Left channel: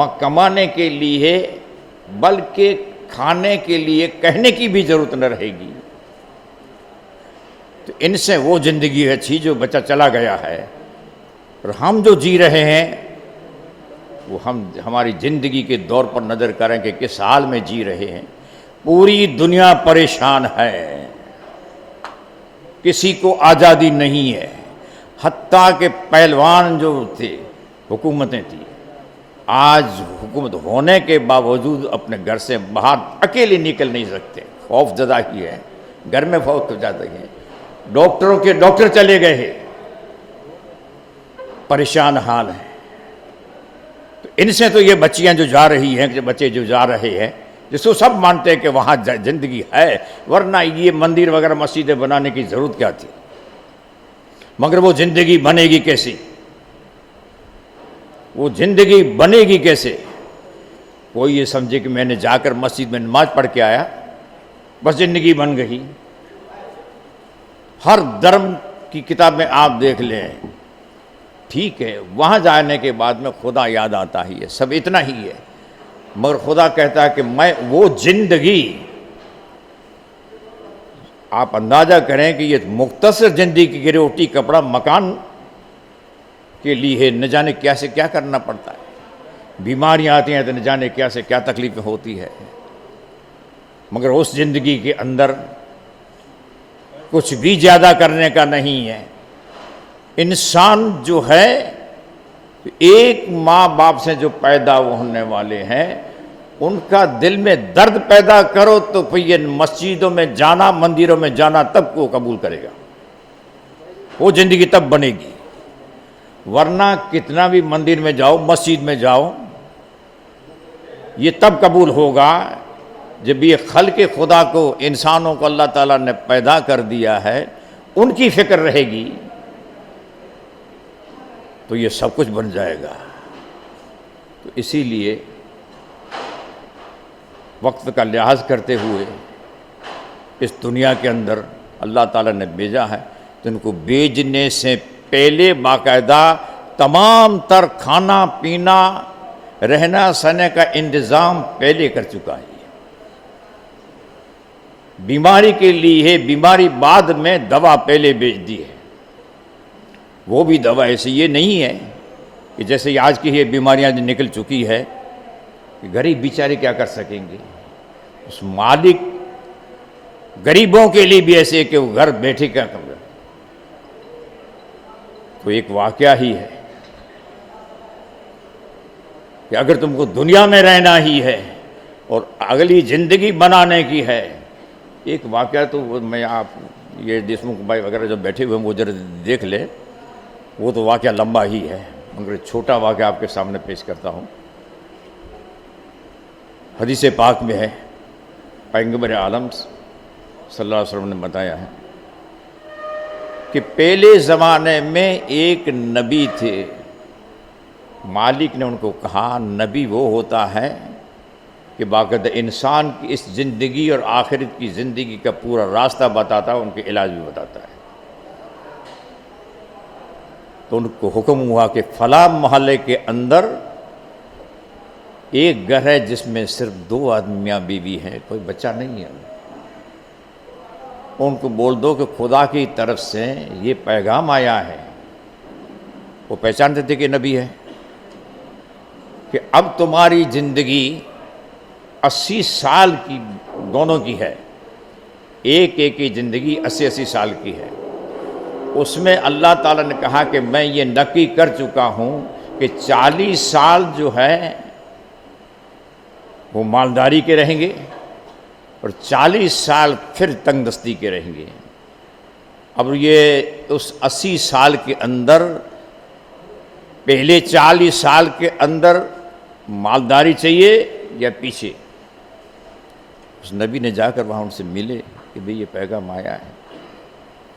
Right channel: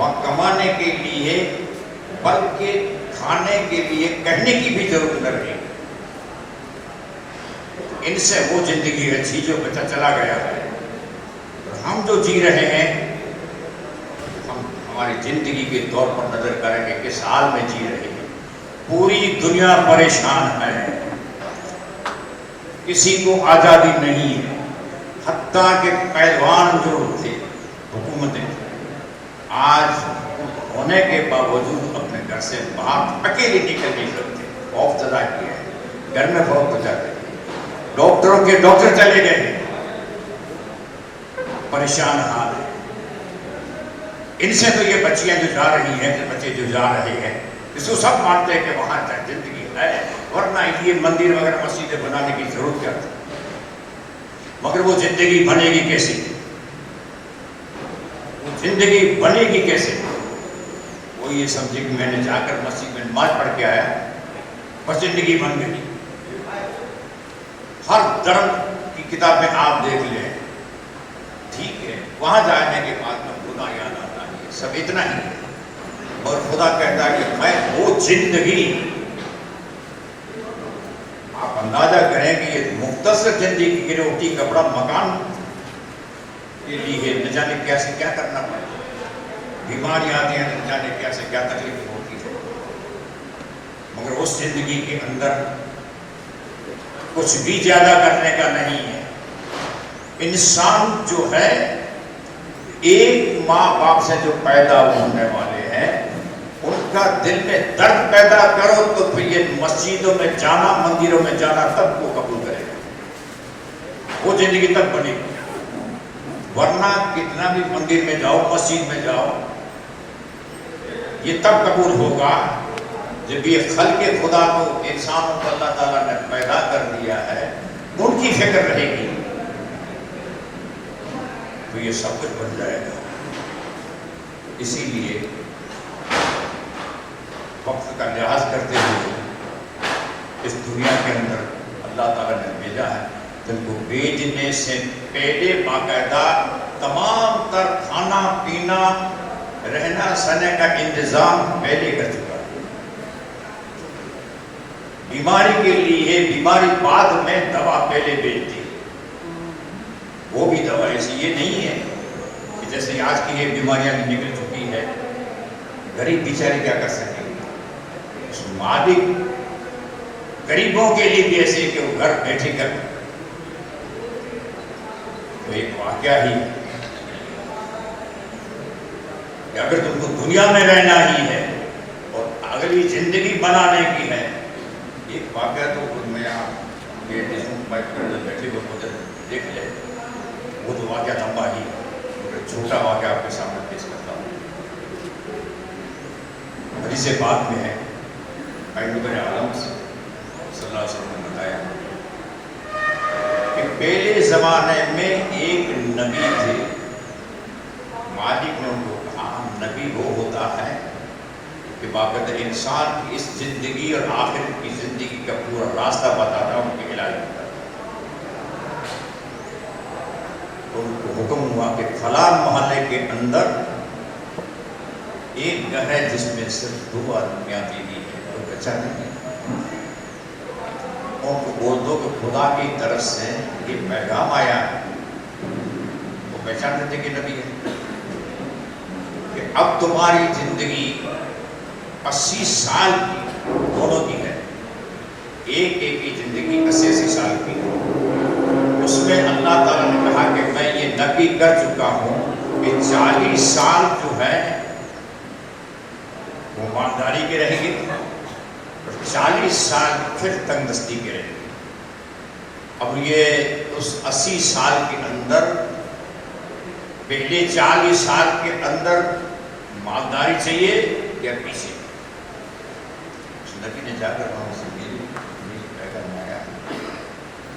वहाँ कमाने के लिए बल्कि खाने के लिए कहने की भी जरूरत न रहेगी। तो इनसे वो जिंदगी अच्छी जो बच्चा चला गया है, और हम जो जी रहे हैं वो हम हमारी जिंदगी के दौर पर नजर करें कि किस हाल में जी रहे हैं। पूरी दुनिया परेशान है, किसी को आज़ादी नहीं है। हत्ता के पहलवान जो थे, हुकूमतें थी, आज हुकूमत होने के बावजूद अपने घर से बाहर अकेले निकल नहीं सकते। खौफ ज़दा की है, घर में खौफ तो जाते थे। डॉक्टरों के डॉक्टर चले गए हैं, परेशान हाल है। इनसे तो ये बच्चियां जो जा रही हैं, कि बच्चे जो जा रहे हैं, जिसको सब मानते हैं कि वहाँ जिंदगी है, वरना ये मंदिर वगैरह मस्जिदें बनाने की जरूरत क्या थी। मगर वो जिंदगी बनेगी कैसे? वो जिंदगी बनेगी कैसे? कोई ये समझे कि मैंने जाकर मस्जिद में नमाज पढ़ के आया, बस जिंदगी बन गई। हर धर्म की किताब में आप देख लें, ठीक है, वहां जाने के बाद में खुदा याद आता ही है, सब इतना ही है। मगर खुदा कहता है कि मैं वो जिंदगी, आप अंदाजा करें कि ये मुख्तसर जिंदगी की रोटी कपड़ा मकान के लिए न जाने क्या से क्या करना पड़ता है। बीमारियां आती हैं तो न जाने क्या से क्या तकलीफ होती है। मगर उस जिंदगी के अंदर कुछ भी ज्यादा करने का नहीं है। इंसान जो है, एक माँ बाप से जो पैदा होने वाले हैं, उनका दिल में दर्द पैदा करो तो फिर ये मस्जिदों में जाना, मंदिरों में जाना तब को कबूल करेगा। वो जिंदगी तब बनेगी। वरना कितना भी मंदिर में जाओ, मस्जिद में जाओ, ये तब कबूल होगा जब ये खल्क़े खुदा को, इंसानों को अल्लाह ताला ने पैदा कर दिया है, उनकी फिक्र रहेगी तो ये सब कुछ बन जाएगा। इसीलिए वक्त का लिहाज करते हुए इस दुनिया के अंदर अल्लाह ताला ने भेजा है, तो इनको भेजने से पहले बाकायदा तमाम तर खाना पीना, रहना सहने का इंतज़ाम पहले कर चुका है। बीमारी के लिए बीमारी बाद में दवा पहले भेज दी। वो भी दवा ऐसी ये नहीं है कि जैसे आज की ये बीमारियां जो निकल चुकी है, गरीब बेचारे क्या कर सकेंगे। उस मालिक गरीबों के लिए भी ऐसे कि वो घर बैठे कर, तो एक वाकया ही है कि अगर तुमको दुनिया में रहना ही है और अगली जिंदगी बनाने की है। एक वाकया तो मैं, आप ये देशमुख भाई वगैरह जो बैठे हुए मुझे देख ले, वो तो वाकया लंबा ही है, मगर छोटा वाकया आपके सामने पेश करता हूँ। हदीस पाक में है, पैगंबर आलम सल्लल्लाहु अलैहि वसल्लम ने बताया है कि पहले ज़माने में एक नबी थे। मालिक ने उनको कहा, नबी वो होता है कि बाकायदा इंसान की इस ज़िंदगी और आखिरत की ज़िंदगी का पूरा रास्ता बताता है, उनके इलाज भी बताता है। तो उनको हुक्म हुआ कि फला मोहल्ले के अंदर एक घर है जिसमें सिर्फ 2 आदमियाँ बीवी है, कोई बच्चा नहीं है। उनको बोल दो कि खुदा की तरफ से ये पैगाम आया है। वो पहचान देते कि नबी है, कि अब तुम्हारी ज़िंदगी 80 साल की दोनों की है। एक एक की ज़िंदगी 80-80 साल की है। उसमें अल्लाह ताला ने कहा कि मैं ये नक्की कर चुका हूँ कि 40 साल जो है वो मालदारी के रहेंगे और 40 साल फिर तंगदस्ती के रहेंगे। अब ये उस 80 साल के अंदर पहले 40 साल के अंदर मालदारी चाहिए या पीछे? उस नबी ने जाकर वहाँ उनसे मिले कि भाई ये पैगाम आया है,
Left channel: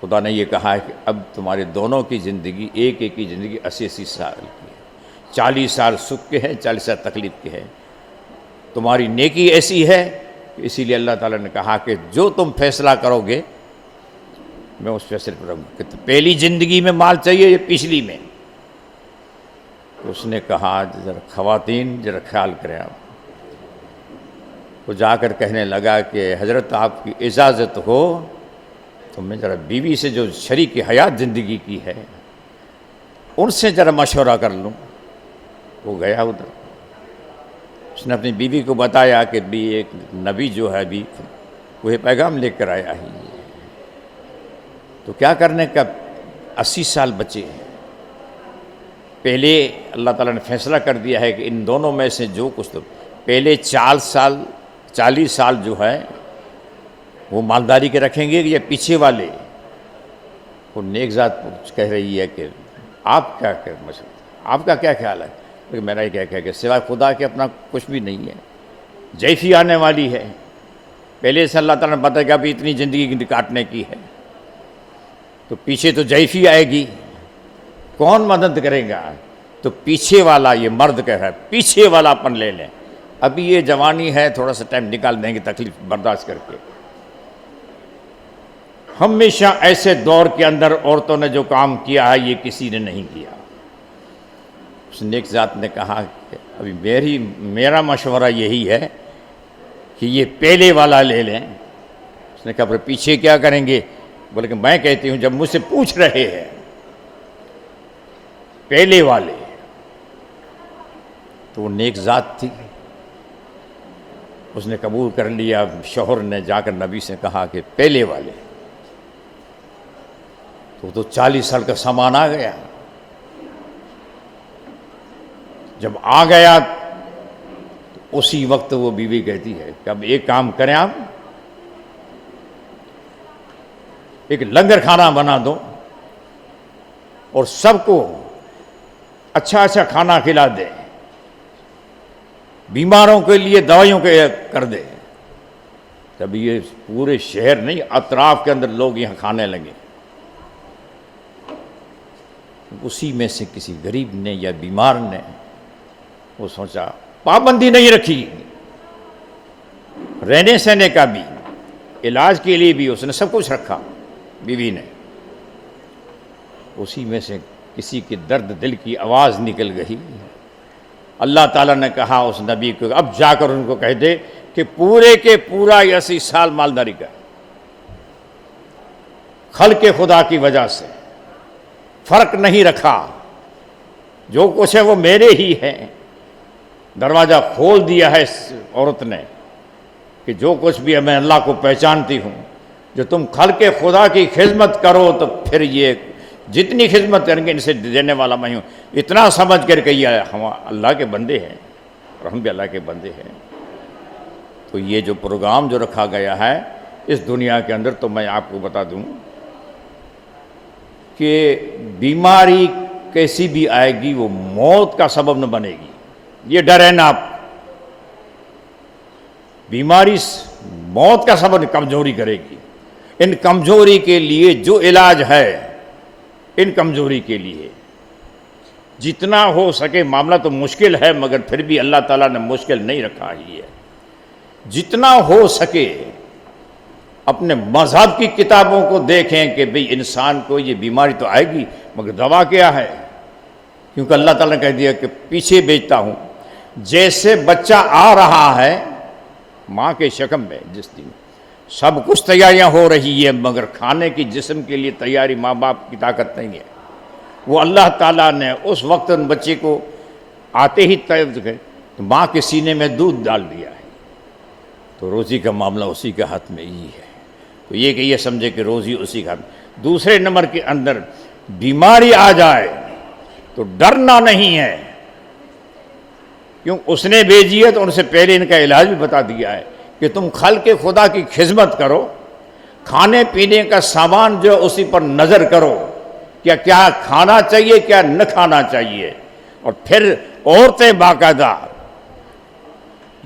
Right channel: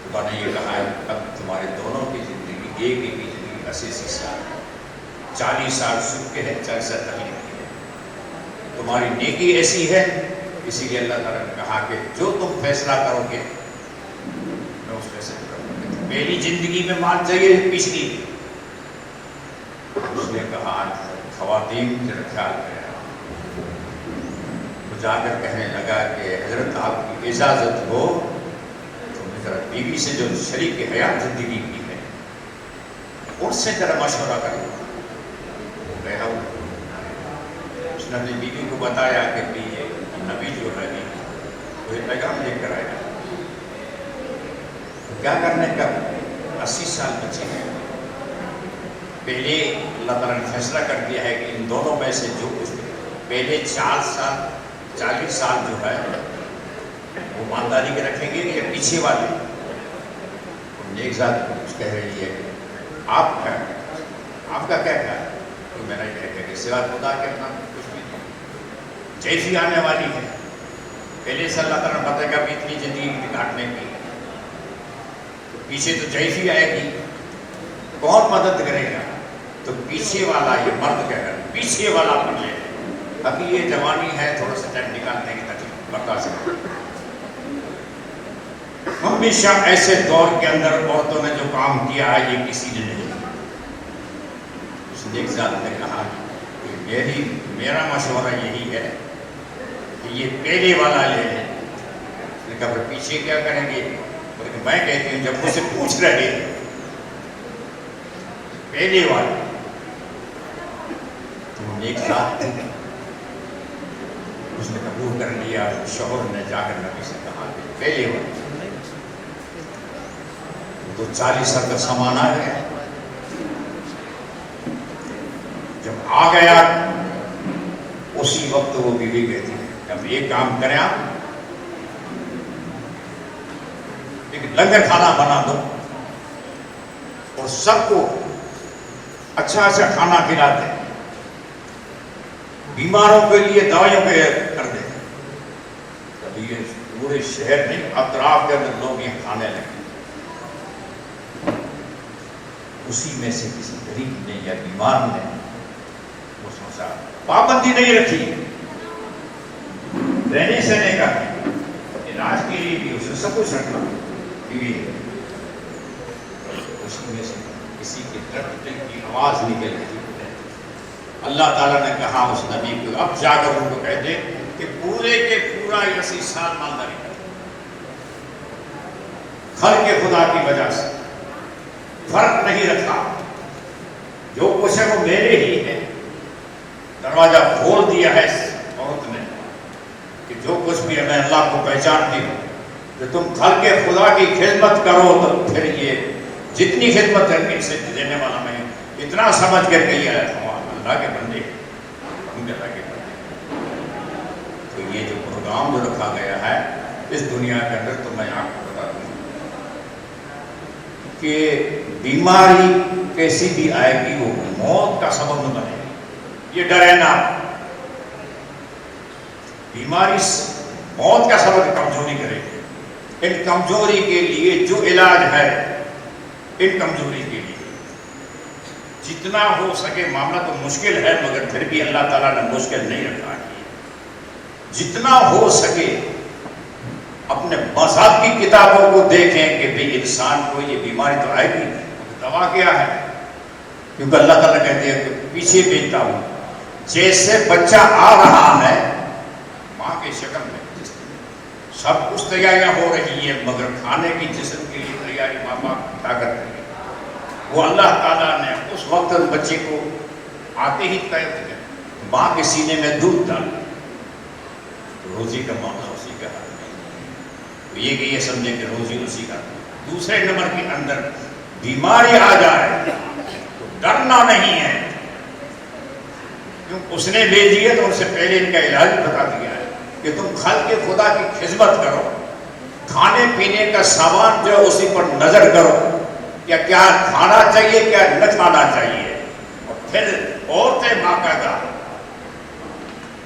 खुदा ने ये कहा है कि अब तुम्हारे दोनों की ज़िंदगी, एक एक की ज़िंदगी 80-80 साल, 40 साल सुख के हैं, 40 साल तकलीफ के हैं। तुम्हारी नेकी ऐसी है, इसीलिए अल्लाह ताला ने कहा कि जो तुम फैसला करोगे मैं उस फैसले पर। पहली ज़िंदगी में माल चाहिए या पिछली में? उस उसने कहा जरा ख़वातीन जरा ख्याल करें। तो जाकर कहने लगा कि हज़रत आपकी इजाज़त हो तो मैं ज़रा बीवी से जो शरीक हयात ज़िंदगी की है उनसे ज़रा मशवरा कर लूँ। वो गया उधर, उसने अपनी बीवी को बताया कि भी एक नबी जो है अभी वह पैगाम लेकर आया है। तो क्या करने का, 80 साल बचे। पहले अल्लाह ताला ने फैसला कर दिया है कि इन दोनों में से जो कुछ पहले 40 साल जो है वो मालदारी के रखेंगे या पीछे वाले। तो नेकज़ात कह रही है कि आप क्या कहते हैं, आपका क्या ख्याल है? तो मेरा क्या कह कि सिवा खुदा के अपना कुछ भी नहीं है। जैफी आने वाली है, पहले से अल्लाह ताला ने बताया भी इतनी ज़िंदगी काटने की है, तो पीछे तो जैफी आएगी, कौन मदद करेगा? तो पीछे वाला, ये मर्द कह रहा है पीछे वाला अपन ले लें, अभी ये जवानी है, थोड़ा सा टाइम निकाल देंगे, तकलीफ बर्दाश्त करके। हमेशा ऐसे दौर के अंदर औरतों ने जो काम किया है ये किसी ने नहीं किया। उस नेकज़ात ने कहा अभी मेरा मशवरा यही है कि ये पहले वाला ले लें। उसने कहा फिर पीछे क्या करेंगे? बोले कि मैं कहती हूँ जब मुझसे पूछ रहे हैं पहले वाले, तो वो नेकज़ात थे, उसने कबूल कर लिया। शौहर ने जाकर नबी से कहा कि पहले वाले। तो 40 साल का सामान आ गया। जब आ गया उसी वक्त वो बीवी कहती है कि अब एक काम करें, आप एक लंगर खाना बना दो और सबको अच्छा अच्छा खाना खिला दे, बीमारों के लिए दवाइयों के कर दे। तब ये पूरे शहर नहीं, अतराफ के अंदर लोग यहाँ खाने लगे। उसी में से किसी गरीब ने या बीमार ने वो सोचा, पाबंदी नहीं रखी, रहने सहने का भी, इलाज के लिए भी उसने सब कुछ रखा बीवी ने। उसी में से किसी के दर्द दिल की आवाज़ निकल गई। अल्लाह ताला ने कहा उस नबी को, अब जाकर उनको कह दे कि पूरे के पूरा 80 साल मालदारी कर, खल्क़े खुदा की वजह से फर्क नहीं रखा, जो कुछ है वो मेरे ही है। दरवाज़ा खोल दिया है इस औरत ने कि जो कुछ भी है मैं अल्लाह को पहचानती हूँ। जो तुम खल्क़े खुदा की खिदमत करो तो फिर ये जितनी खिदमत करके इनसे देने वाला मैं हूँ, इतना समझ करके ये हम अल्लाह के बंदे हैं, तो हम भी अल्लाह के बंदे हैं। तो ये जो प्रोग्राम जो रखा गया है इस दुनिया के अंदर, तो मैं आपको बता दूँ कि बीमारी कैसी भी आएगी वो मौत का सबब न बनेगी। ये डर है ना, बीमारी मौत का सबब कमजोरी करेगी। इन कमजोरी के लिए जो इलाज है, इन कमजोरी के लिए जितना हो सके, मामला तो मुश्किल है मगर फिर भी अल्लाह ताला ने मुश्किल नहीं रखा है। जितना हो सके अपने मज़हब की किताबों को देखें कि भाई इंसान को ये बीमारी तो आएगी मगर दवा क्या है, क्योंकि अल्लाह ताला ने कह दिया कि पीछे भेजता हूँ। जैसे बच्चा आ रहा है माँ के शकम में, जिस दिन सब कुछ तैयारियां हो रही है मगर खाने की जिस्म के लिए तैयारी माँ बाप की ताकत नहीं है, वो अल्लाह ताला ने उस वक्त उन बच्चे को आते ही तय माँ के सीने में दूध डाल दिया। तो रोज़ी का मामला उसी के हाथ में ही है। तो ये कि ये समझे कि रोज़ी उसी का। दूसरे नंबर के अंदर बीमारी आ जाए तो डरना नहीं है, क्यों उसने भेजी है तो उनसे पहले इनका इलाज भी बता दिया है कि तुम खल्क़े खुदा की खिदमत करो, खाने पीने का सामान जो उसी पर नज़र करो, क्या क्या खाना चाहिए क्या न खाना चाहिए। और फिर औरतें बाकायदा,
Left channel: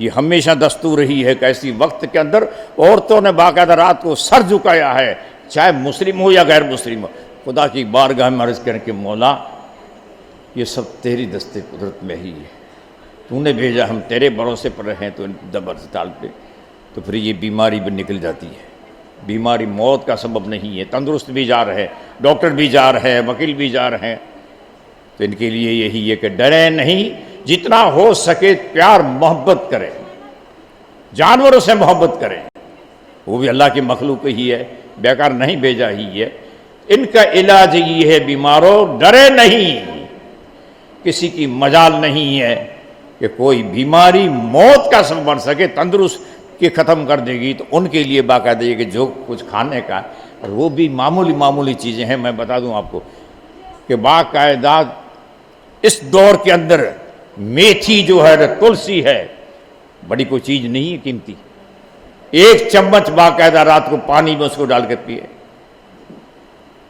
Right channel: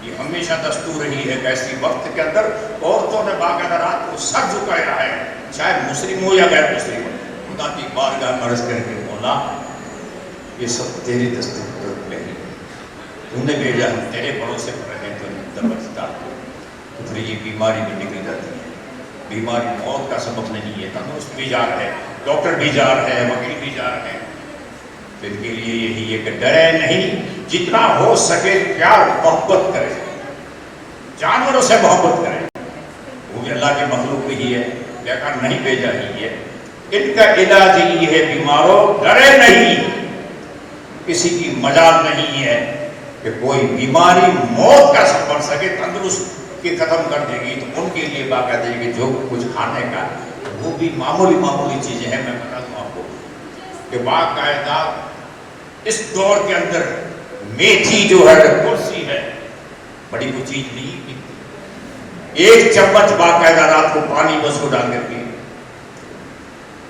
ये हमेशा दस्तूर रही है कैसी वक्त के अंदर औरतों ने बाकायदा रात को सर झुकाया है, चाहे मुस्लिम हो या गैर मुस्लिम हो, खुदा की बारगाह में अर्ज़ करें कि मौला ये सब तेरी दस्ते कुदरत में ही है, तूने भेजा, हम तेरे भरोसे पर रहें तो दबक डालते, तो फिर ये बीमारी भी निकल जाती है। बीमारी मौत का सबब नहीं है। तंदुरुस्त भी जा रहे हैं, डॉक्टर भी जा रहे हैं, वकील भी जा रहे हैं, तो इनके लिए यही है कि डरे नहीं, जितना हो सके प्यार मोहब्बत करें, जानवरों से मोहब्बत करें, वो भी अल्लाह की मखलूक ही है, बेकार नहीं भेजा ही है। इनका इलाज ये है, बीमारों डरे नहीं, किसी की मजाल नहीं है कि कोई बीमारी मौत का सब बन सके, तंदुरुस्त की ख़त्म कर देगी। तो उनके लिए बाकायदे कि जो कुछ खाने का, वो भी मामूली चीज़ें हैं। मैं बता दूं आपको कि बाकायदा इस दौर के अंदर मेथी जो है, तुलसी है, बड़ी कोई चीज़ नहीं है कीमती। एक चम्मच बाकायदा रात को पानी में उसको डाल कर पिए,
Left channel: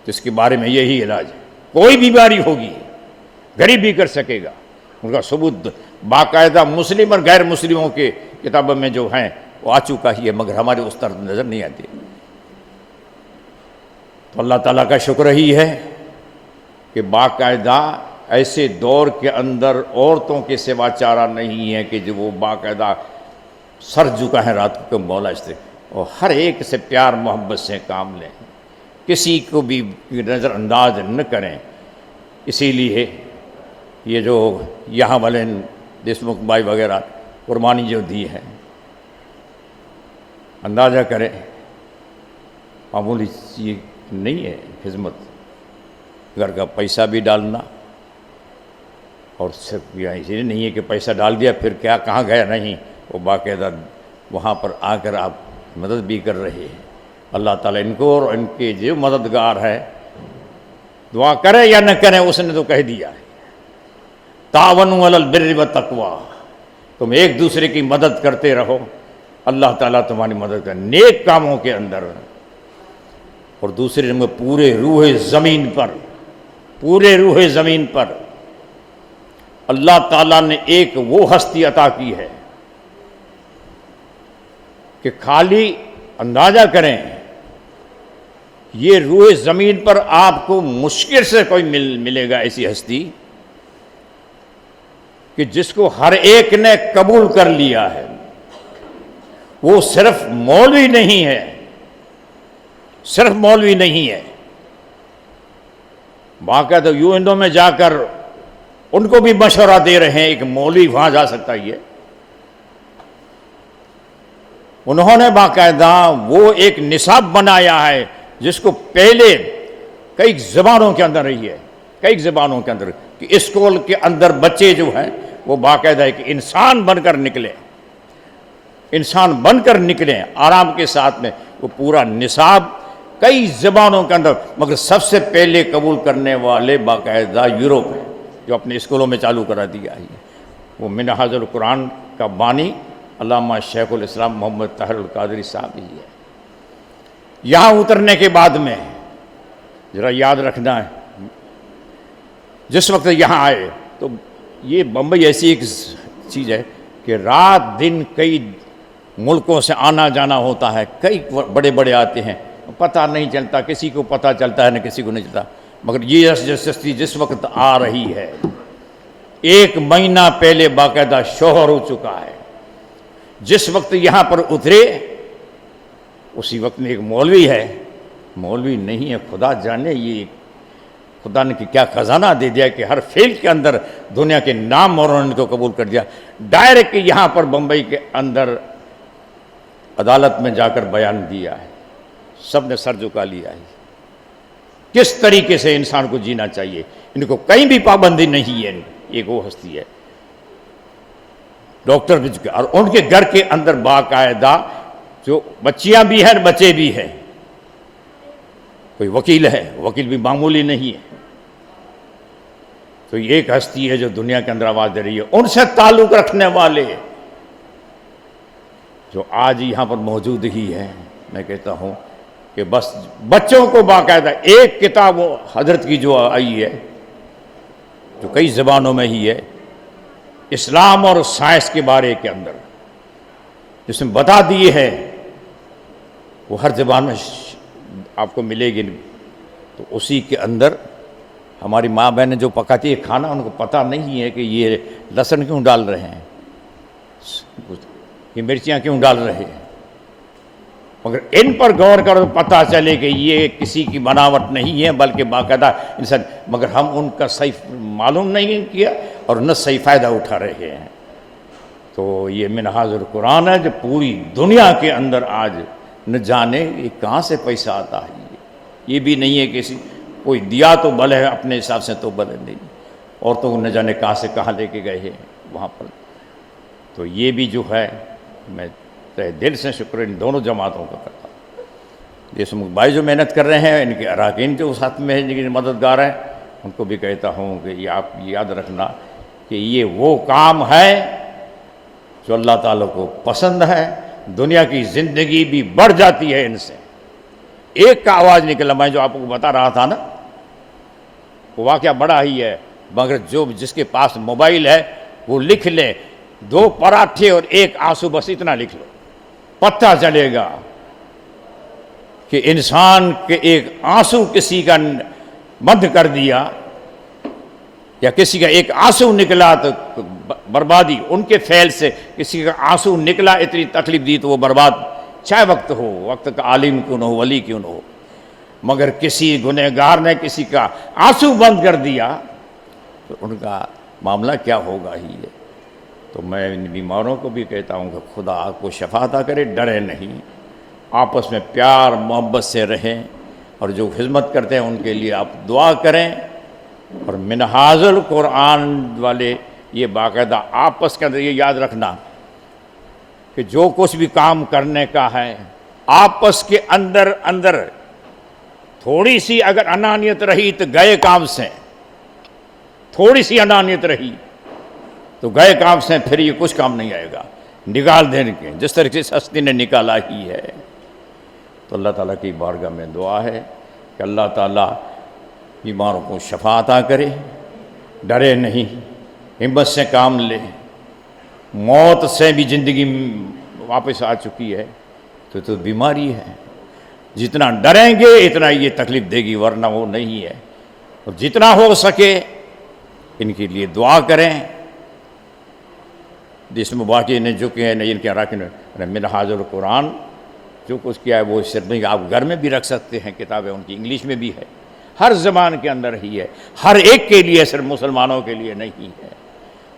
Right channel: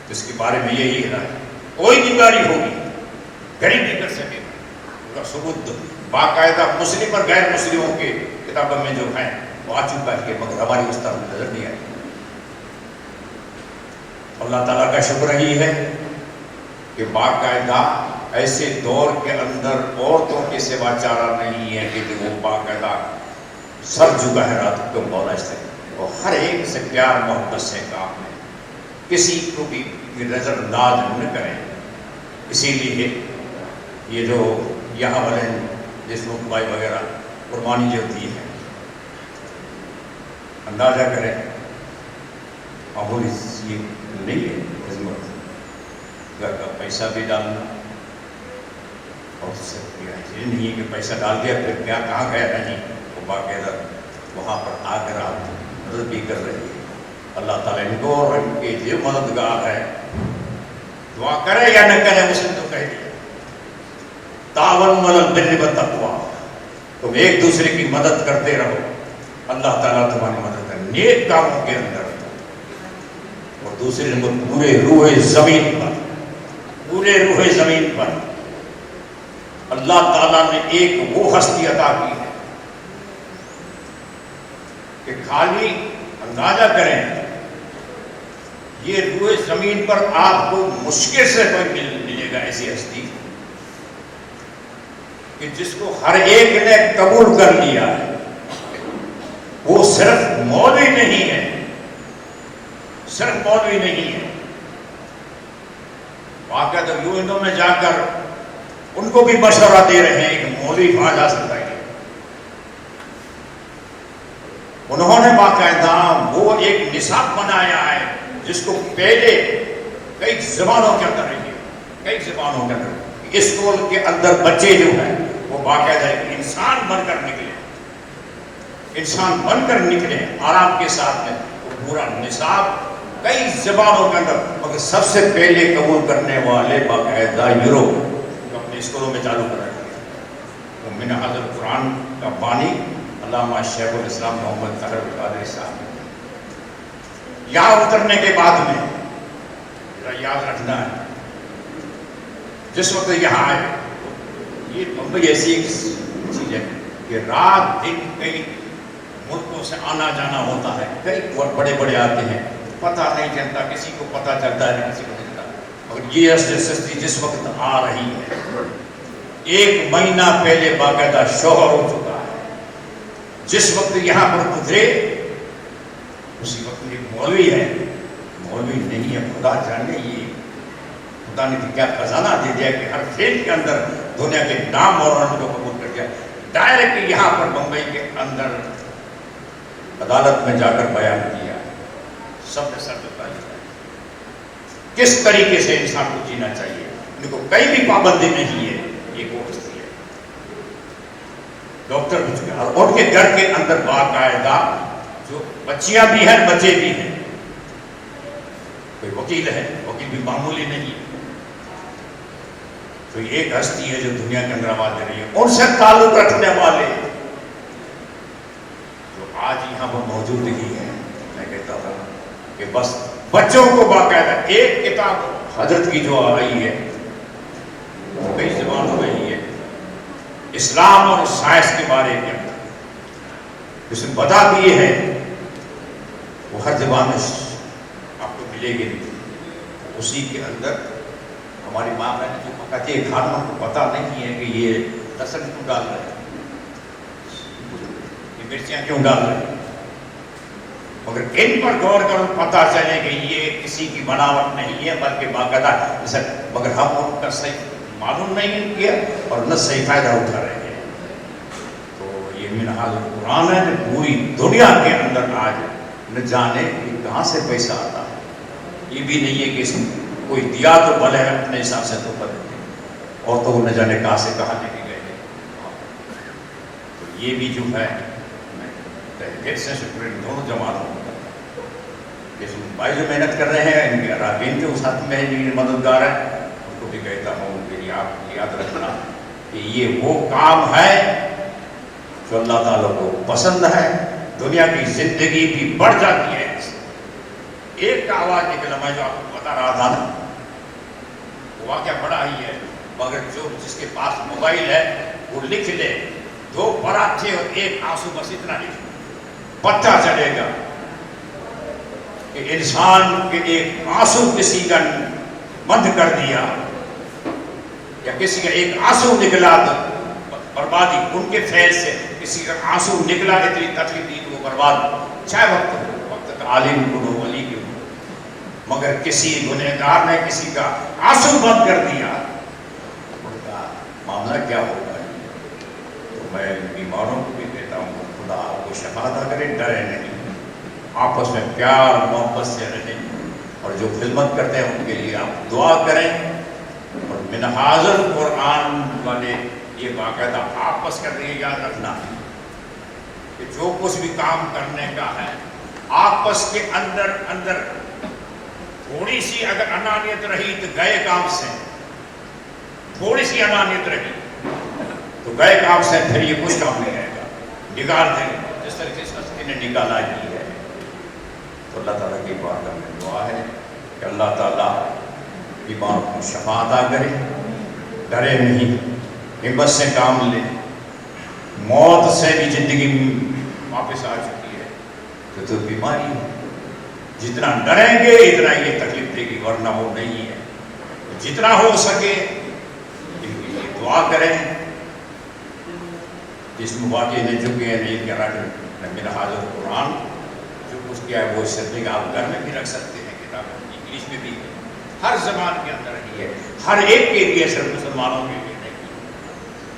तो इसके बारे में यही इलाज। कोई बीमारी होगी गरीब भी कर सकेगा, उनका सबूत बाकायदा मुस्लिम और गैर मुस्लिमों के किताबों में जो हैं वो आ चुका ही है, मगर हमारे उस तरफ नजर नहीं आती। अल्लाह ताला का शुक्र ही है कि बाकायदा ऐसे दौर के अंदर औरतों के सिवा चारा नहीं है कि जो वो बाकायदा सर झुका है रात को मौला से, और हर एक से प्यार मोहब्बत से काम लें, किसी को भी नज़रअंदाज न करें। इसीलिए ये जो यहाँ वाले देशमुख भाई वगैरह कुर्बानी जो दी है, अंदाज़ा करें मामूली सी नहीं है किस्मत। घर का पैसा भी डालना, और सिर्फ इसलिए नहीं है कि पैसा डाल दिया फिर क्या कहाँ गया, नहीं, वो बाकायदा वहाँ पर आकर आप मदद भी कर रहे हैं। अल्लाह ताला इनको और इनके जो मददगार है, दुआ करें या न करें, उसने तो कह दिया तावनु अलल बिर्रि व तक़वा, तुम एक दूसरे की मदद करते रहो, अल्लाह ताला तुम्हारी मदद करे नेक कामों के अंदर। और दूसरे नंबर पूरे रूहे ज़मीन पर अल्लाह ताला ने एक वो हस्ती अता की है कि खाली अंदाजा करें, ये रूहे ज़मीन पर आपको मुश्किल से कोई मिलेगा ऐसी हस्ती कि जिसको हर एक ने कबूल कर लिया है। वो सिर्फ मौलवी नहीं है, सिर्फ मौलवी नहीं है, बाकायदा यूएनओ में जाकर उनको भी मशवरा दे रहे हैं, एक मौलवी वहां जा सकता है। उन्होंने बाकायदा वो एक निसाब बनाया है जिसको पहले कई ज़बानों के अंदर रही है, कई ज़बानों के अंदर, कि स्कूल के अंदर बच्चे जो हैं वो बाकायदा एक इंसान बनकर निकले, इंसान बनकर निकले आराम के साथ में। वो पूरा निसाब कई ज़बानों के अंदर, मगर सबसे पहले कबूल करने वाले बाकायदा यूरोप जो अपने स्कूलों में चालू करा दिया, वो मिनहाजुल कुरान का बानी अल्लामा शेखुल इस्लाम मोहम्मद ताहिर कादरी साहब ही है। यहाँ उतरने के बाद में ज़रा याद रखना है, जिस वक्त यहाँ आए तो ये बम्बई ऐसी एक चीज़ है कि रात दिन कई मुल्कों से आना जाना होता है, कई बड़े बड़े आते हैं, पता नहीं चलता, किसी को पता चलता है न किसी को नहीं चलता। मगर ये सस्ती जिस वक्त आ रही है, 1 महीना पहले बाकायदा शोहर हो चुका है। जिस वक्त यहाँ पर उतरे उसी वक्त में एक मौलवी है, मौलवी नहीं है, खुदा जाने ये खुदा ने क्या खजाना दे दिया कि हर फील्ड के अंदर दुनिया के नाम और उन्होंने तो कबूल कर दिया। डायरेक्ट यहाँ पर बम्बई के अंदर अदालत में जाकर बयान दिया, सब ने सर झुका लिया है किस तरीके से इंसान को जीना चाहिए। इनको कहीं भी पाबंदी नहीं है, एक वो हस्ती है डॉक्टर भी, और उनके घर के अंदर बाकायदा जो बच्चियां भी हैं बच्चे भी हैं, कोई वकील है, वकील भी मामूली नहीं है। तो ये एक हस्ती है जो दुनिया के अंदर आवाज दे रही है। उनसे ताल्लुक रखने वाले जो आज यहाँ पर मौजूद ही है, मैं कहता हूँ कि बस बच्चों को बाकायदा एक किताब हजरत की जो आई है तो कई ज़बानों में ही है, इस्लाम और साइंस के बारे के अंदर जिसमें बता दिए है, वो हर ज़बान में आपको मिलेगी। तो उसी के अंदर हमारी माँ बहनें जो पकाती है खाना, उनको पता नहीं है कि ये लहसुन क्यों डाल रहे हैं, ये मिर्चियाँ क्यों डाल रहे हैं। मगर इन पर गौर करो तो पता चले कि ये किसी की बनावट नहीं है, बल्कि बाकायदा। मगर हम उनका सही मालूम नहीं किया और न सही फ़ायदा उठा रहे हैं। तो ये मिनहाजुल कुरान है जो पूरी दुनिया के अंदर आज न जाने कि कहाँ से पैसा आता है। ये भी नहीं है कि कोई दिया तो भले है, अपने हिसाब से तो भले नहीं, और तो वो न जाने कहाँ से कहाँ लेके गए हैं वहाँ पर। तो ये भी जो है मैं तहे दिल से शुक्र इन दोनों जमातों को करता हूँ। ये भाई जो मेहनत कर रहे हैं, इनके अराकीन के साथ में जिनके मददगार हैं, उनको भी कहता हूँ कि ये आप याद रखना कि ये वो काम है जो अल्लाह ताला को पसंद है। दुनिया की ज़िंदगी भी बढ़ जाती है इनसे। एक का आवाज़ निकला, मैं जो आपको बता रहा था ना, वो वाक़या बड़ा ही है, मगर जो जिसके पास मोबाइल है वो लिख ले, 2 पराठे और 1 आंसू, बस इतना लिख लो, पता चलेगा कि इंसान के एक आंसू किसी का बंद कर दिया या किसी का एक आंसू निकला तो बर्बादी उनके फैल से, किसी का आंसू निकला इतनी तकलीफ दी तो वो बर्बाद, चाहे वक्त हो, वक्त का आलिम क्यों हो, वली क्यों हो, मगर किसी गुनहगार ने किसी का आंसू बंद कर दिया तो उनका मामला क्या होगा ही। तो मैं बीमारों को भी कहता हूँ कि खुदा आपको शफा अता करे, डरे नहीं, आपस में प्यार मोहब्बत से रहें, और जो खिदमत करते हैं उनके लिए आप दुआ करें। और मिनहाजुल कुरान वाले ये बाकायदा आपस के अंदर ये याद रखना कि जो कुछ भी काम करने का है, आपस के अंदर अंदर थोड़ी सी अगर अनानियत रही तो गए काम से, थोड़ी सी अनानियत रही तो गए काम से फिर ये कुछ काम नहीं आएगा। निकाल देने के जिस तरीके से हस्ती ने निकाला ही है। तो अल्लाह ताला की बारगाह में दुआ है कि अल्लाह ताला ईमानों को शफा अता करे, डरे नहीं, हिम्मत से काम ले। मौत से भी ज़िंदगी वापस आ चुकी है तो बीमारी है, जितना डरेंगे इतना ये तकलीफ देगी, वरना वो नहीं है। और जितना हो सके इनके लिए दुआ करें। जिसमें वाकई ने जो किया है नहीं क्या रखना, मिनहाजुल कुरान जो कुछ किया है वो सिर्फ नहीं, आप घर में भी रख सकते हैं, किताबें उनकी इंग्लिश में भी है, हर ज़बान के अंदर ही है, हर एक के लिए, सिर्फ मुसलमानों के लिए नहीं है।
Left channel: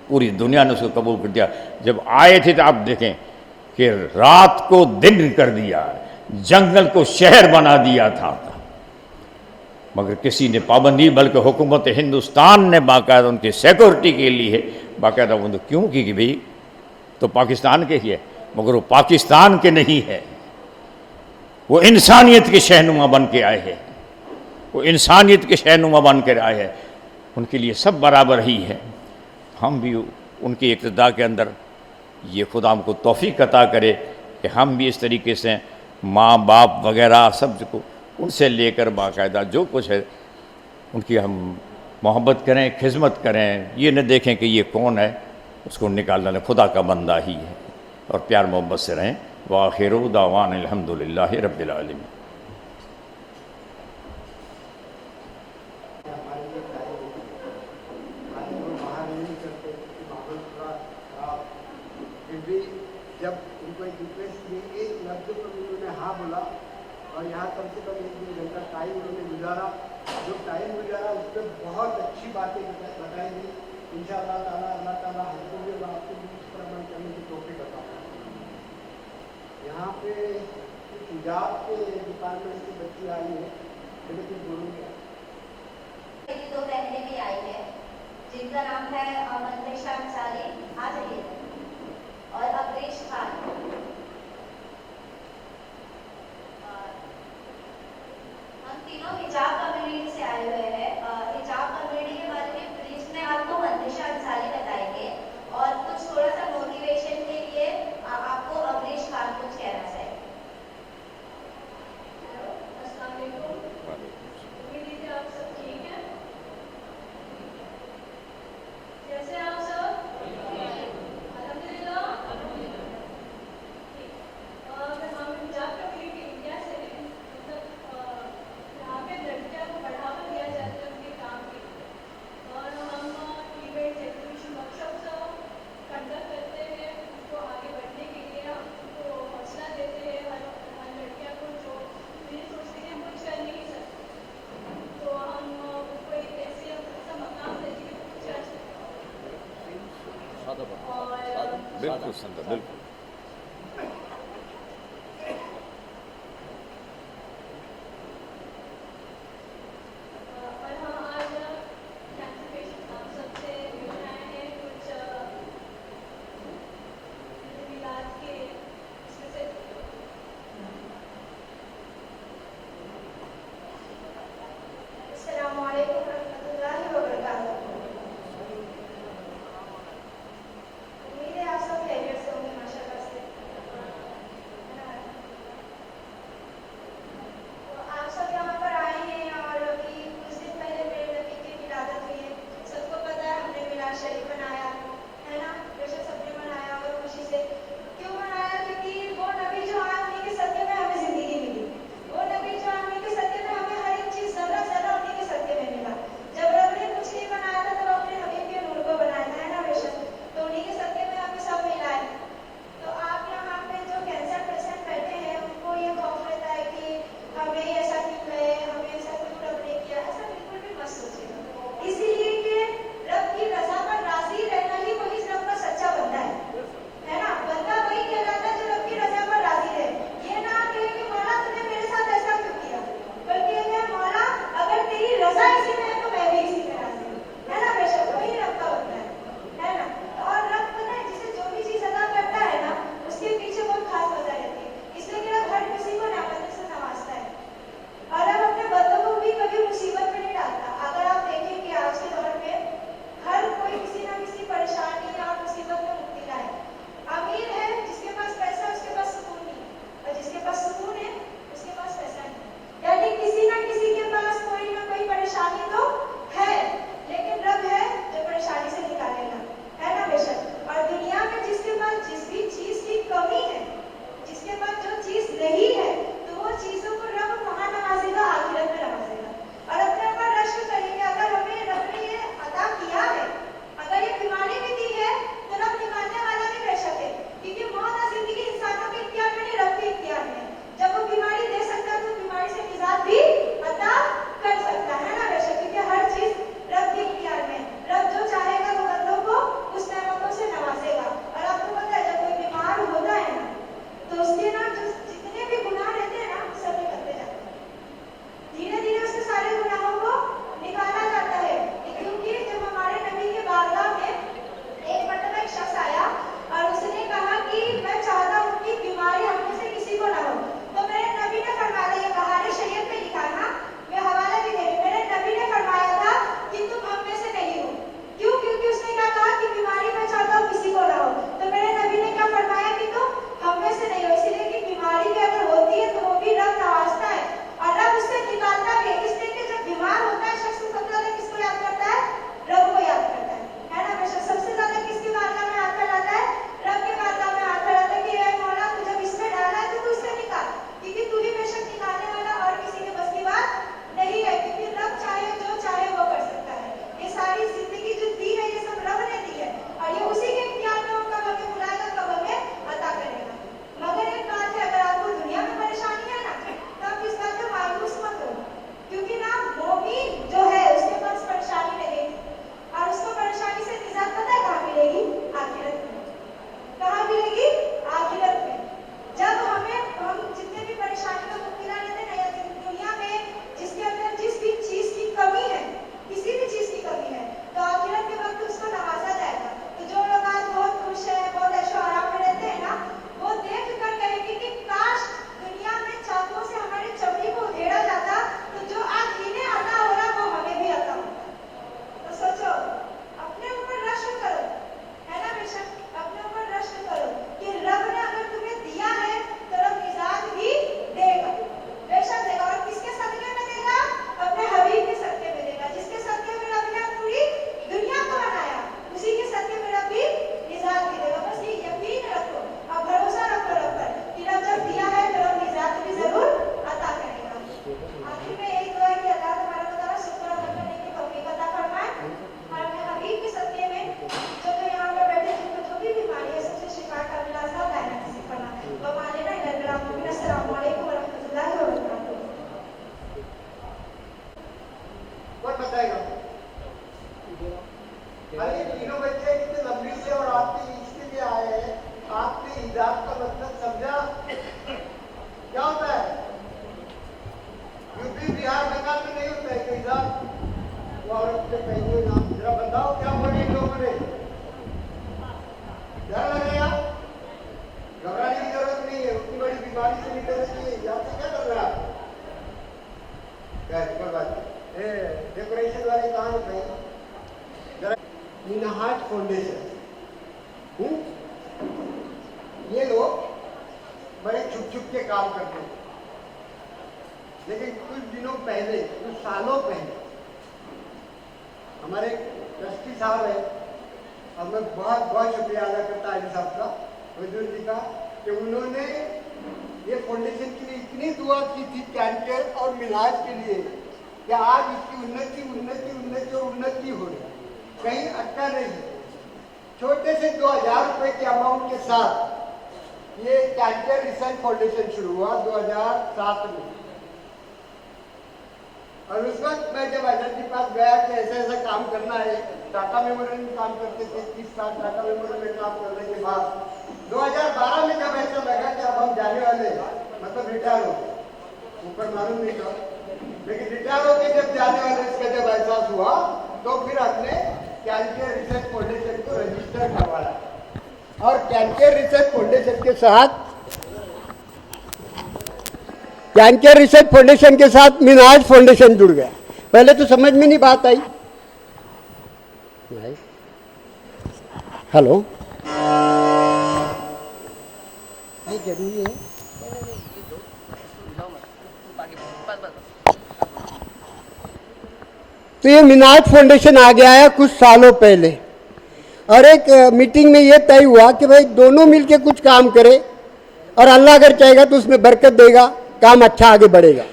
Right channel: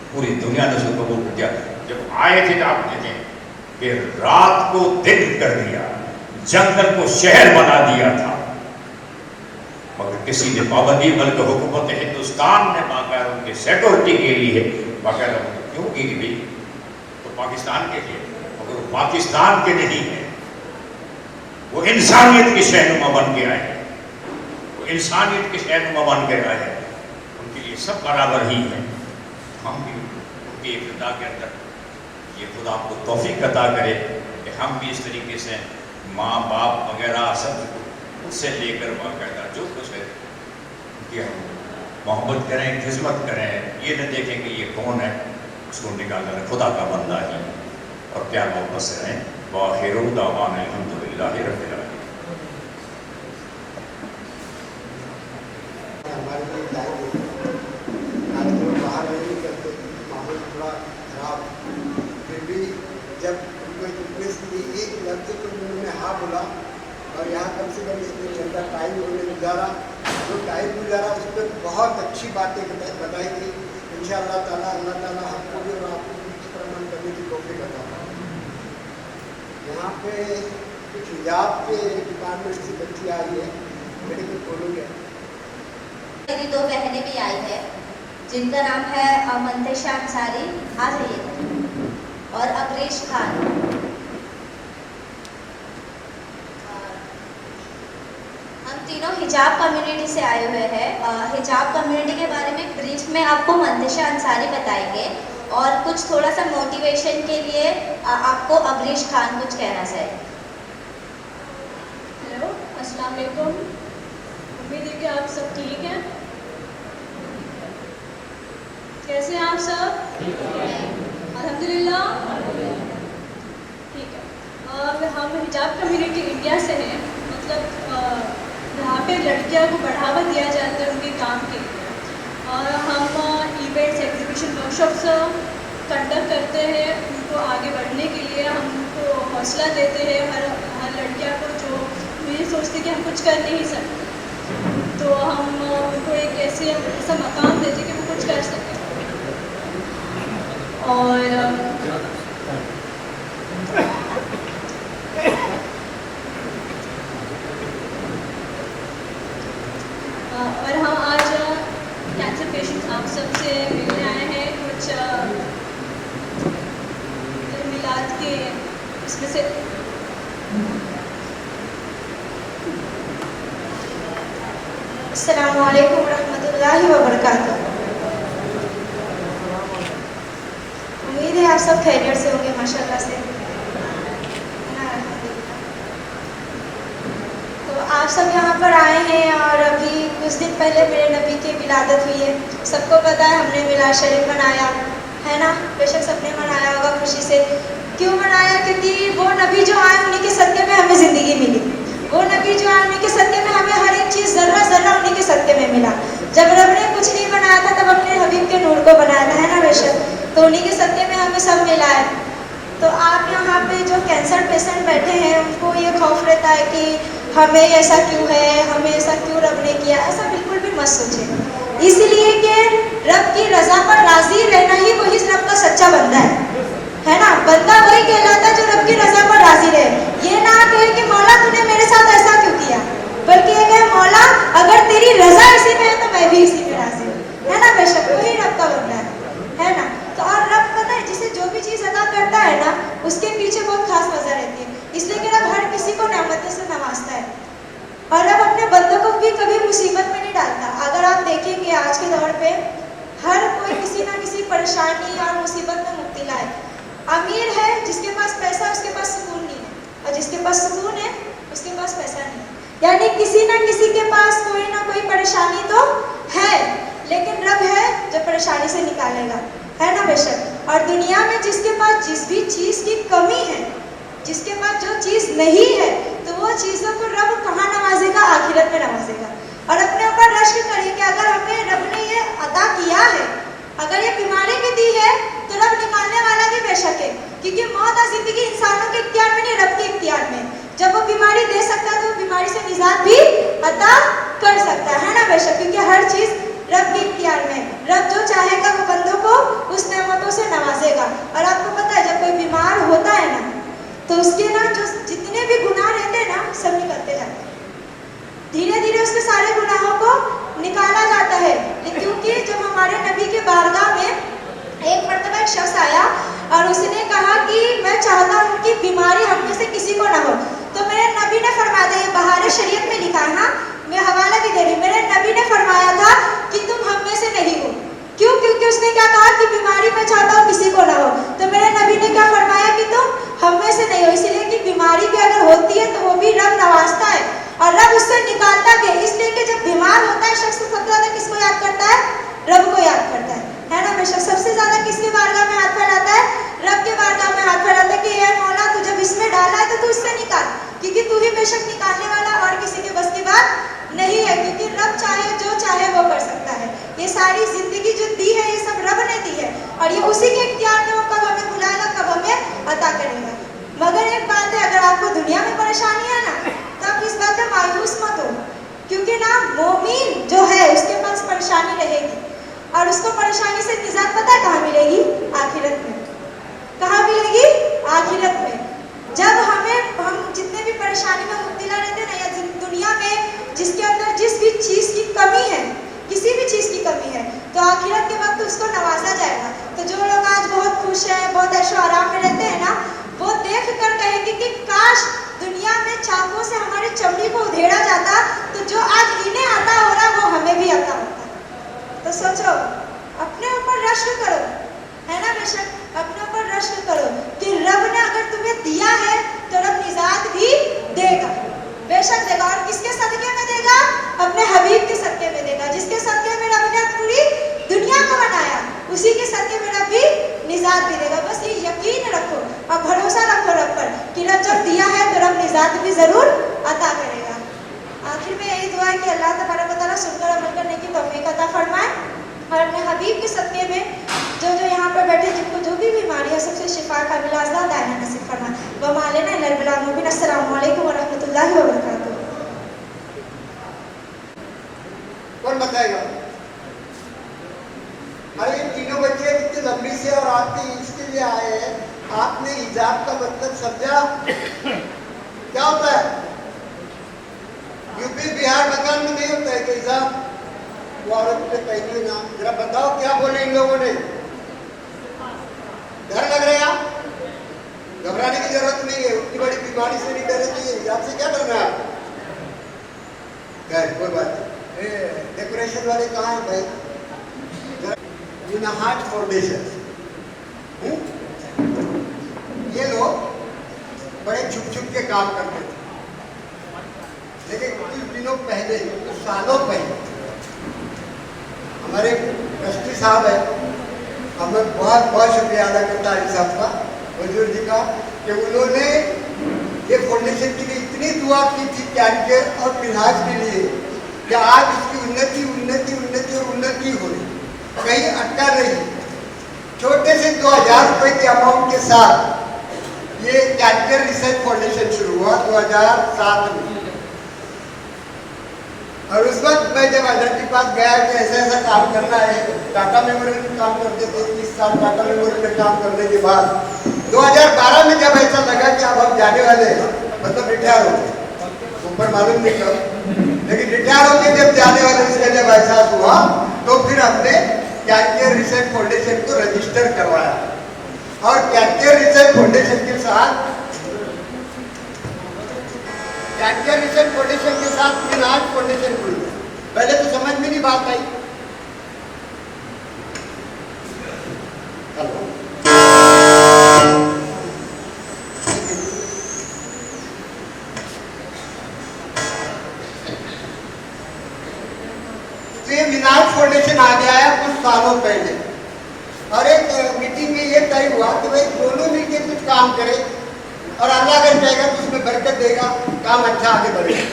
पूरी दुनिया ने उसे कबूल कर दिया। जब आए थे तो आप देखें कि रात को दिन कर दिया, जंगल को शहर बना दिया था, मगर किसी ने पाबंदी, बल्कि हुकूमत हिंदुस्तान ने बाकायदा उनकी सिक्योरिटी के लिए बाकायदा उन्होंने क्यों की कि भाई तो पाकिस्तान के ही है, मगर वो पाकिस्तान के नहीं है, वो इंसानियत के शहनुमा बन के आए हैं, वो इंसानियत के शहनुमा बन के आए हैं, उनके लिए सब बराबर ही है। हम भी उनकी इक़्तिदा के अंदर ये खुदा हमको तौफीक अता करे कि हम भी इस तरीके से माँ बाप वगैरह सब को उनसे लेकर बाकायदा जो कुछ है उनकी हम मोहब्बत करें, खिदमत करें, ये न देखें कि ये कौन है, उसको निकालना है, खुदा का बंदा ही है, और प्यार मोहब्बत से रहें। व आखिरु दावाना अल्हम्दुलिल्लाहि रब्बिल आलमीन। जब उनको रिक्वेस्ट की एक लफ्ज़ तो उन्होंने हाँ बोला, और यहाँ कम से कम इतने घंटा टाइम उन्होंने गुजारा, जो टाइम गुजारा उस पर बहुत अच्छी बातें बताई गई। इंशाअल्लाह ताला अल्लाह ताला हमको भी और आपको भी इस पर अमल करने की तौफीक अता फरमाए। यहाँ पे कुछ हिजाब के डिपार्टमेंट से बच्ची आई है, मेरे को बोलोगे? मेरी 2 बहनें भी आई है जिनका नाम है मंतशा अंसारी, आ जाइए, और अग्रेश खान। हम तीनों हिजाब कम्युनिटी से आए हुए हैं। हिजाब कम्युनिटी के बारे में ब्रीफ में आपको मंतशा अंसारी बताएंगे, और कुछ थोड़ा सा मोटिवेशन के लिए आपको अग्रेश खान कुछ कहना चाहिए। हेलो, अस्सलाम वालेकुम। उम्मीद है कि आप सब ठीक हैं। कैसे हैं आप सब? अल्हम्दुलिल्लाह, ठीक है। हम हिजाब कम्युनिटी इंडिया से हैं, मतलब यहाँ पे लड़कियों को बढ़ावा दिया जाता है उनके काम के लिए, और हम इवेंट्स, एग्जीबिशन, वर्कशॉप्स कंडक्ट करते हैं उनको आगे बढ़ने के लिए। हम उनको हौसला देते हैं, हर लड़कियों को जो ये सोचते कि हम कुछ कर नहीं सकते। तो हम उनको एक ऐसा मकाम देते कि वो कुछ कर सकें। और हम आज कैंसर पेशेंट्स आप सबसे मिलने आए हैं। कुछ मिलाद के इसमें से अस्सलामु अलैकुम रहमतुल्लाहि व बरकातुहू। उम्मीद है आप सब खैरियत से होंगे माशाल्लाह से। तो आप सब यहाँ पर आए हैं और अभी कुछ दिन पहले मेरे नबी की विलादत हुई है। सबको पता है हमने मिलाद शरीफ मनाया है ना, बेशक सबने मनाया होगा खुशी से। क्यों मनाया? क्योंकि वो नबी जो आए उन्हीं के सदक़े में हमें ज़िंदगी मिली। वो नबी जो आए उन्हीं के सदक़े में हमें हर एक चीज़ ज़र्रा ज़र्रा उन्हीं के सदक़े में मिला। जब रब ने कुछ नहीं बनाया था तब अपने हबीब के नूर को बनाया था, है ना बेशक। तो उन्हीं के सदक़े में हमें सब मिला है। तो आप यहाँ पे जो कैंसर पेशेंट बैठे हैं उनको ये खौफ रहता है कि हमें ऐसा क्यों है, हमें ऐसा क्यों रब ने किया। ऐसा बिल्कुल भी मत सोचिए, इसलिए कि रब की रज़ा पर राज़ी रहना ही वही रब का सच्चा बंदा है ना। बंदा वही कहलाता जो रब की रज़ा पर राज़ी रहे। ये ना कहे कि मौला तूने मेरे साथ ऐसा क्यों किया, बल्कि ये कहे मौला अगर तेरी रज़ा इसी में है तो मैं भी इसी में राज़ी हूँ, है ना बेशक। वही रब का बंदा है ना। तो और रब पता है जिसे जो भी चीज़ अदा करता है ना उसके पीछे बहुत खास वजह रहती है। इसलिए कि रब हर किसी को नेमतों से नवाजता है और रब अपने बंदों को भी कभी मुसीबत में नहीं डालता। अगर आप देखेंगे आज के दौर पे हर कोई किसी ना किसी परेशानी और मुसीबत में मुब्तला है। अमीर है जिसके पास पैसा, उसके पास सुकून नहीं है, और जिसके पास सुकून है उसके पास पैसा नहीं है। यानी किसी ना किसी के पास कोई ना कोई परेशानी तो है, लेकिन रब है जो परेशानी से निकालेगा, है ना बेशक। और दुनिया में जिसके पास जिस भी चीज़ की कमी है, जिसके पास जो चीज़ नहीं है, तो वो चीज़ों को रब कहाँ नवाजेगा? आखिरत में नवाजेगा। और अपने ऊपर रश्क करिए कि अगर हमें रब ने ये अदा किया है, अगर ये बीमारी भी दी है तो रब निकालने वाला भी बेशक है, क्योंकि मौत और जिंदगी इंसानों के इख्तियार में नहीं, रब के इख्तियार में। जब वो बीमारी दे सकता है तो वो बीमारी से निजात भी अता कर सकता है ना बेशक, क्योंकि हर चीज़ रब के इख्तियार में। रब जो चाहेगा वो बंदों को उस नेमतों से नवाजेगा। और आपको पता है जब कोई बीमार होता है ना तो उसके ना जो जितने भी गुनाह रहते हैं ना सब निकलते जाते हैं, धीरे धीरे उसके सारे गुनाहों को निकाला जाता है। क्योंकि जब हमारे नबी के बारगाह में एक मर्तबा एक शख्स आया और उसने कहा कि मैं चाहता हूँ कि बीमारी हम में से किसी को ना हो, तो मेरे नबी ने फरमाया, ये बहार शरीयत में लिखा है, हाँ मैं हवाला भी दे रही हूँ, मेरे नबी ने फरमाया था कि तुम हम में से नहीं हो। क्यों? क्योंकि उसने क्या कहा कि बीमारी मैं चाहता हूँ किसी को ना हो, तो मेरे नबी ने क्या फरमाया कि तुम हम में से नहीं हो। इसलिए कि बीमारी भी अगर होती है तो वो भी रब नवाजता है और रब उससे निकालता भी। इसलिए कि जब बीमार होता है शख्स सबसे ज्यादा किसको याद करता है? रब को याद करता है ना बेशक। सबसे ज्यादा किसके बारगाह में हाथ फैलाता है? रब के बारगाह में हाथ फैलाता है कि ये मौला तू जब इसमें डाला है तो तू इससे निकाल, क्योंकि तू ही बेशक निकालने वाला और किसी के बस की बात नहीं है, क्योंकि रब चाहे जो चाहे वो कर सकता है। ये सारी जिंदगी जो दी है ये सब रब ने दी है और ये उसी के इख्तियार में वो कब हमें बुलाएगा, कब हमें अता करेगा। मगर एक बात है, अगर आपको दुनिया में परेशानी है ना तो आप इस बात पे मायूस मत हो, क्योंकि ना मोमिन जो है उसके पास परेशानी रहेगी और उसको परेशानी से निजात पता है कहाँ मिलेगी? आखिरत में। कहाँ मिलेगी? आखिरत में। जब हम जितने भी परेशानी में मुब्तला रहते हैं ना, या दुनिया में जिसके अंदर जिस भी चीज़ की कमी है, किसी भी चीज़ की कमी है, तो आखिरत के वक्त उसको नवाजा जाएगा। तो जो लोग आज बहुत खुश हैं, बहुत ऐशो आराम में रहते हैं ना, वो देख कर कहेंगे कि काश दुनिया में चाकू से हमारी चमड़ी को उधेड़ा जाता तो जो आज इन्हें आता हो रहा वो हमें भी आता होता। तो सोचो, अपने ऊपर रश्क करो, है ना बेशक, अपने ऊपर रश्क करो कि रब ने अगर तुम्हें दिया है तो रब निजात भी देगा, बेशक देगा। और किसके सदके में देगा? अपने हबीब के सदके में देगा। जिसके सदके में रब ने पूरी दुनिया को बनाया उसी के सदके में रब भी निजात भी देगा। बस ये यकीन रखो और भरोसा रखो रब पर कि रब जब दिया है तो रब निजात भी जरूर अता करेगा। आखिर में यही दुआ है कि अल्लाह तबारक व तआला सुनकर अमल करने की तौफीक अता फरमाए और अपने हबीब के सदके में जो यहाँ पर बैठे जिनको जो भी बीमारी है सबसे शिफा का मिलाज़ा दायना नसीब फरमाए। व मालेना इल्लल बलाग मुबीन। अस्सलामु अलैकुम व रहमतुल्लाहि व बरकातुहू। साहब वो औरत पे कहीं नाम जरा बताओ क्या बोले इन लोगों ने? डर लग रहा है? घबराने की जरूरत नहीं है, उतनी बड़ी बीमारी से नहीं डरना चाहिए। हिजाब से क्या करना है आपको? खैर कोई बात नहीं। डेकोरेशन वाले कहाँ हैं भाई? मिनाहाट फाउंडेशन, ये लोग बड़े छुप छुप के काम करते थे, लेकिन कुछ दिनों पहले, कुछ सालों पहले हमारे ट्रस्टी साहब है, हमें बहुत बहुत शुक्रिया अदा करता है साहब का, बुजुर्ग जी का, कि उन्होंने ये फाउंडेशन के लिए इतनी दुआ की थी कैंसर और इलाज के लिए कि आज इसकी उन्नति उन्नति उन्नति और उन्नति हो रही, कहीं अटका रही। छोटे से 2000 रुपए के अमाउंट के साथ ये कैंसर रिसर्च फाउंडेशन शुरू हुआ 2007 में। और उस वक्त मैं जब अजय के पास गया कि ऐसा ऐसा काम करना है, टाटा मेमोरियल में काम करते थे 30 साल, टाटा मेमोरियल में काम करने के बाद 2012 में जब ऐसा लगा कि अब हम जाने वाले हैं, मतलब रिटायर हो गए, ऊपर मालूम नहीं कब, लेकिन रिटायर होकर जब जाने वाले इसका जब एहसास हुआ तो फिर हमने कैंसर रिसर्च फाउंडेशन को रजिस्टर करवाया। और कैंसर रिसर्च फाउंडेशन के साथ मिनाहाट फाउंडेशन जुड़ गया। पहले तो समझ में नहीं बात आई। हेलो, तो ये मिनाहाट फाउंडेशन आ गया है कुछ सालों पहले, और एक मीटिंग में ये तय हुआ कि भाई दोनों मिलके कुछ काम करें, और अल्लाह अगर चाहेगा तो उसमें बरकत देगा, काम अच्छा आगे बढ़ेगा।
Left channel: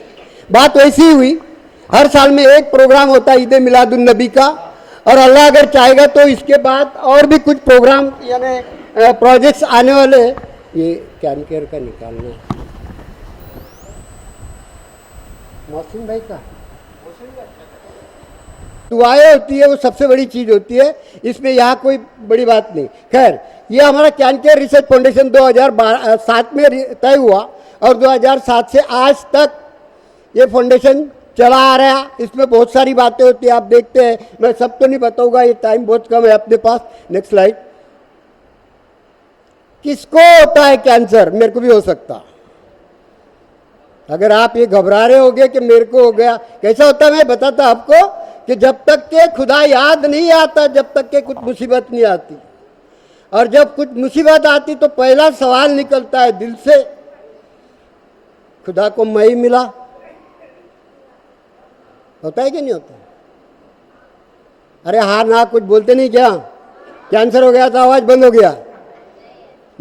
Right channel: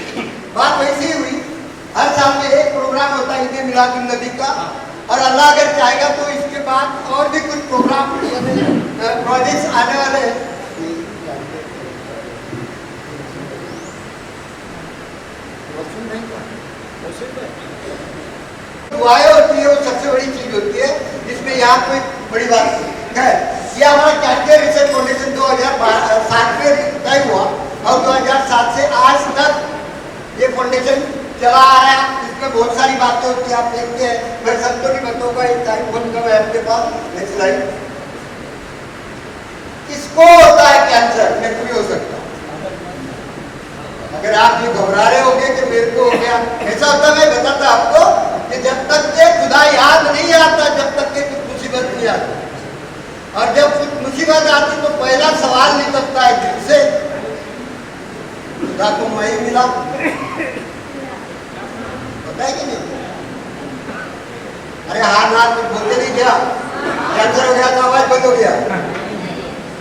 बात वैसी ही हुई। हर साल में एक प्रोग्राम होता है ईद मिलादुन नबी का, और अल्लाह अगर चाहेगा तो इसके बाद और भी कुछ प्रोग्राम प्रोजेक्ट्स आने वाले हैं। ये कैंसर का निकाला मौसम भाई का दुआएं होती है, वो सबसे बड़ी चीज होती है, इसमें यहाँ कोई बड़ी बात नहीं है। ये हमारा कैंसर रिसर्च फाउंडेशन 2007 में तय हुआ, और 2007 से आज तक ये फाउंडेशन चला आ रहा है। इसमें बहुत सारी बातें होती है, आप देखते हैं, मैं सब तो नहीं बताऊंगा, ये टाइम बहुत कम है अपने पास। Next slide. किसको होता है कैंसर? मेरे को भी हो सकता है। अगर आप ये घबरा रहे होगे कि मेरे को हो गया, कैसा होता है मैं बताता आपको कि जब तक के खुदा याद नहीं आता, जब तक के कुछ मुसीबत नहीं आती, और जब कुछ मुसीबत आती तो पहला सवाल निकलता है दिल से, खुदा को मैं ही मिला। होता है कि नहीं? अरे हाँ ना, कुछ बोलते नहीं क्या? कैंसर हो गया तो आवाज बंद हो गया।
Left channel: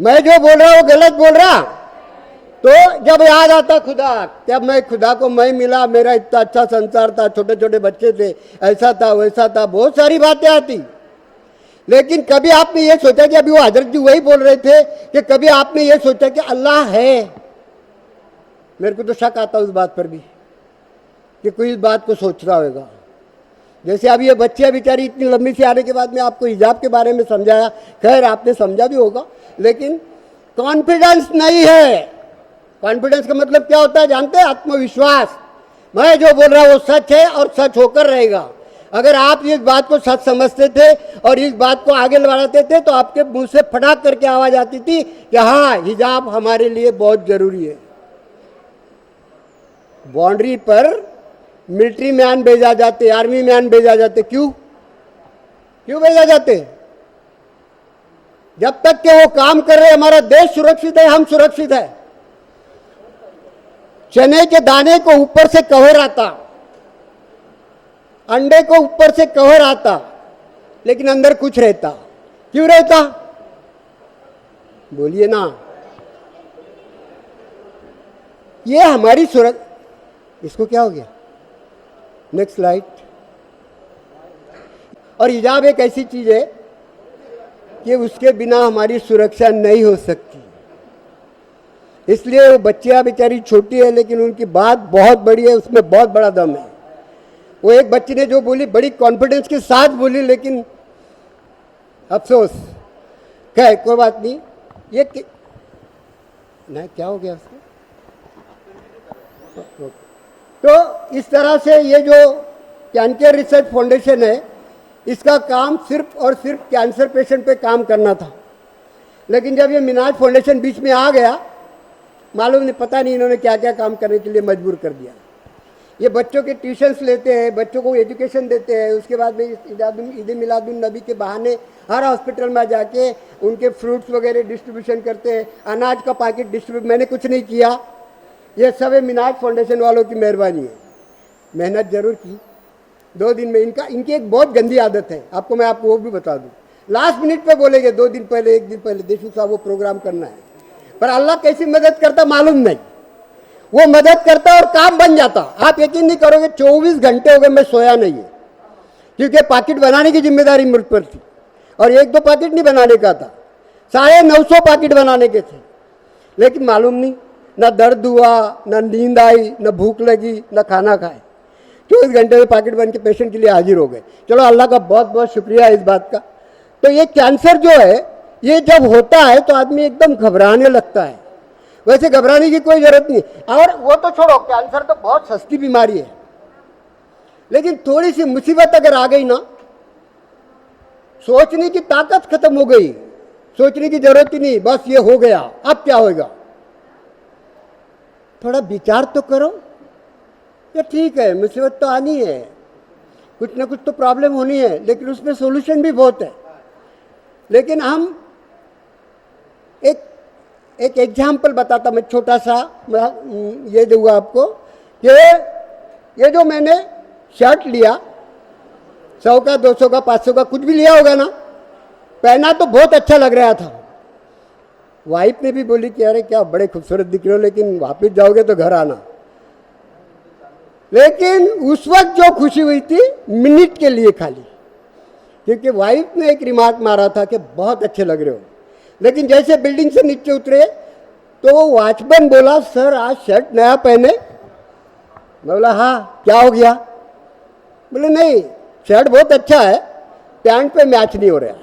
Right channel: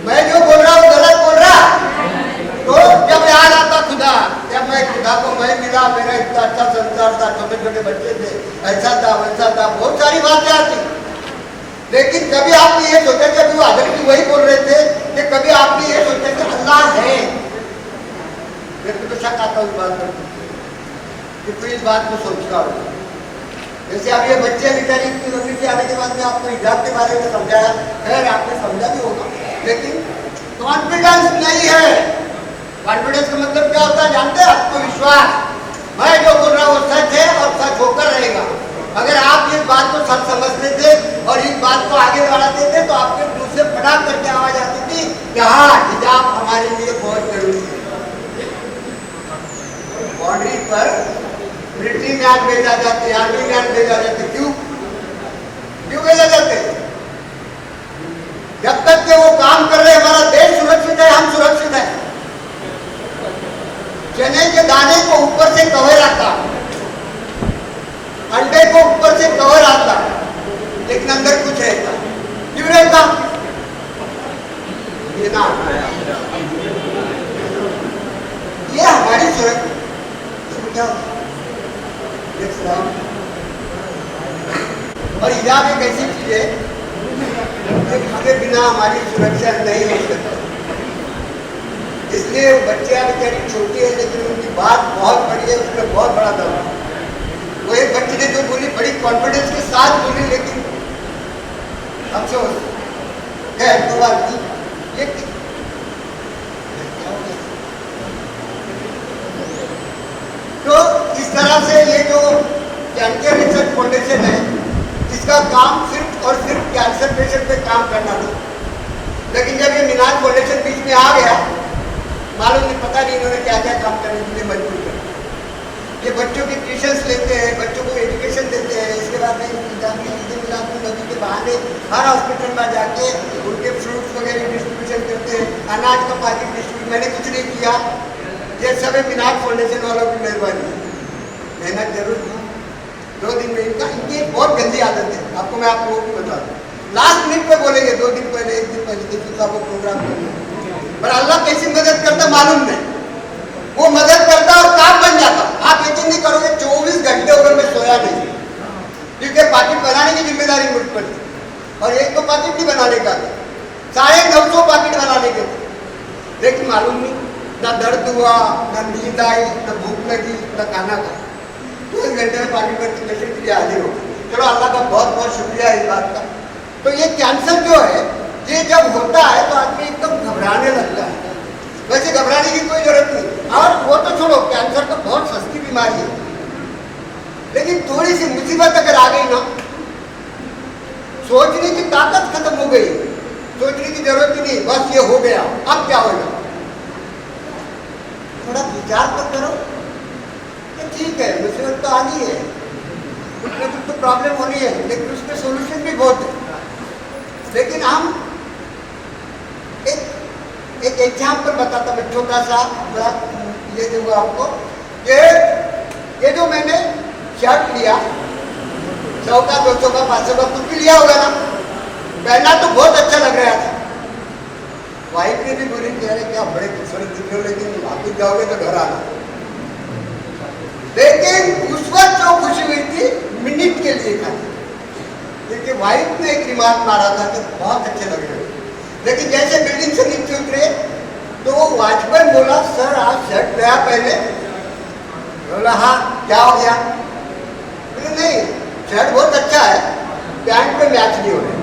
मैं जो बोल रहा हूँ गलत बोल रहा? तो जब याद आता खुदा, जब मैं खुदा को मैं मिला, मेरा इतना अच्छा संसार था, छोटे छोटे बच्चे थे, ऐसा था वैसा था, बहुत सारी बातें आती। लेकिन कभी आपने ये सोचा कि अभी वो हजरत भी वही बोल रहे थे कि कभी आपने ये सोचा कि अल्लाह है? मेरे को तो शक आता उस बात पर कि कोई इस बात को सोच रहा होगा। जैसे अब ये बच्चे बेचारी इतनी लंबी सी आने के बाद में आपको हिजाब के बारे में समझाया, खैर आपने समझा भी होगा, लेकिन कॉन्फिडेंस नहीं है। कॉन्फिडेंस का मतलब क्या होता है जानते हैं? आत्मविश्वास। मैं जो बोल रहा हूँ वो सच है और सच होकर रहेगा। अगर आप इस बात को सच समझते थे और इस बात को आगे बढ़ाते थे तो आपके मुंह से फटाक करके आवाज आती थी कि हाँ, हिजाब हमारे लिए बहुत जरूरी है। बाउंड्री पर मिलिट्री मैन भेजा जाते, आर्मी मैन भेजा जाते, क्यों भेजा जाते? जब तक के वो काम कर रहे, हमारा देश सुरक्षित है, हम सुरक्षित है। चने के दाने को ऊपर से कवर आता, अंडे को ऊपर से कवर आता, लेकिन अंदर कुछ रहता। क्यों रहता? बोलिए ना। ये हमारी सुरक्षा, इसको क्या होगा? Next slide. और हिजाब एक ऐसी चीज है कि उसके बिना हमारी सुरक्षा नहीं हो सकती। इसलिए वो बच्चियां बेचारी छोटी है, लेकिन उनकी बात बहुत बड़ी है, उसमें बहुत बड़ा दम है। वो एक बच्ची ने जो बोली बड़ी कॉन्फिडेंस के साथ बोली, लेकिन अफसोस क्या है, कोई बात नहीं। ये क्या हो गया? तो इस तरह से ये जो कैंसर रिसर्च फाउंडेशन है, इसका काम सिर्फ और सिर्फ कैंसर पेशेंट पे काम करना था। लेकिन जब ये मिनाज फाउंडेशन बीच में आ गया, मालूम नहीं, पता नहीं इन्होंने क्या क्या काम करने के लिए मजबूर कर दिया। ये बच्चों के ट्यूशन्स लेते हैं, बच्चों को एजुकेशन देते हैं, इसके बाद में ईद मिलादुन नबी के बहाने हर हॉस्पिटल में जाके उनके फ्रूट्स वगैरह डिस्ट्रीब्यूशन करते हैं, अनाज का पैकेट डिस्ट्रीब्यूट। मैंने कुछ नहीं किया, ये सब है मिनाज फाउंडेशन वालों की मेहरबानी। मेहनत जरूर की, 2 दिन में इनकी एक बहुत गंदी आदत है, आपको मैं आप लोगों को बता दूँ। लास्ट मिनट पे बोलेंगे 2 दिन पहले, 1 दिन पहले, देखिए साहब वो प्रोग्राम करना है, पर अल्लाह कैसी मदद करता मालूम नहीं, वो मदद करता और काम बन जाता। आप यकीन नहीं करोगे, 24 घंटे हो गए मैं सोया नहीं, क्योंकि पैकेट बनाने की जिम्मेदारी मुझ पर थी। और 1-2 पैकेट नहीं बनाने का था, 950 पैकेट बनाने के थे। लेकिन मालूम नहीं, ना दर्द हुआ, ना नींद आई, ना भूख लगी, ना खाना खा। 24 घंटे में पैकेट बन के पेशेंट के लिए हाजिर हो गए। चलो अल्लाह का बहुत बहुत शुक्रिया इस बात का। तो ये कैंसर जो है, ये जब होता है तो आदमी एकदम घबराने लगता है। वैसे घबराने की कोई जरूरत नहीं, और वो तो छोड़ो, कैंसर तो बहुत सस्ती बीमारी है। लेकिन थोड़ी सी मुसीबत अगर आ गई ना, सोचने की ताकत खत्म हो गई, सोचने की जरूरत ही नहीं, बस ये हो गया, अब क्या होगा। थोड़ा विचार तो करो, तो ठीक है मुसीबत तो आ गई है, कुछ ना कुछ तो प्रॉब्लम होनी है, लेकिन उसमें सोल्यूशन भी बहुत है। लेकिन हम एक एग्जाम्पल बताता मैं, छोटा सा ये दूंगा आपको कि ये जो मैंने शर्ट लिया, 100 का, 200 का, 500 का, कुछ भी लिया होगा ना, पहना तो बहुत अच्छा लग रहा था। वाइफ ने भी बोली कि अरे क्या बड़े खूबसूरत दिख रहे हो, लेकिन वापस जाओगे तो घर आना। लेकिन उस वक्त जो खुशी हुई थी मिनट के लिए था, क्योंकि वाइफ ने एक रिमार्क मारा था कि बहुत अच्छे लग रहे हो। लेकिन जैसे बिल्डिंग से नीचे उतरे तो वो वॉचमैन बोला, सर आज शर्ट नया पहने। बोला हाँ, क्या हो गया? बोले नहीं, शर्ट बहुत अच्छा है, पैंट पे मैच नहीं हो रहा।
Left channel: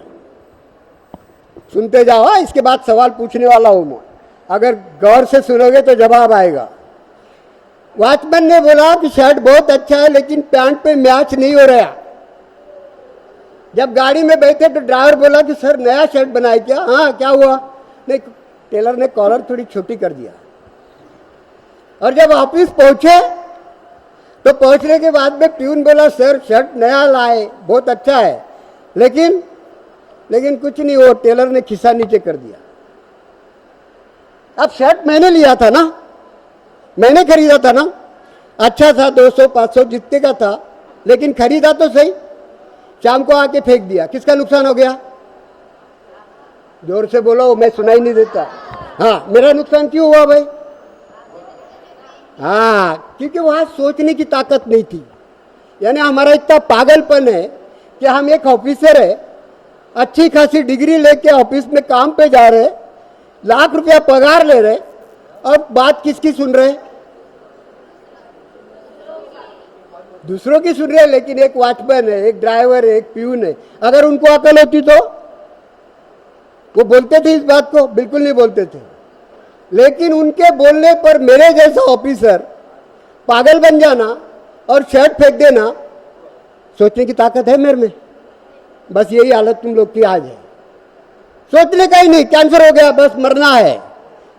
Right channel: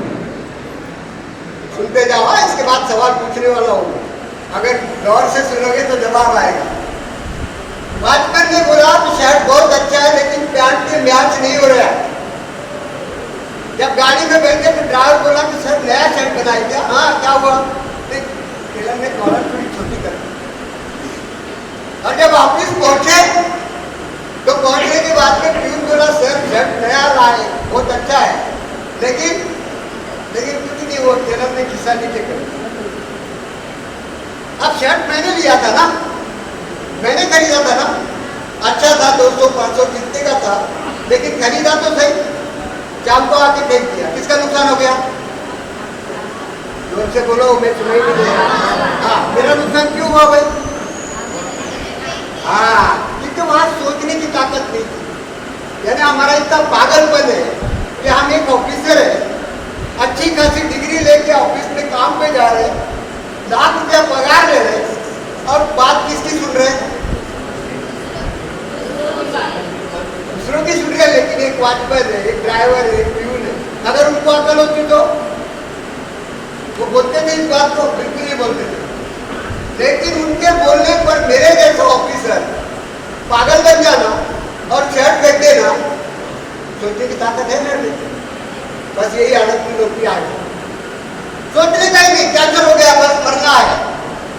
सुनते जाओ, इसके बाद सवाल पूछने वाला हूँ, अगर गौर से सुनोगे तो जवाब आएगा। वॉचमैन ने बोला कि शर्ट बहुत अच्छा है, लेकिन पैंट पे मैच नहीं हो रहा। जब गाड़ी में बैठे तो ड्राइवर बोला कि सर नया शर्ट बनाया क्या? हाँ, क्या हुआ? टेलर ने कॉलर थोड़ी छोटी कर दी। और जब ऑफिस पहुंचे तो पहुंचने के बाद में प्यून बोला, सर शर्ट नया लाए, बहुत अच्छा है, लेकिन कुछ नहीं, वो टेलर ने खिस्सा नीचे कर दिया। अब शर्ट मैंने लिया था ना, मैंने खरीदा था ना, अच्छा था, 200-500 कितने का था, लेकिन खरीदा तो सही, शाम को आके फेंक दिया, किसका नुकसान हो गया? जोर से बोलो, मैं सुनाई नहीं देता। हाँ, मेरा नुकसान क्यों हुआ भाई? हाँ, क्योंकि वहां सोचने की ताकत नहीं थी। यानी हमारा इतना पागलपन है कि हम एक ऑफिसर है, अच्छी खासी डिग्री लेके ऑफिस में काम पे जा रहे, लाख रुपया पगार ले रहे, और बात किसकी सुन रहे? दूसरों की सुन रहे, लेकिन एक वॉचमैन है, एक ड्राइवर है, एक प्यून है, अगर उनको अकल होती तो वो बोलते थे इस बात को? बिल्कुल नहीं बोलते थे। लेकिन उनके बोलने पर मेरे जैसा ऑफिसर पागल बन जाना और शर्ट फेंक देना, सोचने की ताकत है मेरे में? बस यही हालत की लोग की आज। सोचने का ही नहीं, कैंसर हो गया बस मरना है,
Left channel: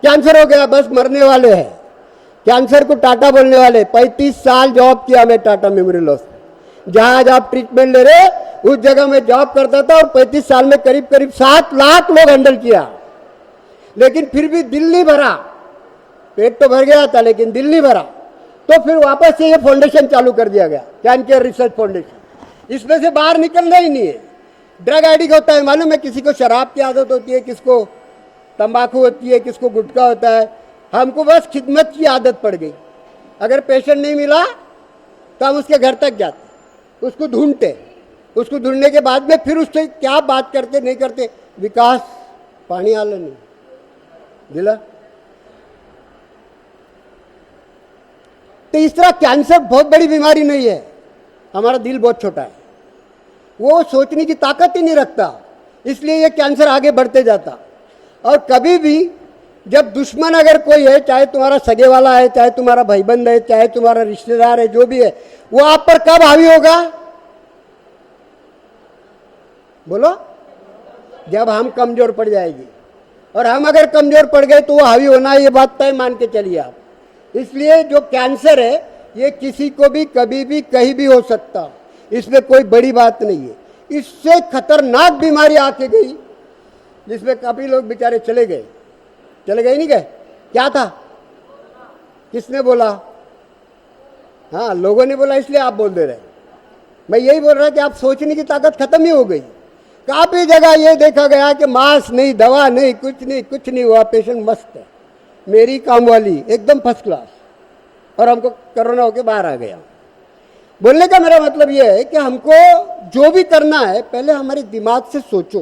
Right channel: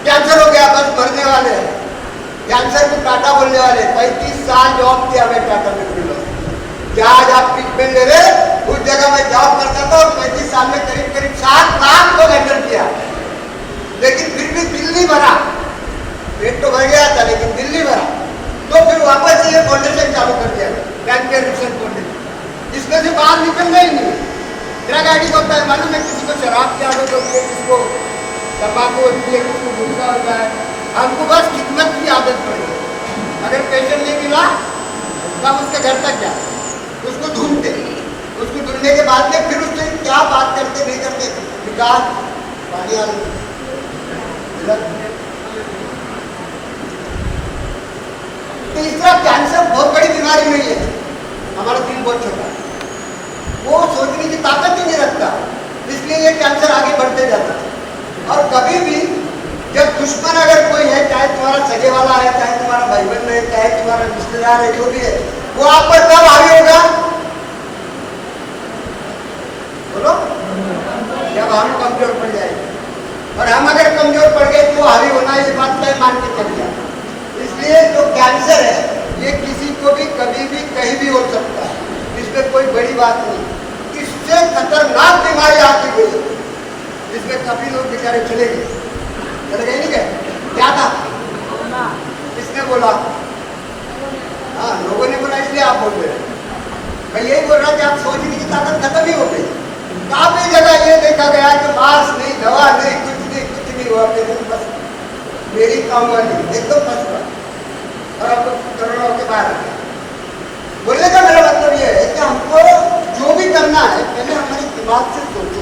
कैंसर हो गया बस मरने वाले हैं। कैंसर को टाटा बोलने वाले। 35 साल जॉब किया मैं टाटा मेमोरियल हॉस्पिटल, जहाँ आप ट्रीटमेंट ले रहे उस जगह मैं जॉब करता था, और 35 साल में करीब 7 लाख लोग हैंडल किया, लेकिन फिर भी दिल नहीं भरा। पेट तो भर गया था, लेकिन दिल नहीं भरा। तो फिर वापस से ये फाउंडेशन चालू कर दिया गया, कैंसर रिसर्च फाउंडेशन। इसमें से बाहर निकलना ही नहीं। ड्रग एडिक्ट होता है, मालूम है, किसी को शराब की आदत होती है, किसको तंबाकू होती है, किसको गुटखा होता है। हमको बस खिदमत की आदत पड़ गई। अगर पेशेंट नहीं मिला तब उसके घर तक क्या, उसको ढूंढते, उसको ढूंढने के बाद में फिर उससे क्या बात करते नहीं करते, विकास पानी आने मिला। तो इस तरह कैंसर बहुत बड़ी बीमारी नहीं है, हमारा दिल बहुत छोटा है, वो सोचने की ताकत ही नहीं रखता, इसलिए ये कैंसर आगे बढ़ते जाता। और कभी भी जब दुश्मन अगर कोई है, चाहे तुम्हारा सगे वाला है, चाहे तुम्हारा भाईबंध है, चाहे तुम्हारा रिश्तेदार है, जो भी है, वो आप पर कब हावी होगा? बोलो, जब हम कमजोर पड़ जाएंगे। और हम अगर कमजोर पड़ गए तो वो हावी होना, ये बात तय मान के चलिए। इसलिए जो कैंसर है ये किसी को भी कभी भी कहीं भी हो सकता है, इसमें कोई बड़ी बात नहीं। इससे खतरनाक बीमारी आती गई, इसमें काफी लोग बेचारे चले गए नहीं गए? क्या था? किसने बोला? हाँ, लोगों ने बोला, इसलिए आप बोल रहे हैं। मैं यही बोल रहा था, आप सोचने की ताकत खत्म ही हो गई। काफी जगह ये देखा गया कि मास्क नहीं, दवा नहीं, कुछ नहीं हुआ, पेशेंट बस मेरी काम वाली एकदम फंस हुआ और हमको कोरोना होकर बाहर आ गया। बोलने का मेरा मतलब ये है कि हमको जो भी करना है पहले हमारे दिमाग से सोचो।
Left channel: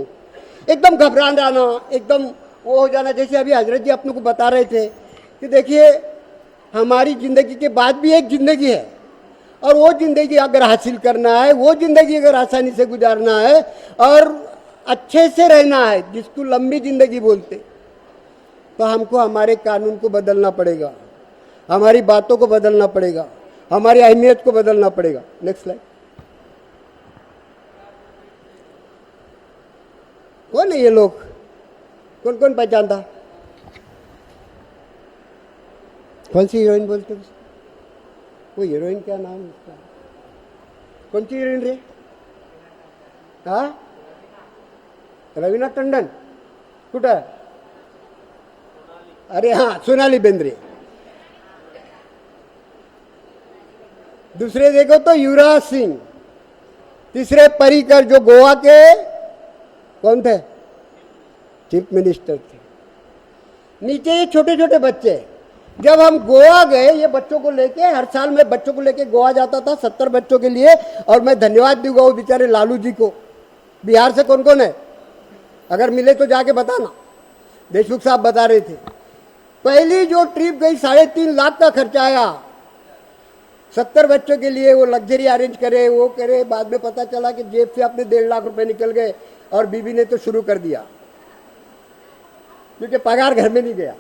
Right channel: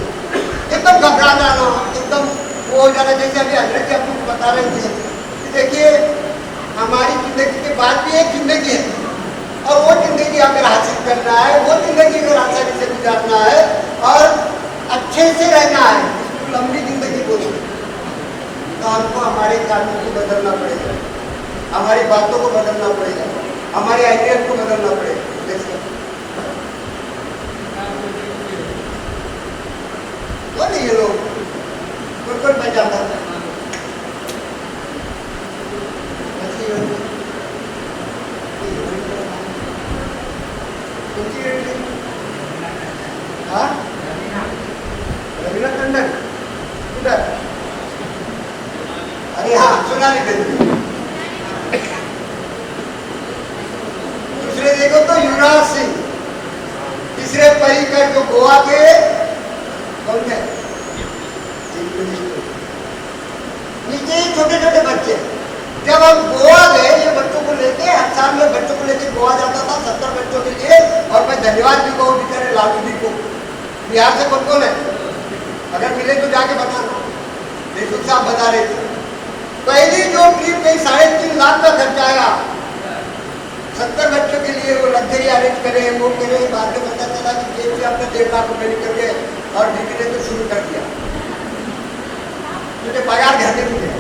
एकदम घबरा जाना, एकदम वो हो जाना, जैसे अभी हजरत जी आप लोग बता रहे थे कि देखिए हमारी जिंदगी के बाद भी एक जिंदगी है और वो जिंदगी अगर हासिल करना है, वो जिंदगी अगर आसानी से गुजारना है और अच्छे से रहना है, जिसको लंबी जिंदगी बोलते हैं, तो हमको हमारे कानून को बदलना पड़ेगा, हमारी बातों को बदलना पड़ेगा, हमारी अहमियत को बदलना पड़ेगा। नेक्स्ट तो नहीं, ये लोग कौन बचाता? कौन सी यूनिट? कौन सी यूनिट? हाँ, रवीना टंडन किधर? अरे हाँ, सोनाली बेंद्रे। दूसरे देखो तो युवराज सिंह, तीसरे पर्रिकर जो गोवा के कौन थे? Chief minister. नीचे ये छोटे छोटे बच्चे। जब हम गोवा गए, ये बच्चों को लेके, हर साल में बच्चों को लेके गोवा जाता था 70 बच्चों के लिए, और मैं धन्यवाद भी कहूँ बेचारे लालू जी को। बिहार से कौन कौन है? अगर मिले तो जाके बताना। देशमुख साहब बता रहे थे पहली जो ट्रिप गई 3.5 लाख का खर्चा आया 70 बच्चों के लिए, वो लग्जरी अरेंज करे, वो करे। बाद में पता चला कि जेब से आपने 1.5 लाख रुपए निकल गए और बीबी ने तो शुरू कर दिया, क्योंकि पगार घर में नहीं गया।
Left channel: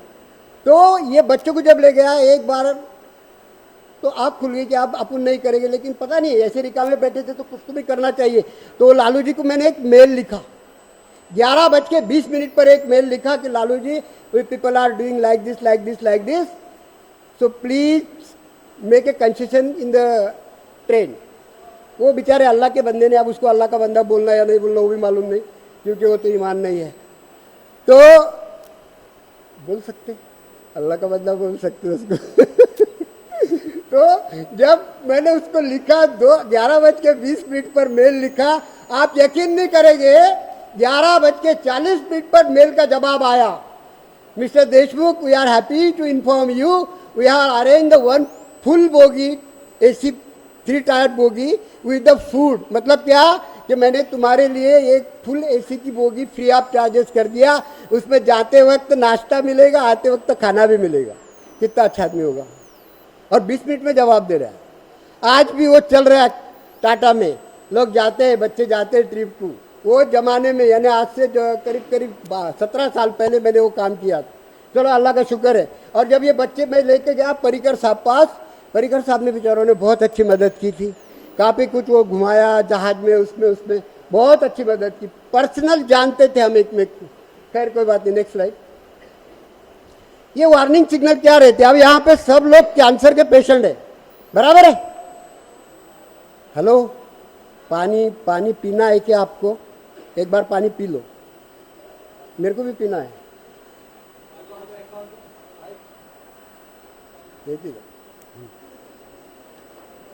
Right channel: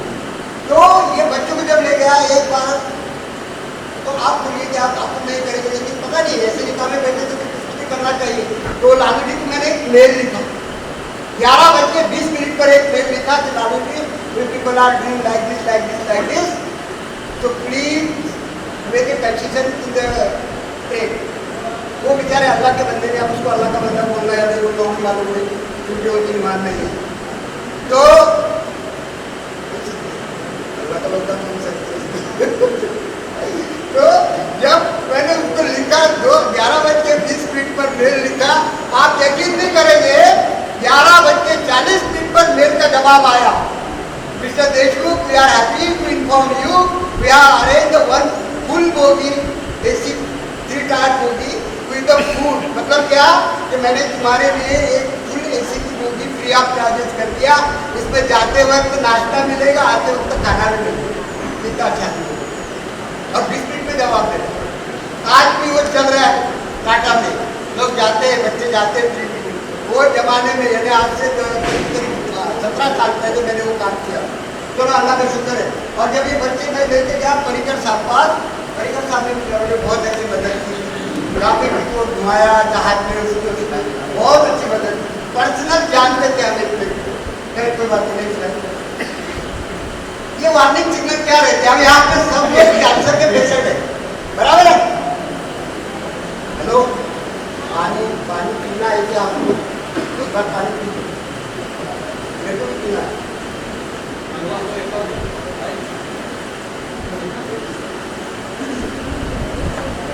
तो ये बच्चों को जब ले गया एक बार, तो आप सुनिए कि आप अपन नहीं करेंगे, लेकिन पता नहीं ऐसे निकाले बैठे थे तो किसको भी करना चाहिए। तो लालू जी को मैंने एक मेल लिखा, 11 बज के 20 मिनट पर एक मेल लिखा कि Lalu ji, we people are doing like this, so please make a concession in the trade। वो बेचारे अल्लाह के बंदे ने, अब उसको अल्लाह का बंदा बोल रहा है या नहीं बोल रहा वो मालूम नहीं, क्योंकि वो ईमान नहीं है। तो अल्लाह का बंदा बोल सकते उसको। तो जब मैंने उसको लिखा 11 बज के 20 मिनट पर मेल लिखा, आप यकीन नहीं करेंगे 11 बज के 40 मिनट पर मेल का जवाब आया, mister Deshmukh, we are happy to inform you, we are arrange the one full bogie, AC 3-टायर बोगी विद द फूड। मतलब क्या कि मैंने तुम्हारे लिए एक फुल AC की बोगी फ्री ऑफ चार्जेस कर दिया, उसमें जाते वक्त नाश्ता मिलेगा, आते वक्त खाना भी मिलेगा। कितना अच्छा नहीं होगा। और 20 मिनट में जवाब दे रहा है। आज भी वो चल रहा है टाटा में, लोग जाते हैं, बच्चे जाते हैं ट्रिप में। वो जमाने में, यानी आज से करीब 17 साल पहले मैंने वो काम किया। चलो अल्लाह का शुक्र है। और जब ये बच्चे मैं लेके गया पर्रिकर साहब पास, पर्रिकर साहब ने बेचारों ने बहुत अच्छी मदद की थी। राफी को तो घुमाया जहाज में, उसमें बहुत अच्छी मदद, पर्सनल जानते थे हमें इतने। खैर कोई बात नहीं। ये वार्निंग सिग्नल क्या रहते हैं? अब यहाँ पे सब लोग कैंसर के पेशेंट है, बराबर है? हेलो, पानी पीना है क्या आपको? एक बार पानी पी लो, मेरे को भी पीना है।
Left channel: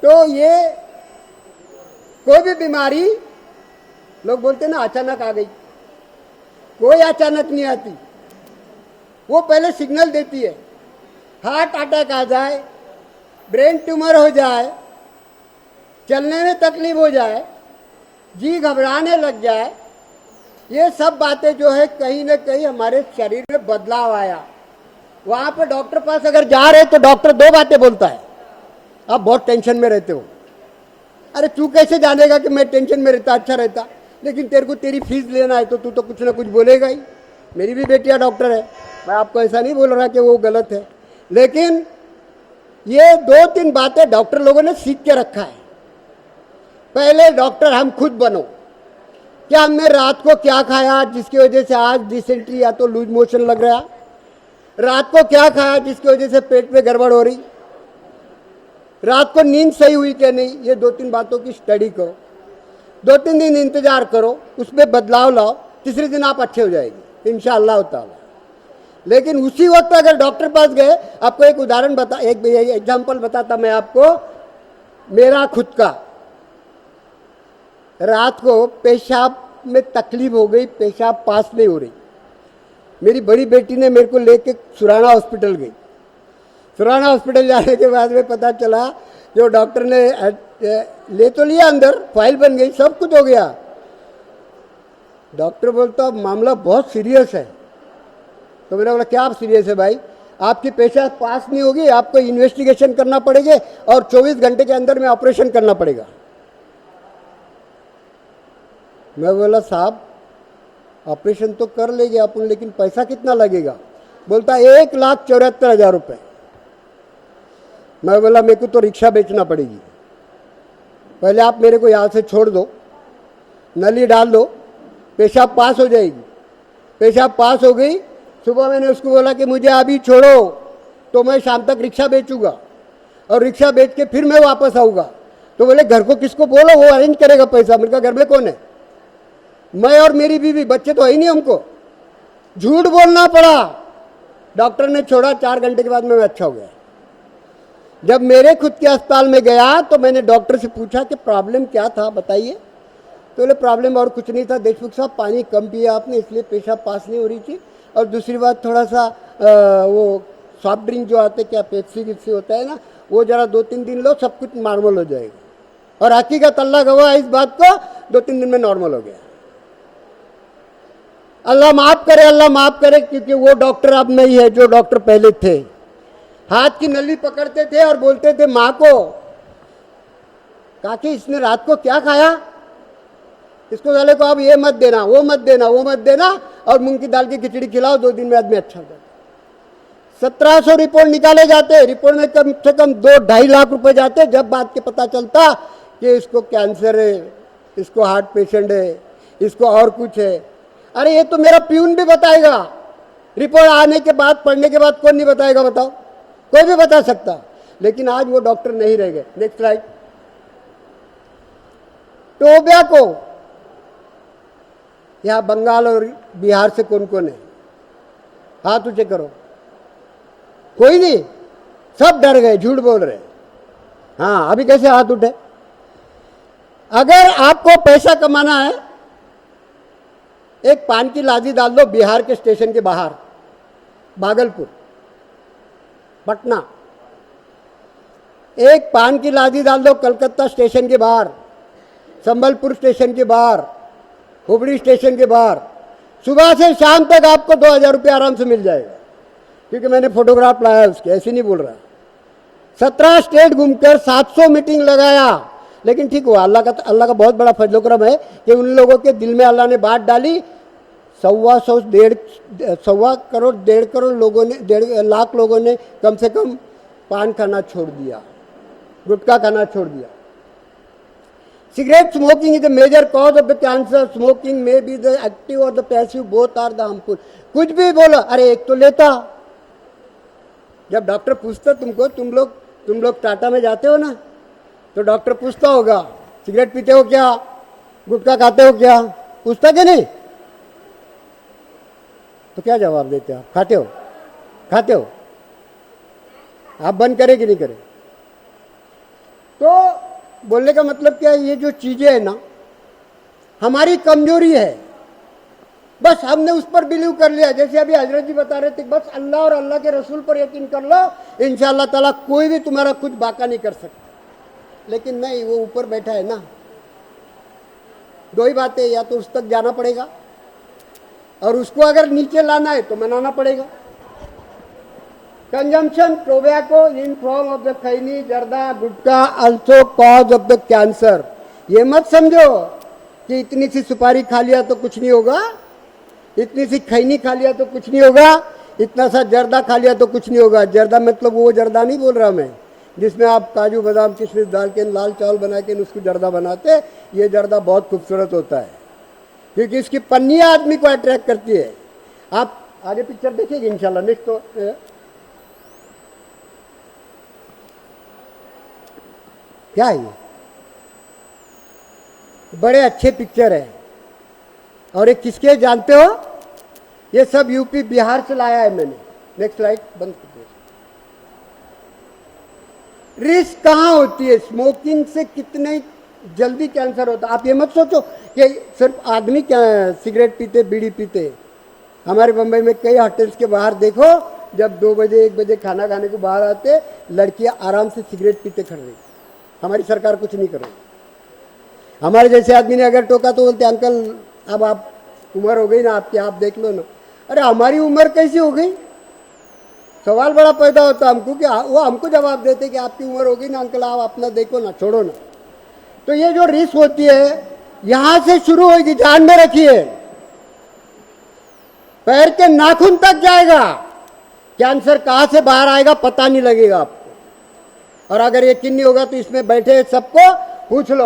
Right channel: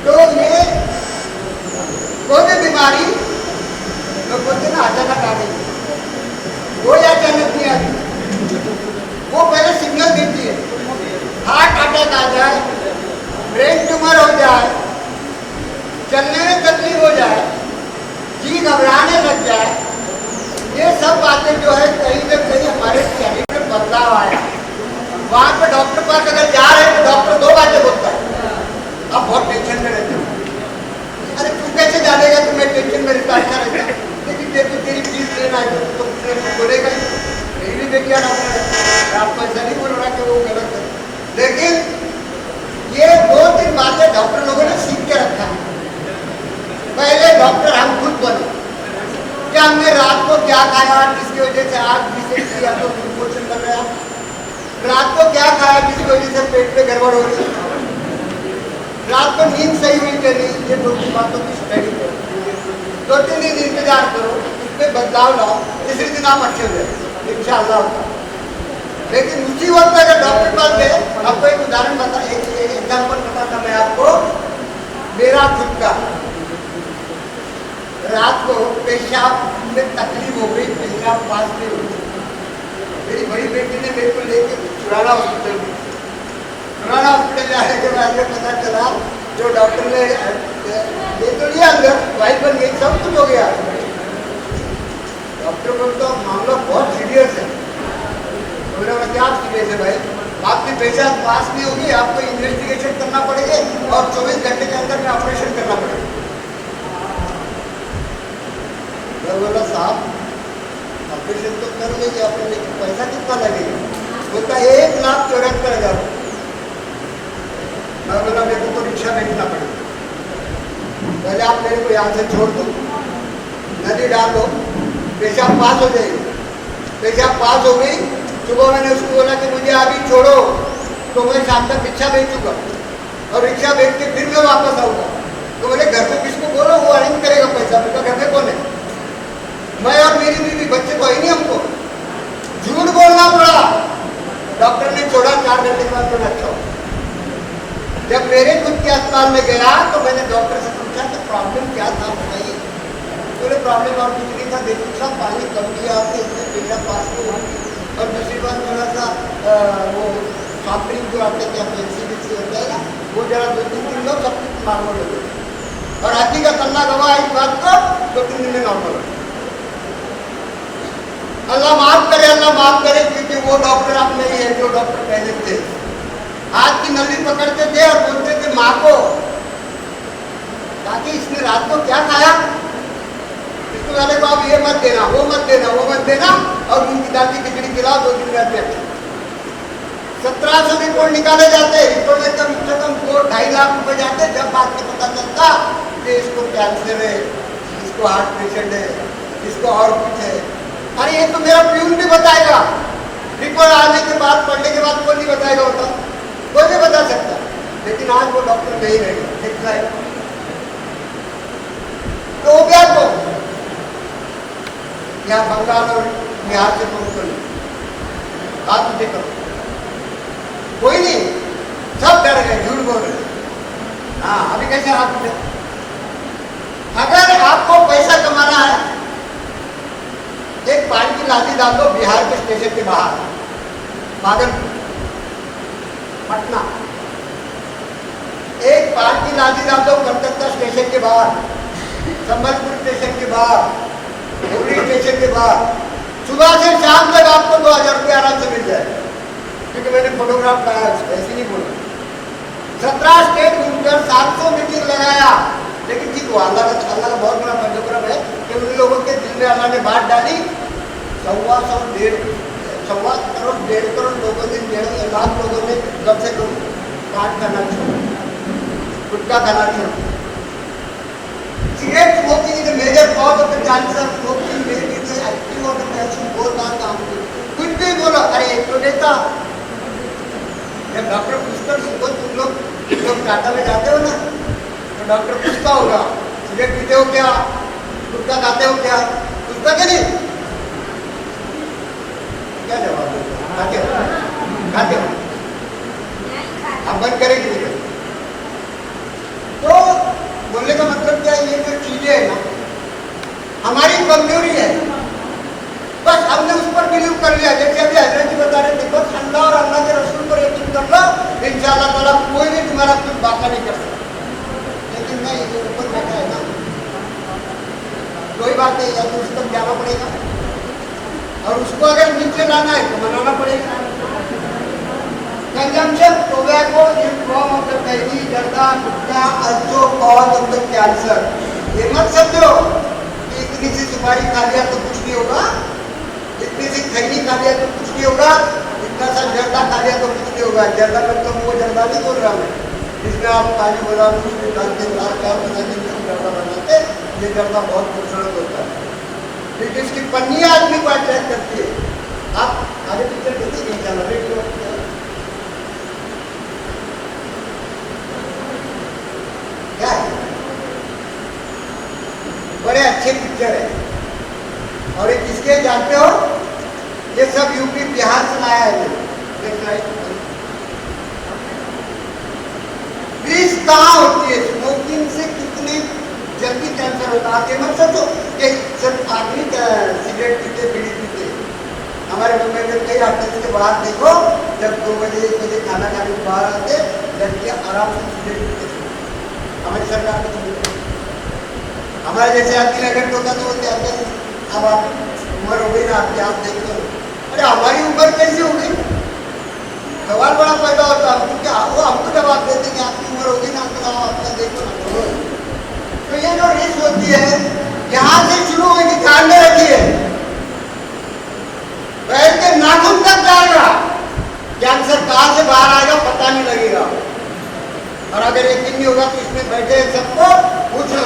तो ये कोई भी बीमारी लोग बोलते ना अचानक आ गई, वो अचानक नहीं आती, वो पहले सिग्नल देती है। हार्ट अटैक आ जाए, ब्रेन ट्यूमर हो जाए, चलने में तकलीफ हो जाए, जी घबराने लग जाए, ये सब बातें जो है कहीं न कहीं हमारे शरीर में बदलाव आया। वहाँ पे डॉक्टर पास अगर जा रहे तो डॉक्टर 2 बातें बोलता है, आप बहुत टेंशन में रहते हो। अरे तू कैसे जानेगा तो मैं टेंशन में रहता रहता, लेकिन तेरे को तेरी फीस लेना है तो तू तो कुछ ना कुछ बोलेगा ही। मेरी भी बेटियाँ डॉक्टर है, आपको ऐसा नहीं बोल रहा कि वो गलत है, लेकिन ये 2-3 बातें डॉक्टर लोगों ने सीख के रखा है। पहले डॉक्टर हम खुद बनो। क्या हमने रात को क्या खाया जिसकी वजह से आज डिसेंट की या तो लूज मोशन लग रहा, रात को क्या खाया जिसकी वजह से पेट में गड़बड़ हो रही, रात को नींद सही हुई क्या नहीं, ये 2-3 बातों की स्टडी करो, 2-3 दिन इंतजार करो, उसमें बदलाव लाओ, तीसरे दिन आप अच्छे हो जाए इंशाअल्लाह होता। लेकिन उसी वक्त अगर डॉक्टर पास गए, आपको एक उदाहरण बता, एक एग्जाम्पल बताता मैं आपको, मेरा खुद का रात को पेशाब में तकलीफ हो गई, पेशाब पास नहीं हुई, मेरी बड़ी बेटी ने मेरे को लेके सुराना हॉस्पिटल गई। सुराना हॉस्पिटल जाने के बाद में पता चला जो डॉक्टर ने ले तो लिया, अंदर फाइल बन गई, सब कुछ हो गया। डॉक्टर बोलता मामला बहुत सीरियस है। तो बोला क्या सीरियस है भाई, आपकी पेशाब पास नहीं होगी, आपको इन्वेस्टिगेशन करना पड़ेगा और 24 घंटे के अंदर में ऑपरेशन करना पड़ेगा। मैं बोला साहब ऑपरेशन तो कर लेंगे अपन, लेकिन पैसा कितना लगेगा? बोलता 1,74,000 रुपये। मैं बोला मेरे को तो रिक्शा बेचना पड़ेगा, पहले आप मेरे को यहाँ से छोड़ दो, नली डाल दो, पेशाब पास हो जाएगी। पेशाब पास हो गई, सुबह मैंने उसको बोला कि मुझे अभी छोड़ो तो मैं शाम तक रिक्शा बेचूंगा और रिक्शा बेच के फिर मैं वापस आऊँगा। तो बोले घर को किसको बोलो, वो अरेंज करेगा पैसा। बोलता घर में कौन है? मैं और मेरी बीवी, बच्चे तो है ही नहीं हमको। झूठ बोलना पड़ा। डॉक्टर ने छोड़ा, 4 घंटे के बाद मैं अच्छा हूँ। जब मेरे खुद के अस्पताल में गया तो मैंने डॉक्टर से पूछा कि प्रॉब्लम क्या था बताइए। तो बोले प्रॉब्लम और कुछ नहीं था, देखिए साहब पानी कम दिया आपने, इसलिए पेशाब पास नहीं हो रही थी, और दूसरी बात थोड़ा सा वो सॉफ्ट ड्रिंक जो आते क्या पेप्सी वेप्सी होता है ना, वो जरा 2-3 दिन लो, सब कुछ नॉर्मल हो जाए। और हकीकत अल्लाह गवाह इस बात को, 2-3 दिन में नॉर्मल हो। अल्लाह माफ करे, अल्लाह माफ करे, क्योंकि वो डॉक्टर अब नहीं है जो डॉक्टर पहले थे। हाथ की नली पकड़ते थे और बोलते थे माँ को ताकि इसने रात को क्या खाया, इसको वाले को अब ये मत देना, वो मत देना, वो मत देना, और मूंग की दाल की खिचड़ी खिलाओ, 2 दिन में आदमी अच्छा। 1700 रिपोर्ट निकाले जाते, रिपोर्ट में कम से कम 2-2.5 लाख रुपए जाते, जब बात के पता चलता कि इसको कैंसर है, इसको हार्ट पेशेंट है, इसको और कुछ है। अरे ये तो मेरा प्यून भी बताएगा, रिपोर्ट आने के बाद, पढ़ने के बाद कौन नहीं बताएगा? होता कोई भी बता सकता, लेकिन आज वो डॉक्टर नहीं रहेगा। देख रहा है तो हो गया को क्या बंगाल और बिहार से कौन कौन हाथ उठे करो, कोई नहीं, सब डर गए, झूठ बोल रहे। हाँ अभी कैसे हाथ उठे? अगर आपको पैसा कमाना है, एक पान की लादी डाल दो बिहार के स्टेशन के बाहर, भागलपुर, पटना। एक पान की लादी डाल दो कलकत्ता स्टेशन के बाहर, संबलपुर स्टेशन के बाहर, हुगली स्टेशन के बाहर। सुबह से शाम तक आपको 2,000 रुपये आराम से मिल जाए, क्योंकि मैंने फोटोग्राफ लाया उसको, ऐसे नहीं बोल रहा। 17 स्टेट घूमकर 700 मीटिंग लगाया, लेकिन ठीक हुआ। अल्लाह का बहुत बड़ा फजल-ओ-करम है कि उन लोगों के दिल में अल्लाह ने बात डाली। 1.25 करोड़ 1.5 करोड़ लोगों ने, 1.5 लाख लोगों ने कम से कम पान खाना छोड़ दिया, गुटखा खाना छोड़ दिया। Cigarette smoking is a major cause of the cancer. Smoking may be the active or the passive, both are harmful. कुछ भी बोलो, अरे एक तो लेता। जब डॉक्टर पूछता तुमको, तुम लोग टाटा में जाते हो ना, तो डॉक्टर पूछता होगा सिगरेट पीते हो क्या, गुटखा खाते हो क्या, पूछता कि नहीं? तो क्या जवाब देते हो? खाते हो, खाते हो। आप बंद करें कि नहीं करें? तो बोलने का मतलब क्या है, ये जो चीजें है ना हमारी कमजोरी है, बस हमने उस पर बिलीव कर लिया। जैसे अभी हजरत जी बता रहे थे, बस अल्लाह और अल्लाह के रसूल पर यकीन कर लो, इंशाअल्लाह ताला कोई भी तुम्हारा कुछ बाका नहीं कर सकता। लेकिन नहीं, ये ऊपर बैठा है ना, दो ही बात है, या तो उस तक जाना पड़ेगा और उसको अगर नीचे लाना है तो मनाना पड़ेगा। Consumption tobacco in form of the tiny जर्दा गुटखा also cause of the cancer। ये मत समझो कि इतनी सी सुपारी खा लिया तो कुछ नहीं होगा, इतनी सी खैनी खा लिया तो कुछ नहीं होगा, इतना सा जर्दा खा लिया तो कुछ नहीं होगा। जर्दा मतलब वो जर्दा नहीं बोल रहा मैं, जिसमें आप काजू बादाम कुछ डाल के लाल चावल बना के उसकी गर्दा बनाते, ये गर्दा बहुत खूबसूरत होता है क्योंकि इसकी पन्नियाँ आदमी को अट्रैक्ट करती है। आप आगे पिक्चर देखिए इंशाल्लाह। वेट करो, क्या है, बड़े अच्छे पिक्चर है। और ये किसके जानते हो? ये सब यूपी बिहार से लाया है मैंने। Next slide. रिस्क कहाँ होती है? स्मोकिंग से कितने जल्दी कैंसर होता है। आप ये मत सोचो कि सब आदमी सिगरेट पीते, बीड़ी पीते। हमारे मुंबई में कई होटल्स के बाहर देखो, जब 2 बजे 1 बजे खाना खाने के बाहर आते, लड़कियां आराम से सिगरेट पीते थे। हमारी सरकार कुछ नहीं करती। हमारे जैसे आदमी ने अगर टोका तो बोलते अंकल अब आप उम्र हो गई ना आपकी, आप देख लो। अरे हमारी उम्र कैसी हो गई? सवाल बड़ा पैदा होता हमको कि वो हमको जवाब देते कि आपकी उम्र हो गई ना अंकल, आओ अपना देखो ना, छोड़ो ना। तो ये जो रिस्क होती है यहाँ से शुरू होगी, ध्यान में रखिए। पैर के नाखून तक जाएगा, कैंसर कहाँ से बाहर आएगा पता नहीं लगेगा। और अगर यकीन नहीं होगा तो इसमें बैठे सबको पूछ लो।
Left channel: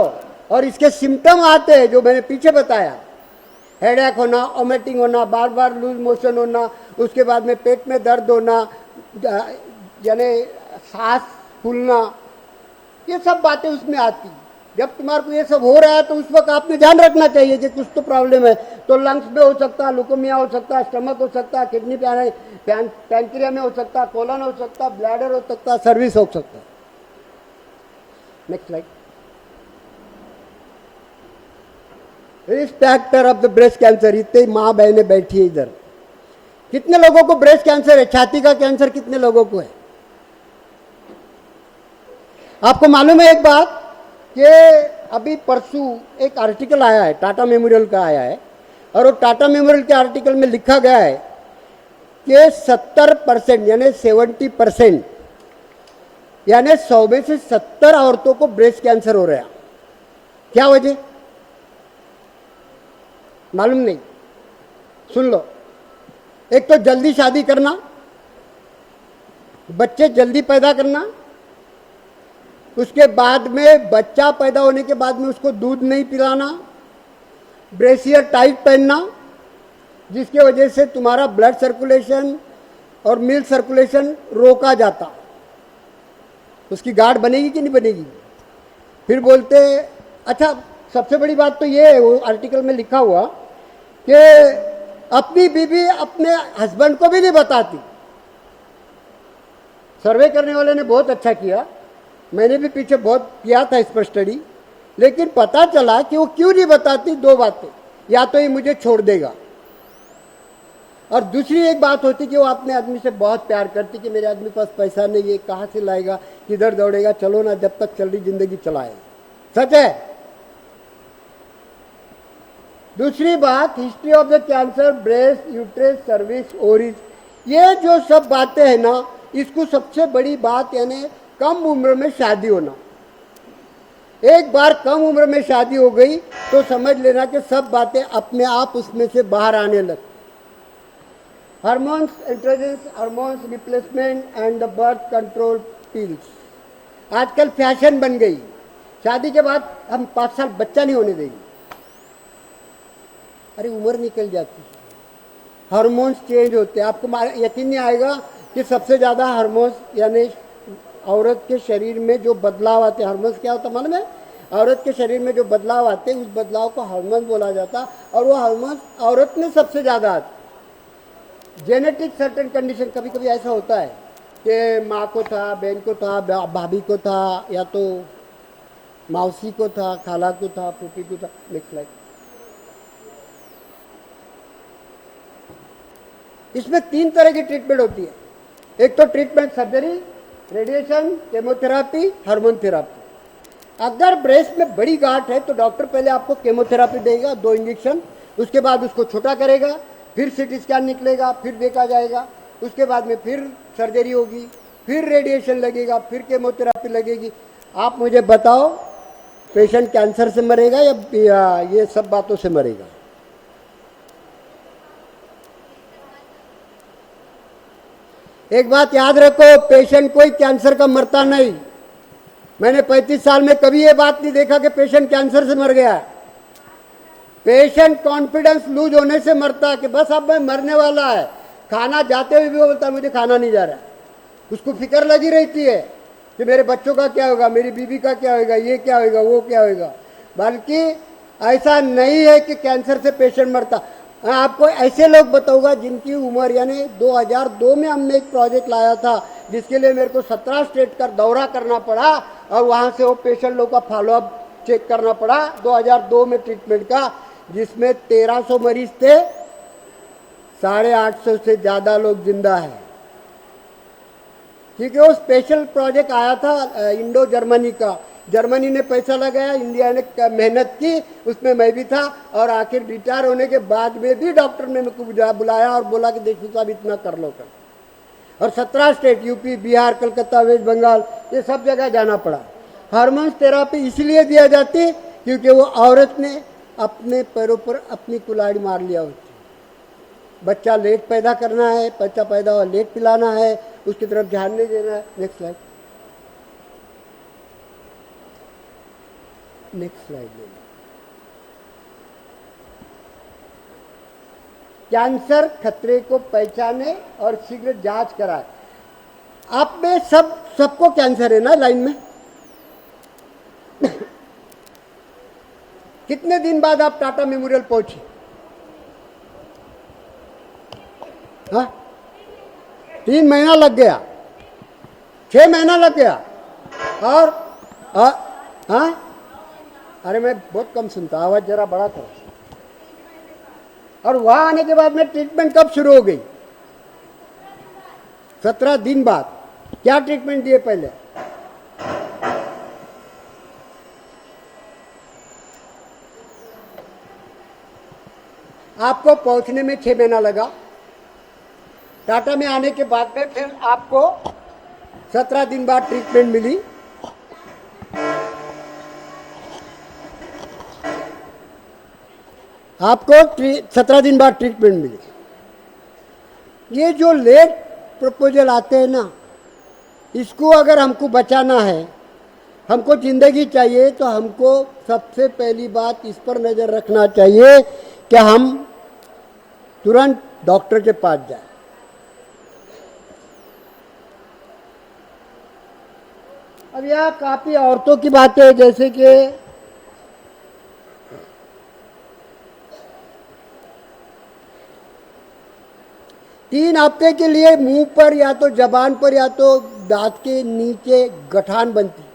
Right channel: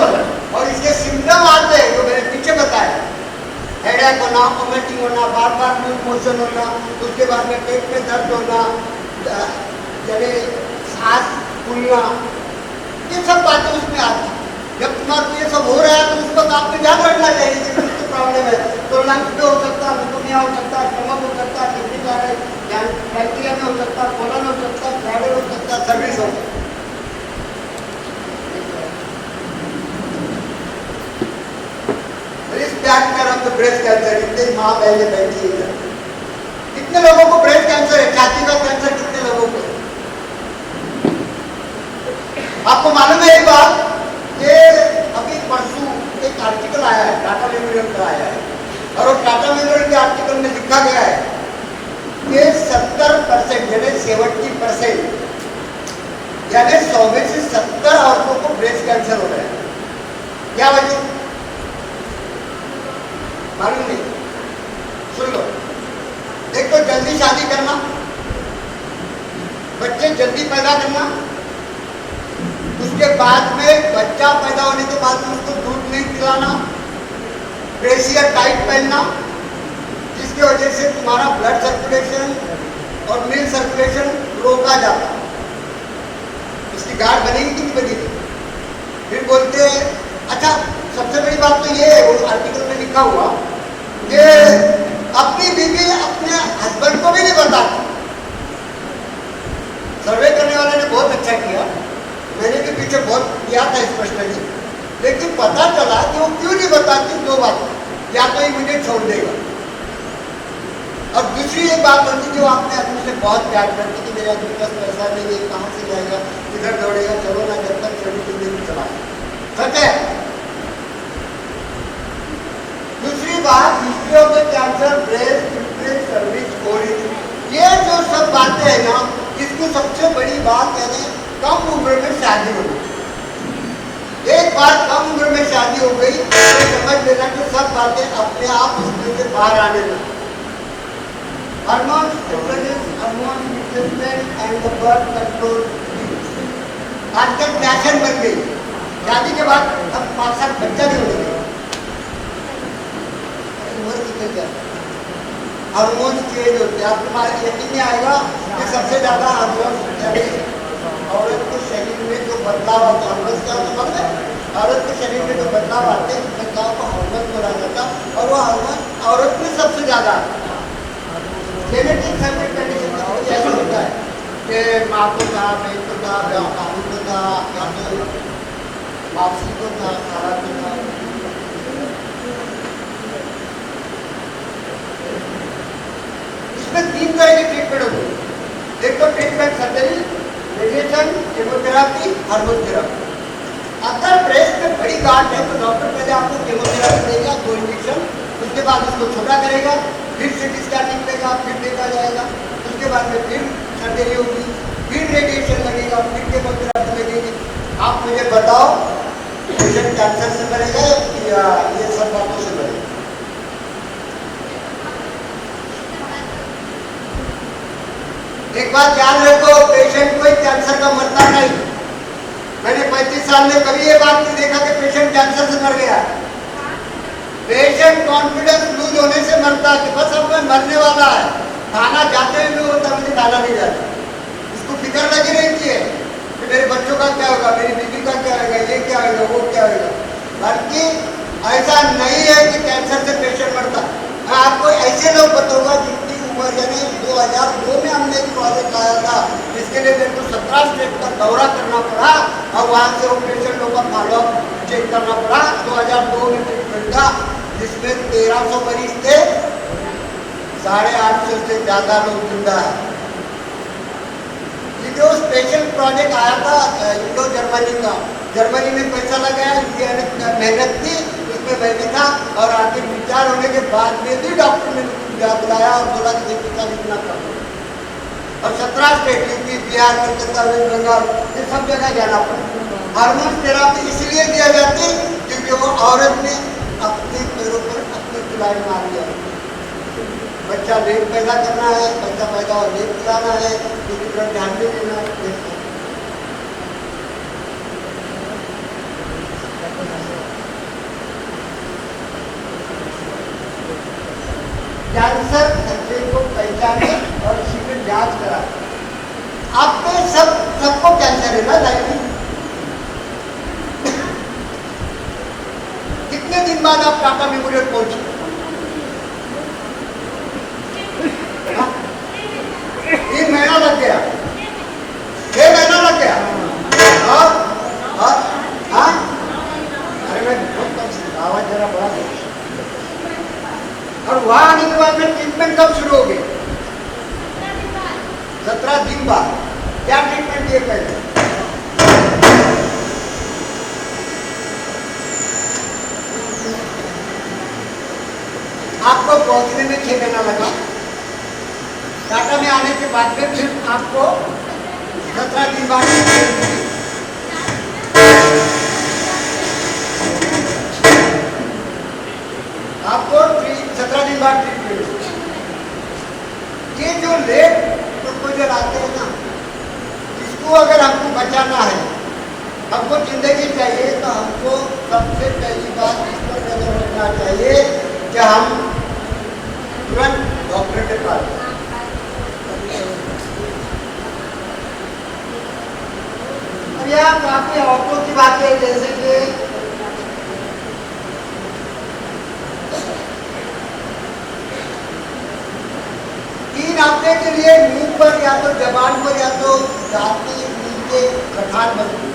और इसके सिम्टम आते हैं जो मैंने पीछे बताया, हेडेक होना, वोमिटिंग होना, बार बार लूज मोशन होना, उसके बाद में पेट में दर्द होना, यानी सांस फूलना, ये सब बातें उसमें आती। जब तुम्हारा ये सब हो रहा है तो उस वक्त आपको ध्यान रखना चाहिए कि कुछ तो प्रॉब्लम है। तो लंग्स में हो सकता है, लुकोमिया हो सकता है, स्टमक हो सकता है, किडनी का पैंक्रिया में हो सकता है, कोलन हो सकता है, ब्लैडर हो सकता है, सर्विस हो सकता है। Risk factor of the breast cancer. इतने माँ बहनें बैठी है इधर। कितने लोगों को ब्रेस्ट कैंसर है? छाती का कैंसर कितने लोगों को है? आपको मालूम है एक बात कि अभी परसों एक आर्टिकल आया है, टाटा मेमोरियल का आया है, और वो टाटा मेमोरियल के आर्टिकल में लिखा गया है कि 70% यानी 70%, यानी 100 में से 70 औरतों को ब्रेस्ट कैंसर हो रहा है। क्या वजह मालूम नहीं? सुन लो। एक तो जल्दी शादी करना, बच्चे जल्दी पैदा करना, उसके बाद में बच्चा पैदा होने के बाद में उसको दूध नहीं पिलाना, ब्रेसियर टाइट पहनना, जिसकी वजह से तुम्हारा ब्लड सर्कुलेशन और मिल्क सर्कुलेशन रोका जाता। इसकी गाढ़ बनेगी कि नहीं बनेगी? फिर बोलते अच्छा, सबसे बड़ी बात तो ये है, वो आर्टिकल में लिखा हुआ कि अपनी बीवी अपने हस्बैंड को भी नहीं बताती। सर्वे करने वाले ने बहुत अच्छा किया, मैंने भी पीछे बहुत किया था स्पेशली, लेकिन पता चला कि वो क्यों नहीं बताती। 2 बात, या तो ये मुझे छोड़ देगा, और दूसरी एक बात होती कि वो अपने आदमी से बहुत प्यार करती कि मेरे आदमी के पास पैसा नहीं है, कहाँ से लाएगा, इधर दौड़ेगा, चलो ना, जब तक चली जिंदगी चलाए। सच है। दूसरी बात, history of the cancer, breast, uterus, cervix, ovaries, ये जो सब बातें हैं ना, इसकी सबसे बड़ी बात यानी कम उम्र में शादी होना। एक बार कम उम्र में शादी हो गई तो समझ लेना कि सब बातें अपने आप उसमें से बाहर आने लगी। Hormones, androgens, hormone replacement and the birth control pills आजकल फैशन बन गई। शादी के बाद हम 5 साल बच्चा भी होने देंगे, उम्र निकल जाती, हार्मोन्स चेंज होते हैं। आपको यकीन नहीं आएगा कि सबसे ज़्यादा हार्मोन्स यानी औरत के शरीर में जो बदलाव आते हैं, हार्मोन्स क्या होता है मालूम है? औरत के शरीर में जो बदलाव आते हैं उस बदलाव को हार्मोन बोला जाता है, और वो हार्मोन औरत में सबसे ज़्यादा आता है। जेनेटिक सर्किट कंडीशन में ऐसा होता है कि माँ को था, बहन को था, बाबू को था, या तो मौसी को था, खाला को था। इसमें 3 तरह की ट्रीटमेंट होती है। एक तो treatment surgery, radiation, chemotherapy, hormone therapy. अगर ब्रेस्ट में बड़ी गांठ है तो डॉक्टर पहले आपको केमोथेरापी देगा, 2 इंजेक्शन, उसके बाद उसको छोटा करेगा, फिर सीटी स्कैन निकलेगा, फिर देखा जाएगा, उसके बाद में फिर सर्जरी होगी, फिर रेडिएशन लगेगा, फिर केमोथेरापी लगेगी। आप मुझे बताओ पेशेंट कैंसर से मरेगा या ये सब बातों से मरेगा? एक बात याद रखो, पेशेंट कोई कैंसर का मरता नहीं, मैंने 35 साल में कभी ये बात नहीं देखा कि पेशेंट कैंसर से मर गया। पेशेंट कॉन्फिडेंस लूज होने से मरता है कि बस अब मैं मरने वाला है, खाना जाते हुए जो होता मुझे खाना नहीं जाता। उसको फिक्र लगी रहती है कि मेरे बच्चों का क्या होगा, मेरी बीवी का क्या होगा, ये क्या होगा, वो क्या होगा। बल्कि ऐसा नहीं है कि कैंसर से पेशेंट मरता। मैं आपको ऐसे लोग बताऊंगा जिनकी उम्र, यानी 2002 में हमने एक प्रोजेक्ट लाया था जिसके लिए मेरे को 17 स्टेट का दौरा करना पड़ा और वहाँ से वो पेशेंट लोगों का फॉलोअप चेक करना पड़ा 2002 में ट्रीटमेंट का, जिसमें 1300 मरीज थे, 850 से ज़्यादा लोग जिंदा है। ठीक है, वो स्पेशल प्रोजेक्ट आया था इंडो जर्मनी का, जर्मनी में पैसा लगाया, इंडिया ने मेहनत की, उसमें मैं भी था। और आखिर विचार होने के बाद में भी डॉक्टर ने मुझे बुलाया और बोला कि देखिए का इतना कर लो। और 17 state, UP, Bihar, Calcutta, West Bengal, ये सब जगह जाना पड़ा। हार्मोन थेरापी इसलिए दिया जाती क्योंकि वो औरत ने अपने पैरों पर अपनी कुल्हाड़ी मार दिया। बच्चा लेट पैदा करना है, बच्चा पैदा हुआ लेट पिलाना है, उसकी तरफ ध्यान नहीं देना है। कैंसर खतरे को पहचाने और इसी पे जांच करा। आप पे सबको कैंसर है ना लाइन में? कितने दिन बाद आप टाटा मेमोरियल पहुंचे? 3 महीना लग गया, 6 महीना लग गया। हाँ, अरे मैं बहुत कम सुनता, आवाज जरा बड़ा कर। और वहां आने के बाद में ट्रीटमेंट कब शुरू होगी? 17 दिन बाद। क्या ट्रीटमेंट दिए पहले? आपको पहुंचने में 6 महीना लगा। टाटा में आने के बाद में फिर आपको 17 दिन बाद ट्रीटमेंट मिली। आपको 17 दिन बाद ट्रीटमेंट मिली। ये जो लेट प्रपोजल आते हैं ना, इसको अगर हमको बचाना है, हमको जिंदगी चाहिए, तो हमको सबसे पहली बात इस पर नजर रखना चाहिए कि हम तुरंत डॉक्टर के पास जाए। और यहाँ काफी औरतों की बातें है, जैसे कि तीन हफ्ते के लिए मुंह पर या तो जबान पर या तो दांत के नीचे गठान बनती है।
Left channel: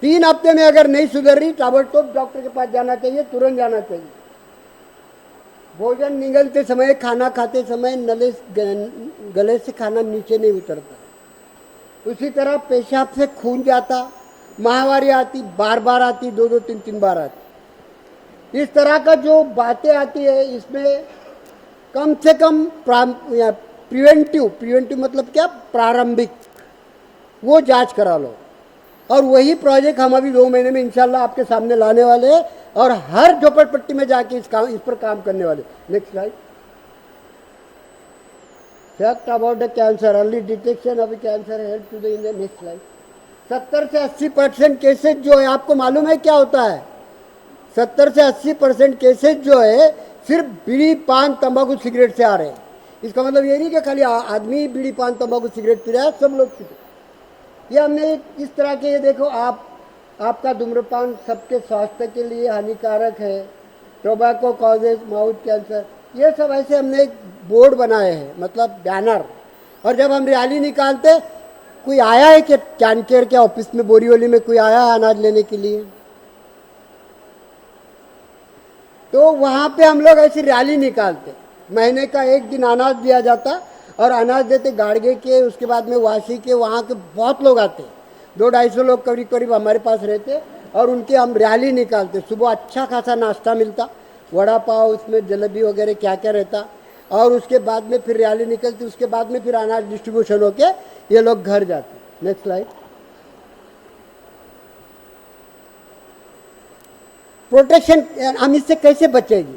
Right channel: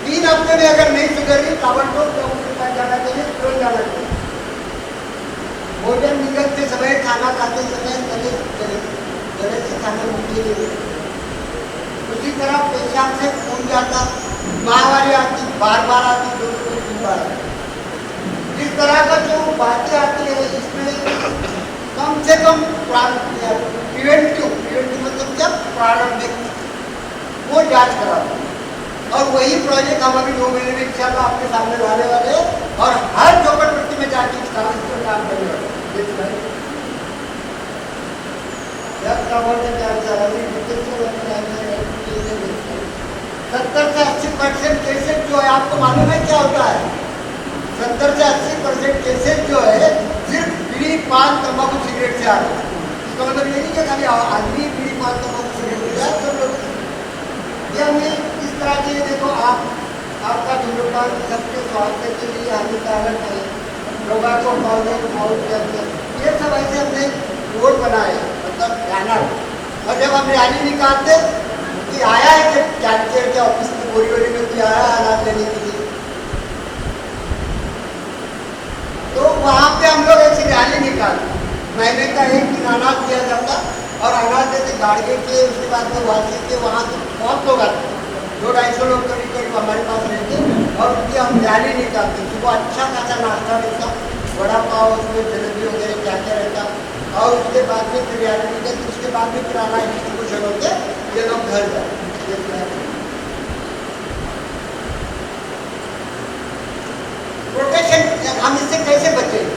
3 हफ्ते में अगर नहीं सुधरी, ताबड़तोड़ डॉक्टर के पास जाना चाहिए, तुरंत जाना चाहिए। भोजन निगलते समय, खाना खाते समय गले से खाना नीचे नहीं निकलता। उसी तरह पेशाब से खून जाता, माहवारी आती, बार बार आती, 2-3 बार आती। इस तरह का जो बातें आती है, इसमें कम से कम प्रिवेंटिव मतलब क्या, प्रारंभिक, वो जांच करा लो। और वही प्रोजेक्ट हम अभी 2 महीने में इंशाल्लाह आपके सामने लाने वाले हैं और हर झोपड़पट्टी में जाके इस पर काम करने वाले हैं। कैंसर, अभी डिटेक्शन वाली कैंसर है, 70 से 80% केसेज जो है, आपको मालूम है क्या होता है? 70 से 80% केसेज जो है सिर्फ बीड़ी, पान, तंबाकू, सिगरेट से आ रहे हैं। इसका मतलब ये नहीं कि खाली आदमी बीड़ी, पान, तंबाकू, सिगरेट पी रहा है, सब लोग। ये हमने इस तरह के, देखो आपका धूम्रपान सबके स्वास्थ्य के लिए हानिकारक है, टोबैको, माउथ कैंसर, ये सब ऐसे हमने बोर्ड बनाए, मतलब बैनर। और जब हम रैली निकालते, कोई आया है कि कैंसर के ऑफिस में, बोरीवली में कोई आया है अनाज लेने के लिए, तो वहाँ पे हम लोग ऐसी रैली निकालते, महीने का 1 दिन अनाज दिया जाता और अनाज देते गाड़गे के, उसके बाद में वासी के, वहाँ से बहुत लोग आते, 200-250 लोग करीब हमारे पास रहते और उनकी हम रैली निकालते। सुबह अच्छा खासा नाश्ता मिलता, वड़ा पाव, उसमें जलेबी वगैरह क्या क्या रहता, और उसके बाद में फिर रैली निकलती, उसके बाद में फिर अनाज डिस्ट्रीब्यूशन होते, ये लोग घर जाते। प्रोटेक्शन हम इससे कैसे बचेंगे,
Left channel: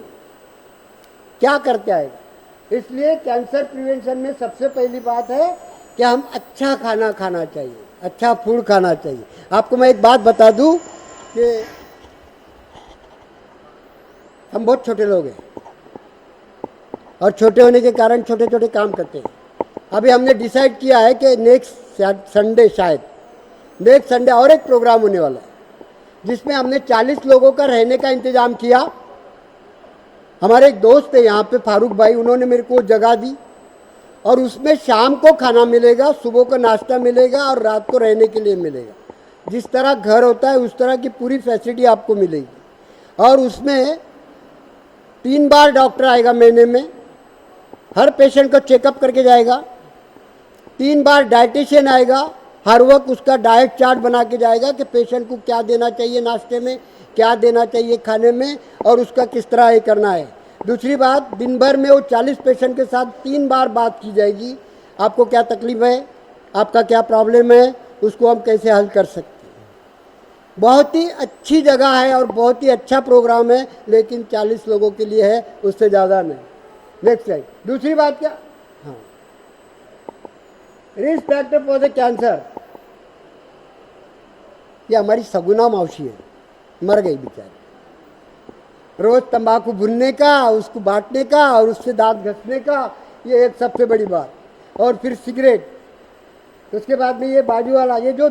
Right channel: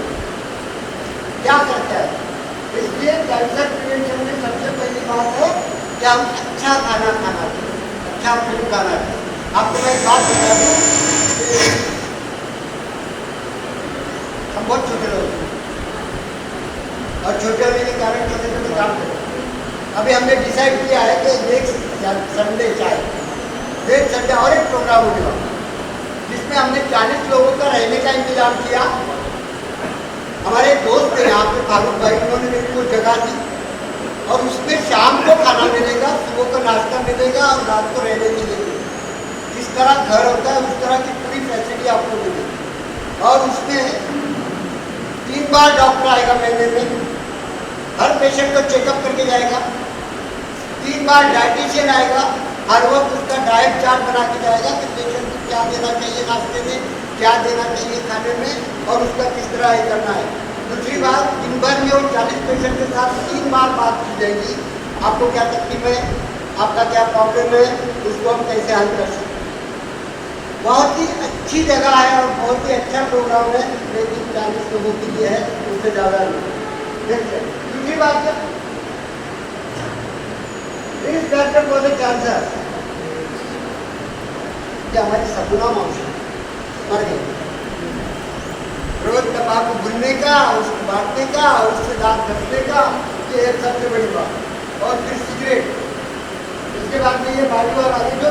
क्या करते हैं? इसलिए कैंसर प्रिवेंशन में सबसे पहली बात है कि हम अच्छा खाना खाना चाहिए, अच्छा फूड खाना चाहिए। आपको मैं एक बात बता दूं कि हम बहुत छोटे लोग हैं और छोटे होने के कारण छोटे छोटे काम करते हैं। अभी हमने डिसाइड किया है कि नेक्स्ट संडे शायद नेक्स्ट संडे और एक प्रोग्राम होने वाला जिसमें हमने 40 लोगों का रहने का इंतजाम किया। हमारे एक दोस्त है यहाँ पे फारूक भाई, उन्होंने मेरे को जगह दी और उसमें शाम को खाना मिलेगा, सुबह का नाश्ता मिलेगा और रात को रहने के लिए मिलेगा। जिस तरह घर होता है उस तरह की पूरी फैसिलिटी आपको मिलेगी और उसमें 3 बार डॉक्टर आएगा महीने में, हर पेशेंट को चेकअप करके जाएगा। 3 बार डाइटिशियन आएगा, हर वक्त उसका डाइट चार्ट बना के जाएगा कि पेशेंट को क्या देना चाहिए नाश्ते में, क्या देना चाहिए खाने में और उसका किस तरह ये करना है। दूसरी बात, दिन भर में वो 40 पेशेंट के साथ 3 बार बात की जाएगी। आपको क्या तकलीफ है, आपका क्या प्रॉब्लम है, उसको हम कैसे हल कर सकते हैं। बहुत ही अच्छी जगह है और बहुत ही अच्छा प्रोग्राम है, लेकिन 40 लोगों के लिए है, उससे ज़्यादा नहीं। देखिए दूसरी बात क्या, इस डॉक्टर को कैंसर, ये हमारी सगुना मौसी मर गई। रोज तंबाकू भुनने का, उसको बांटने का, उससे दांत घसने का, ये एक सबसे बड़ी बात। और फिर सिगरेट, उसके बाद में ये बारी वाला है जो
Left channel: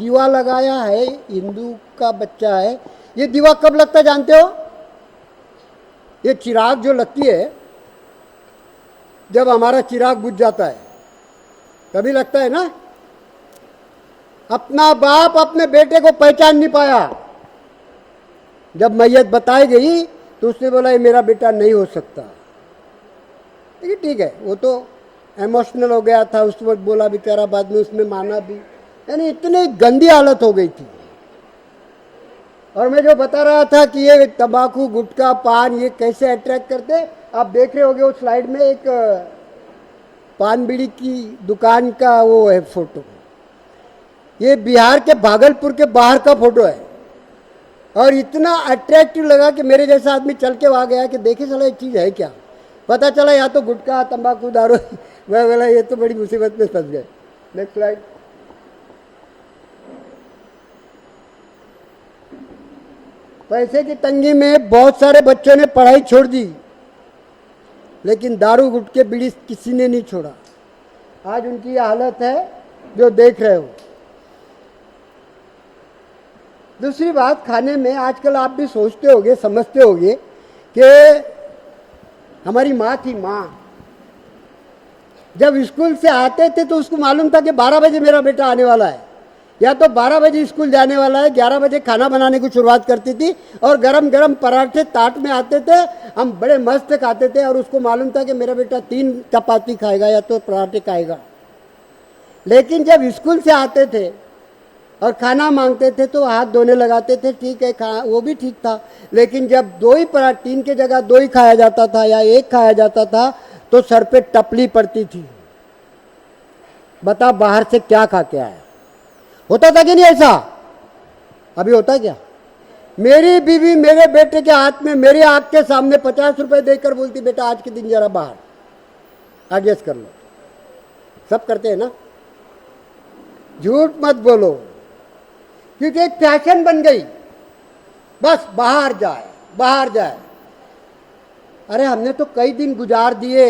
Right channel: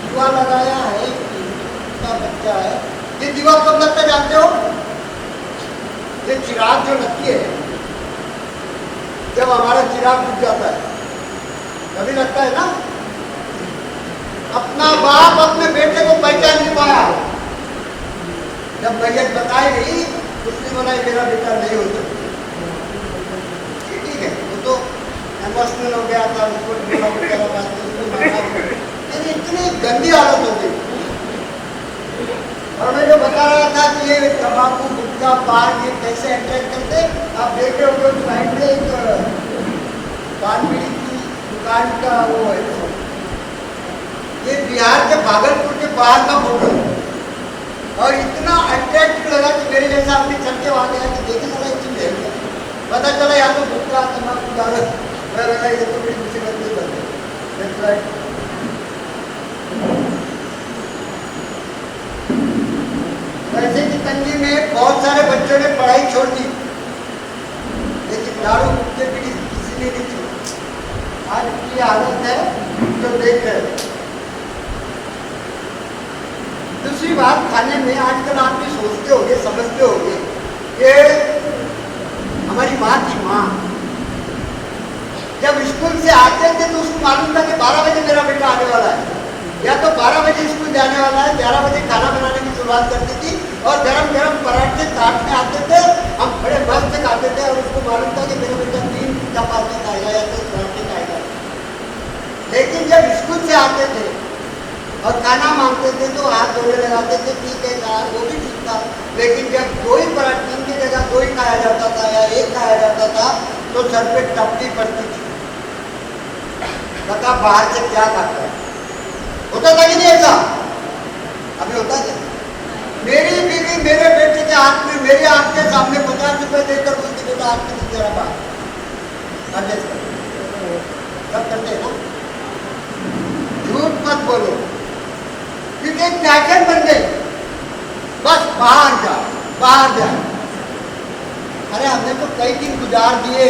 दीवा लगाया है, हिंदू का बच्चा है। ये दीवा कब लगता है जानते हो? ये चिराग जो लगती है, जब हमारा चिराग बुझ जाता है तभी लगता है ना। अपना बाप अपने बेटे को पहचान नहीं पाया, जब मैयत बताई गई तो उसने बोला ये मेरा बेटा नहीं हो सकता। ठीक है, वो तो इमोशनल हो गया था, उस वक्त बोला बेचारा, बाद में उसने माना। यानी इतनी गंदी हालत हो गई। और मैं जो बता रहा था कि ये तंबाकू, गुटखा, पान ये कैसे अट्रैक्ट करते, आप देख रहे होंगे उस साइड में एक पान बीड़ी की दुकान का वो है फोटो। ये बिहार के भागलपुर के बाहर का फोटो है और इतना अट्रैक्टिव लगा कि मेरे जैसा आदमी चल के वहाँ गया कि देखे चला एक चीज़ है क्या। पता चला या तो गुटखा, तंबाकू, दारू। मैं बोला ये तो बड़ी मुसीबत में फंस गए। पैसे की तंगी में बहुत सारे बच्चों ने पढ़ाई छोड़ दी, लेकिन दारू, गुटखे, बीड़ी किसी ने नहीं छोड़ा। आज उनकी हालत है जो देख रहे हो। दूसरी बात, खाने में आजकल आप भी सोचते होंगे, समझते होंगे कि हमारी माँ की माँ जब स्कूल से आते थे तो उसको मालूम था कि 12 बजे मेरा बेटा आने वाला है, या तो 12 बजे स्कूल जाने वाला है, 11 बजे खाना बनाने की शुरुआत करती थी और गरम गरम पराठे ताट में आते थे, हम बड़े मस्त खाते थे और उसको मालूम था कि मेरा बेटा 3 चपाती खाएगा या तो पराठे खाएगा। लेकिन जब स्कूल से आते थे और खाना मांगते थे तो हाथ धोने लगाते थे, ठीक है, वो भी ठीक था। लेकिन जब 2 ही पराठे, 3 की जगह 2 ही खाया जाता था या 1 खाया जाता था तो सर पे टपली पड़ती थी। बता बाहर से क्या खाते हैं? होता था कि नहीं ऐसा? अभी होता क्या? मेरी बीवी मेरे बेटे के हाथ में, मेरी आंख के सामने 50 रुपए देकर बोलती बेटा आपकी दिन जरा बाहर एडजस्ट कर। सब करते हैं ना, झूठ मत बोलो, क्योंकि एक पैकेट बन गई, बस बाहर जा बाहर जा। अरे हमने तो कई दिन गुजार दिए,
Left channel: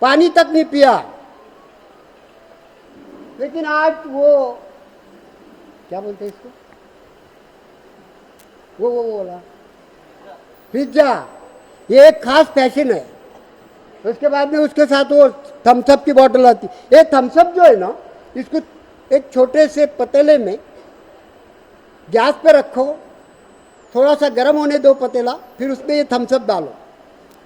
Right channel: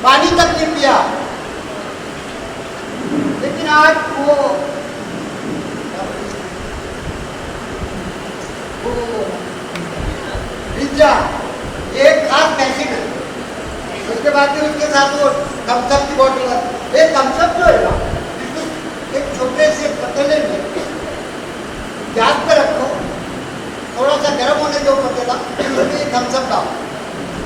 पानी तक नहीं पिया, लेकिन आज वो पिज्जा, ये एक खास पैकिंग है। उसके बाद में उसके साथ वो थम्सअप की बोतल आती है। थम्सअप जो है ना, इसको एक छोटे से पतीले में गैस पर रखो, थोड़ा सा गर्म होने दो पतीला, फिर उसमें ये थम्सअप डालो,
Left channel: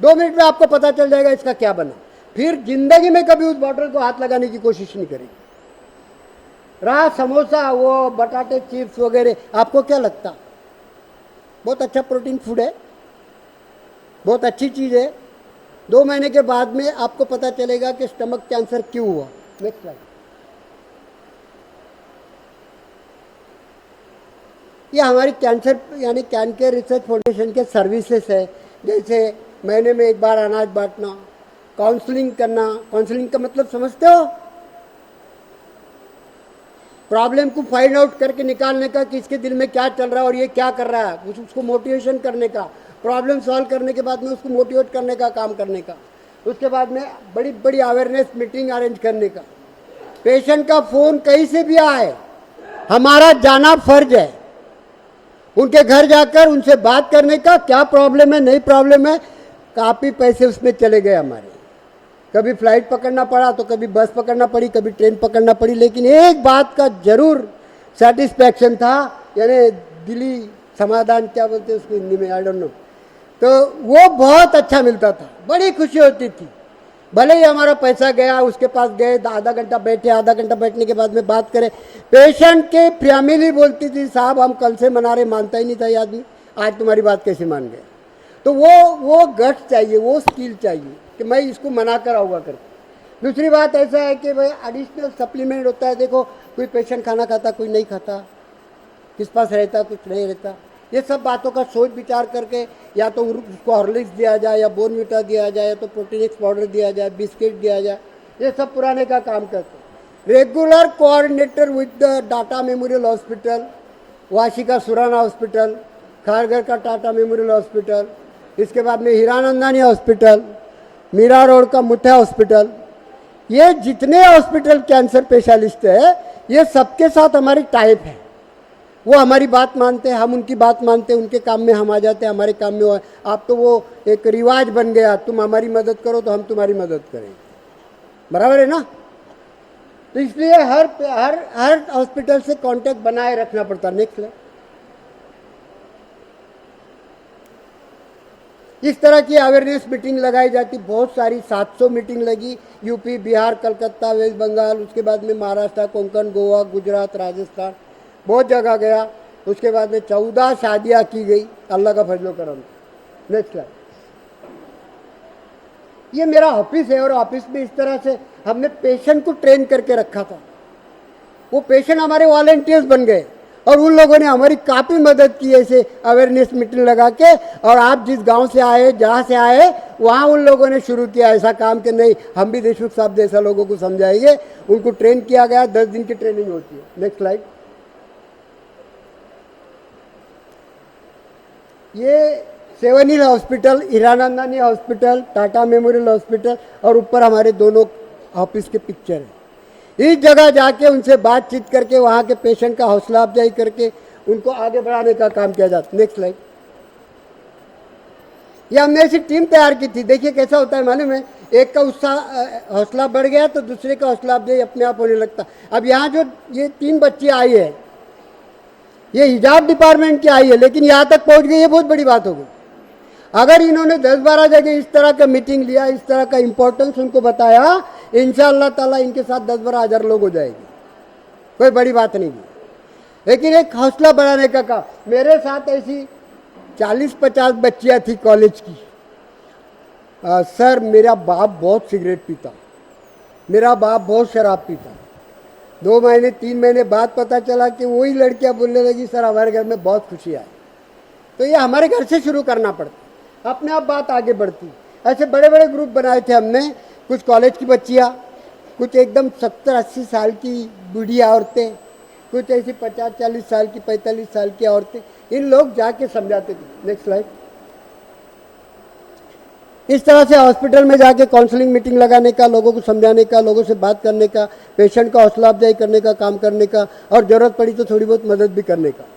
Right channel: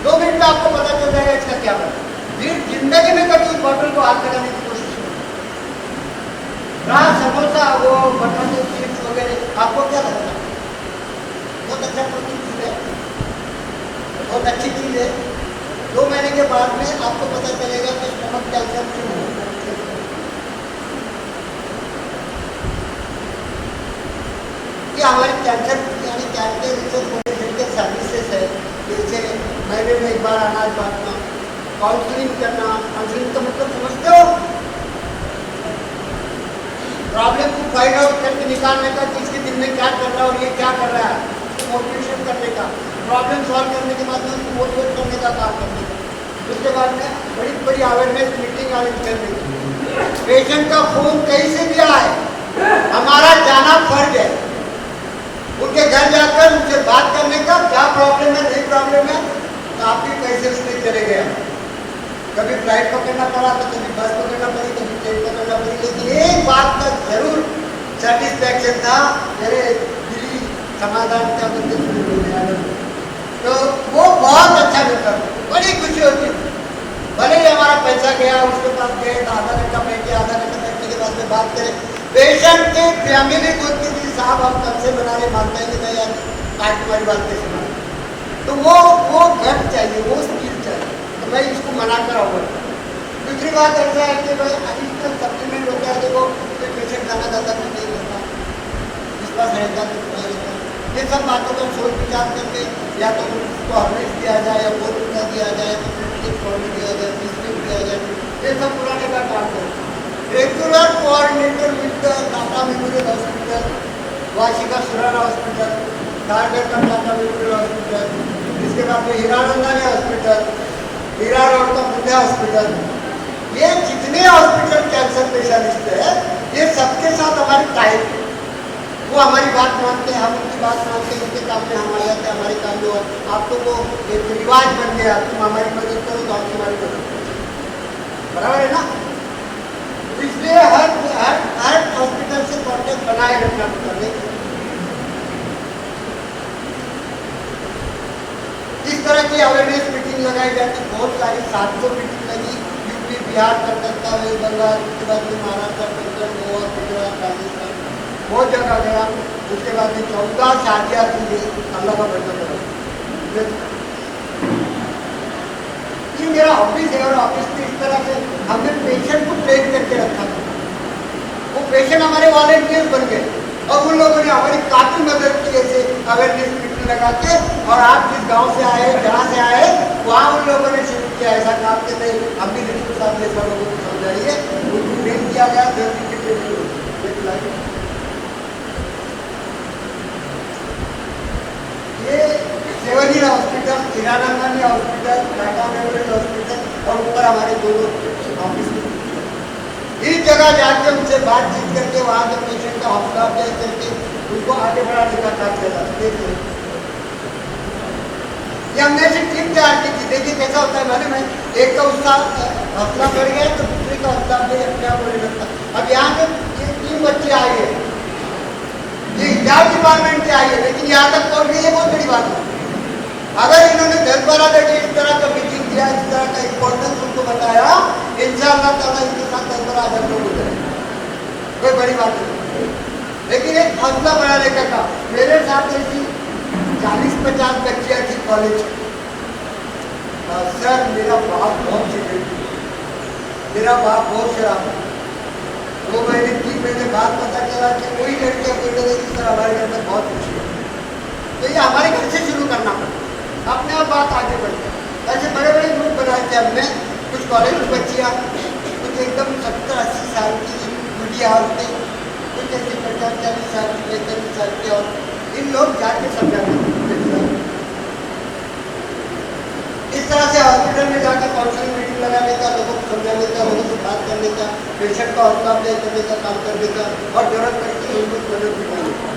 2 मिनट में आपको पता चल जाएगा इसका क्या बना। फिर जिंदगी में कभी उस बोतल को हाथ लगाने की कोशिश नहीं करें। रहा समोसा, वो बटाटे चिप्स वगैरह, आपको क्या लगता है? बहुत अच्छा प्रोटीन फूड है, बहुत अच्छी चीज़ है। 2 महीने के बाद में आपको पता चलेगा कि स्टमक कैंसर क्यों हुआ। ये हमारी कैंसर यानी कैंसर रिसर्च फाउंडेशन के सर्विसेज है, जैसे महीने में 1 बार अनाज बांटना, काउंसलिंग करना। काउंसलिंग का मतलब समझते हो? प्रॉब्लम को फाइंड आउट करके निकालने का कि इसके दिल में क्या चल रहा है और ये क्या कर रहा है, उसको मोटिवेशन करने का, प्रॉब्लम सॉल्व करने के बाद में उसको मोटिवेट करने का काम करने का, उसके बाद में बड़ी बड़ी अवेयरनेस मीटिंग अरेंज करने का। पेशेंट का फोन कहीं से भी आए, हमारा जाना फर्ज है, उनके घर जाकर उनसे बात करने का, क्या प्रॉब्लम है नहीं प्रॉब्लम है, काफ़ी पैसे उसमें चले गए हमें। कभी फ्लाइट पकड़ना पड़ा तो कभी बस पकड़ना पड़ी, कभी ट्रेन पकड़ना पड़ी, लेकिन एक बात का जरूर सेटिस्फैक्शन था, मेरे दिली समाधान क्या बोलते हैं, तो वो बहुत अच्छा मिलता था, बड़ी खुशी होती थी। भले ही हमारा पैसा गया, उसके पास गए तो आधा घंटा बैठे, आधा घंटा बैठने के बाद में बात करें। पेशेंट की फैमिली बोलती थी साहब हम कल से मना रहे, मानता ही नहीं था यार, आज तुम्हारी बात कैसे माने। तो वो गट चाहिए, वो स्किल चाहिए कि मैं इसको मना कराऊंगा। दूसरी बात ऐसा है कि भाई एडिशनल सप्लीमेंट होता है, देखो कोई पेशेंट खाना खाता कोई नहीं खाता, किस पास रहता किस नहीं रहता, ये सब बातों का सोच विचार करके या तो उसको हॉर्लिक्स दिया जाए या बोर्नविटा दिया जाए, तो प्रोटीन पाउडर दिया जाए, बिस्किट दिया जाए, ये सब पुराने का काम करें। Regular coordinator with Tata memorial hospital, Vashika Surana hospital, Sagar का टाटा मेमोरियल हॉस्पिटल, इसके बाद में हीरानंदानी हॉस्पिटल, मीरा रोड का मुठा हॉस्पिटल, ये जितने हॉस्पिटल कैंसर स्पेशलिस्ट है ये सबके साथ हमारी टाइप है। वो हमारी बात मानते हैं, हम उनकी बात मानते हैं, उनके काम में हम आ जाते हैं, हमारे काम में। और आप तो वो एक रिवाज बन गया, तुम हमारी मदद करो तो हम तुम्हारी मदद करो, बराबर है ना। इसलिए हर हॉस्पिटल से कांटेक्ट बनाए रखना पड़ता है। इस तरह की अवेयरनेस मीटिंग लगाई जाती, बहुत सारी 700 मीटिंग लगी, यूपी, बिहार, कलकत्ता, वेस्ट बंगाल, उसके बाद में महाराष्ट्र, पंजाब, गोवा, गुजरात, राजस्थान, बहुत जगह गया। उसके बाद में 14 शादियाँ की गई, अल्लाह का भजन करो। ये मेरा ऑफिस है और ऑफिस में इस तरह से हमने पेशेंट को ट्रेन करके रखा था। वो पेशेंट हमारे वॉलंटियर्स बन गए और उन लोगों ने हमारी काफ़ी मदद की ऐसे अवेयरनेस मीटिंग लगा के। और आप जिस गांव से आए, जहाँ से आए, वहाँ उन लोगों ने शुरू किया ऐसा काम कि नहीं हम भी ऋषि साहब जैसा लोगों को समझाइए। उनको ट्रेन किया गया, 10 दिन की ट्रेनिंग हुई। ये सेवनीर hospital, Hiranandani hospital, Tata memorial hospital और ऊपर हमारे दोनों ऑफिस के पिक्चर। इस जगह जाके उनसे बातचीत करके वहाँ के पेशेंट का हौसला अफजाई करके उनको आगे बढ़ाने का काम किया जाता है। ये हमने ऐसी टीम तैयार की थी। देखिए कैसा होता है, मालूम है, एक का उसका हौसला बढ़ गया तो दूसरे का हौसला अफजाई अपने आप होने लगता। अब यहाँ जो ये 3 बच्चे आए हैं, ये हिजाब डिपार्टमेंट के आई है, लेकिन यहाँ तक पहुँच गई, ये बहुत बड़ी बात होगी। अगर इन्होंने 10-12 जगह इस तरह का मीटिंग लिया, इस तरह का इम्पोर्टेंस उनको बताया, इंशाअल्लाह ताला इनके साथ 10-12 हज़ार लोग हो जाए, कोई बड़ी बात नहीं। लेकिन एक हौसला बढ़ाने का काम। मेरे साथ ऐसी 40-50 बच्चियाँ थी कॉलेज की। सर मेरा बाप बहुत सिगरेट पीता, मेरा बाप बहुत शराब पीता। 2 महीने 3 महीने बाद पता चला कि वही लड़कियाँ बोलने लगी सर हमारे घर में बहुत खुशी है। तो ये हमारे घर से शुरू करना पड़ता, अपने आप बात आगे बढ़ती है। ऐसे बड़े बड़े ग्रुप बनाए थे हमने, कुछ कॉलेज की बच्चियाँ, कुछ एकदम 70-80 साल की बूढ़ी औरतें, कुछ ऐसे 50-40 साल की, 45 साल की औरतें। इन लोग जाके समझाते इस तरह से हॉस्पिटल में जाके काउंसलिंग मीटिंग लगाने का, लोगों को समझाने का, लोगों से बात करने का, पेशेंट का हौसला अफजाई करने का काम करने का, और जरूरत पड़ी तो थोड़ी बहुत मदद भी करने का।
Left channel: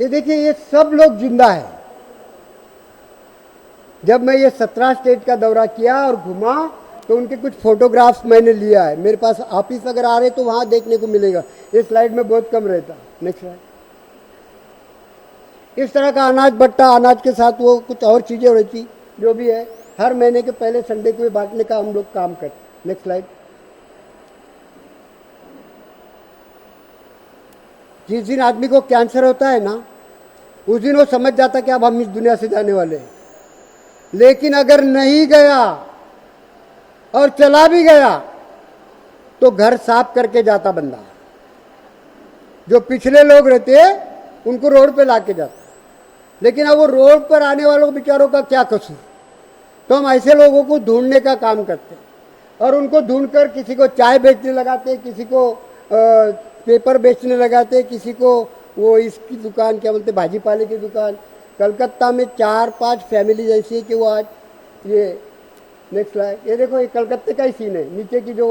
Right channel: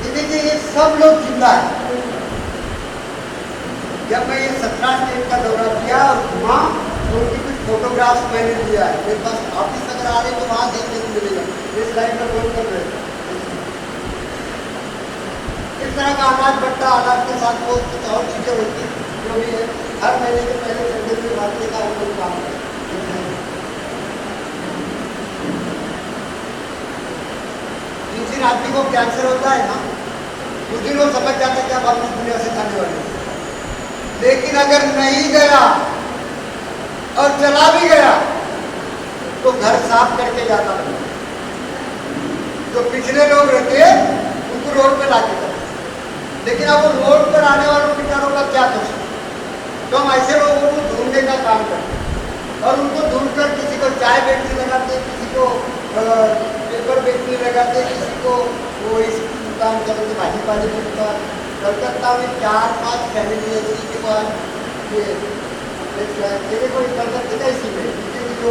ये देखिए ये सब लोग जिंदा है। जब मैं ये 17 स्टेट का दौरा किया और घुमा तो उनके कुछ फोटोग्राफ्स मैंने लिया है मेरे पास। ऑफिस अगर आ रहे तो वहाँ देखने को मिलेगा, ये स्लाइड में बहुत कम रहता। इस तरह का अनाज बट्टा, अनाज के साथ वो कुछ और चीज़ें होती जो भी है, हर महीने के पहले संडे में बांटने का हम लोग काम करते। जिस दिन आदमी को कैंसर होता है ना, उस दिन वो समझ जाता है कि अब हम इस दुनिया से जाने वाले हैं। लेकिन अगर नहीं गया और चला भी गया तो घर साफ करके जाता बंदा। जो पिछले लोग रहते उनको रोड पे लाके जाते, लेकिन अब वो रोड पर आने वालों बेचारों का क्या कुछ। तो हम ऐसे लोगों को ढूंढने का काम करते हैं और उनको ढूंढकर किसी को चाय बेचने लगाते, किसी को पेपर बेचने लगाते, किसी को वो इस दुकान करते, भाजी पानी की दुकान। कलकत्ता में 4-5 फैमिली ऐसी कि वो आज ये तेरे को कलकत्ते का इसी में नीचे की जो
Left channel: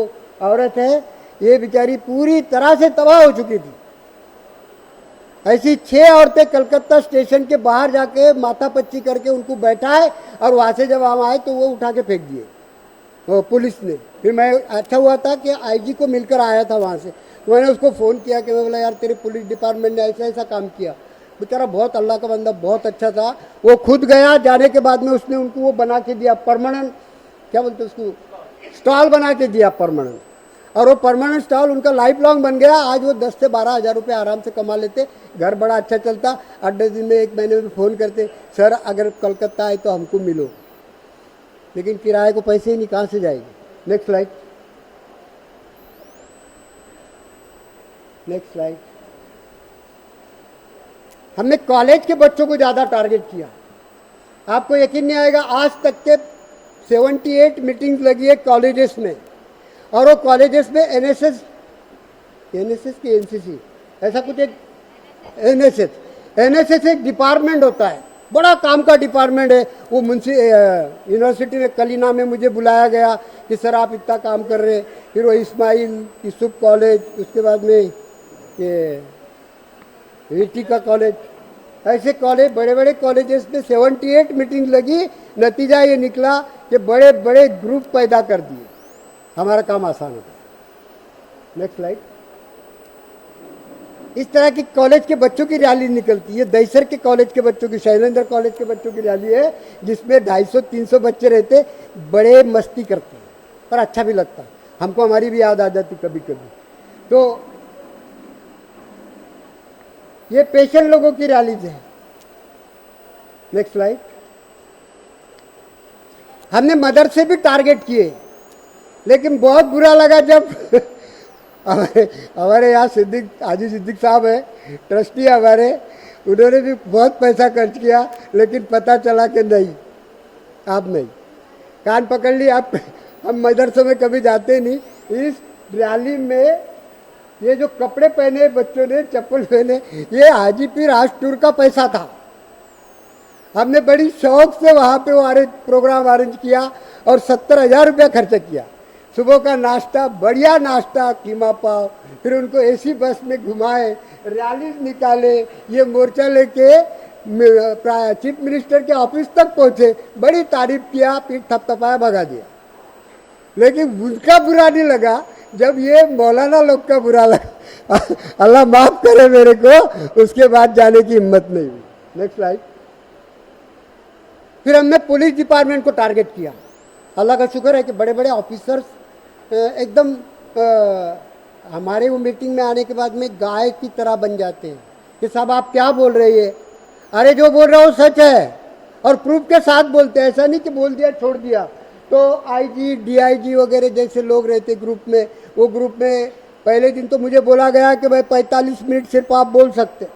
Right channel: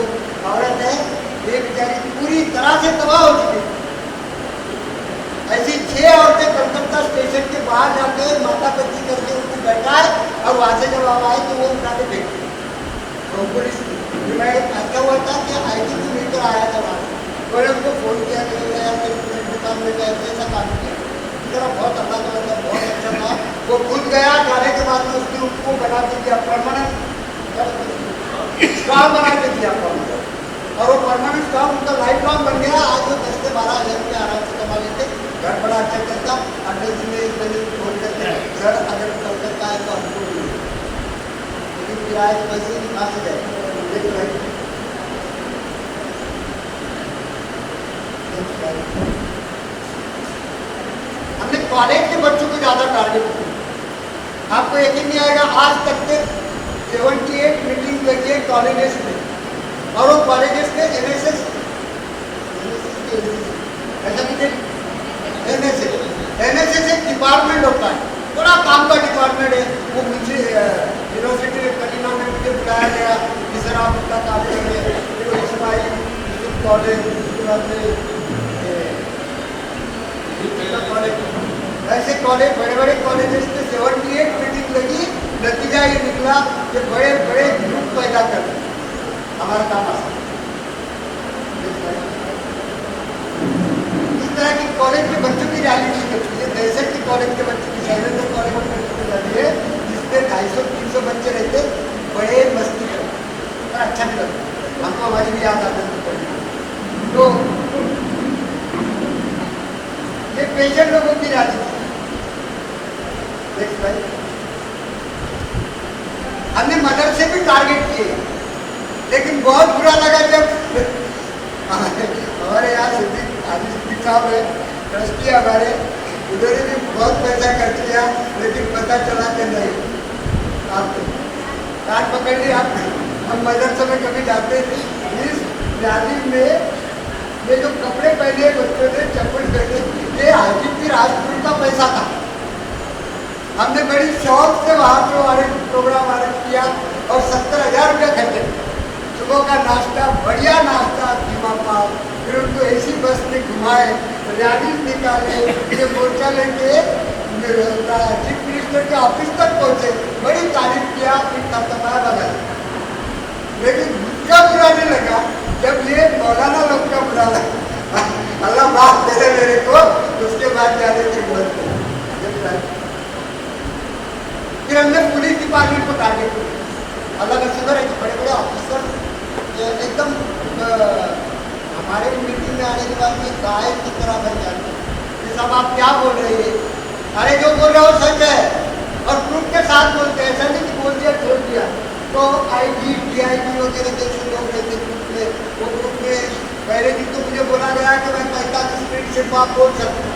औरत है ये बेचारी पूरी तरह से तबाह हो चुकी थी। ऐसी 6 औरतें कलकत्ता स्टेशन के बाहर जाके माथा पच्ची करके उनको बैठाए और वहाँ से जब हम आए तो वो उठा के फेंक दिया वो पुलिस ने। फिर मैं ऐसा हुआ था कि आईटी को मिलकर आया था वहाँ से, तो मैंने उसको फ़ोन किया कि मैंने यार तेरे पुलिस डिपार्टमेंट में ऐसा काम किया। बेचारा बहुत अल्लाह का बंदा बहुत अच्छा था, वो खुद गया, जाने के बाद में उसने उनको वो बना के दिया परमानेंट, क्या बोलते स्टॉल बना के दिया परमानेंट, और वो परमानेंट स्टॉल उनका लाइफ लॉन्ग बन गया। आज वो 10 से 12 हज़ार रुपये आराम से कमा लेते, घर बड़ा अच्छा चलता। 28 दिन में मैंने फ़ोन करके सर अगर कलकत्ता आए तो हमको मिले, लेकिन किराए के पैसे ही कहाँ से जाए। लेकिन हमने कॉलेज के बच्चों को ज़्यादा टारगेट किया। आपको यकीन नहीं आएगा, आज तक के 78 मीटिंग लगी है कॉलेजेस में, और वो कॉलेजेस के एनएसएस की ऐसा कि एनएसएस एक डिपार्टमेंट होता है, बड़ा काम का डिपार्टमेंट है। वो मुझे यूनिवर्सिटी कलीना में मुझे बुलाया गया कि सर आप इसका काम कर रहे हैं। फिर वो इस्माइल यूसुफ कॉलेज, उसके बाद में का कॉलेज, ऐसे कॉलेज बड़े बड़े कॉलेजेस के 78 मीटिंग लगी। नतीजा ये निकला कि बड़े बड़े ग्रुप पैदा कर दिए, हमारा काम आसान है। इस तरह की कॉलेज के बच्चों की रैली निकलती है। दहशत के कॉलेज के बच्चों की, शैलेंद्र कॉलेज के बच्चों की रैली है जिसमें 250-300 बच्चे रहते, बड़े मस्ती करते, पर अच्छा भी लगता। हमको हमारी भी याद आती थी कभी कभी। तो ये पेशेंट लोगों की रैली थी। Next slide. हमने मदरसे भी टारगेट किए, लेकिन बहुत बुरा लगा जब हमारे यहाँ हाजी सिद्दीक साहब है, ट्रस्टी हमारे, उन्होंने भी बहुत पैसा खर्च किया, लेकिन पता चला कि नहीं, आपने कान पकड़ लिया। हम मदरसे में कभी जाते नहीं। इस रैली में ये जो कपड़े पहने बच्चों ने, चप्पल पहने, ये हाजीपुर राजपुर का पैसा था। हमने बड़ी शौक से वहाँ पे प्रोग्राम अरेंज किया और 70,000 रुपये खर्च किया। सुबह का नाश्ता, बढ़िया नाश्ता, कीमा पाव, फिर उनको एसी बस में घुमाए, रैली निकाले, ये मोर्चा लेके चीफ मिनिस्टर के ऑफिस तक पहुँचे, बड़ी तारीफ किया, फिर थपथपाया भगा दिया। लेकिन उसका बुरा नहीं लगा जब ये मौलाना लोग का बुरा लगा। अल्लाह माफ करे मेरे को, उसके बाद जाने की हिम्मत नहीं। फिर हमने पुलिस डिपार्टमेंट को टारगेट किया। अल्लाह का शुक्र है कि बड़े बड़े ऑफिसर एकदम हमारे मीटिंग में आने के बाद में गाय की तरह बन जाते हैं कि साहब आप क्या बोल रही है, अरे जो बोल रहा हो सच है, और प्रूफ के साथ बोलते हैं, ऐसा नहीं कि बोल दिया छोड़ दिया। तो आईटी डीआईटी वगैरह जैसे लोग रहते ग्रुप में, वो ग्रुप में पहले दिन तो मुझे बोला गया कि भाई 45 मिनट सिर्फ आप बोल सकते हैं।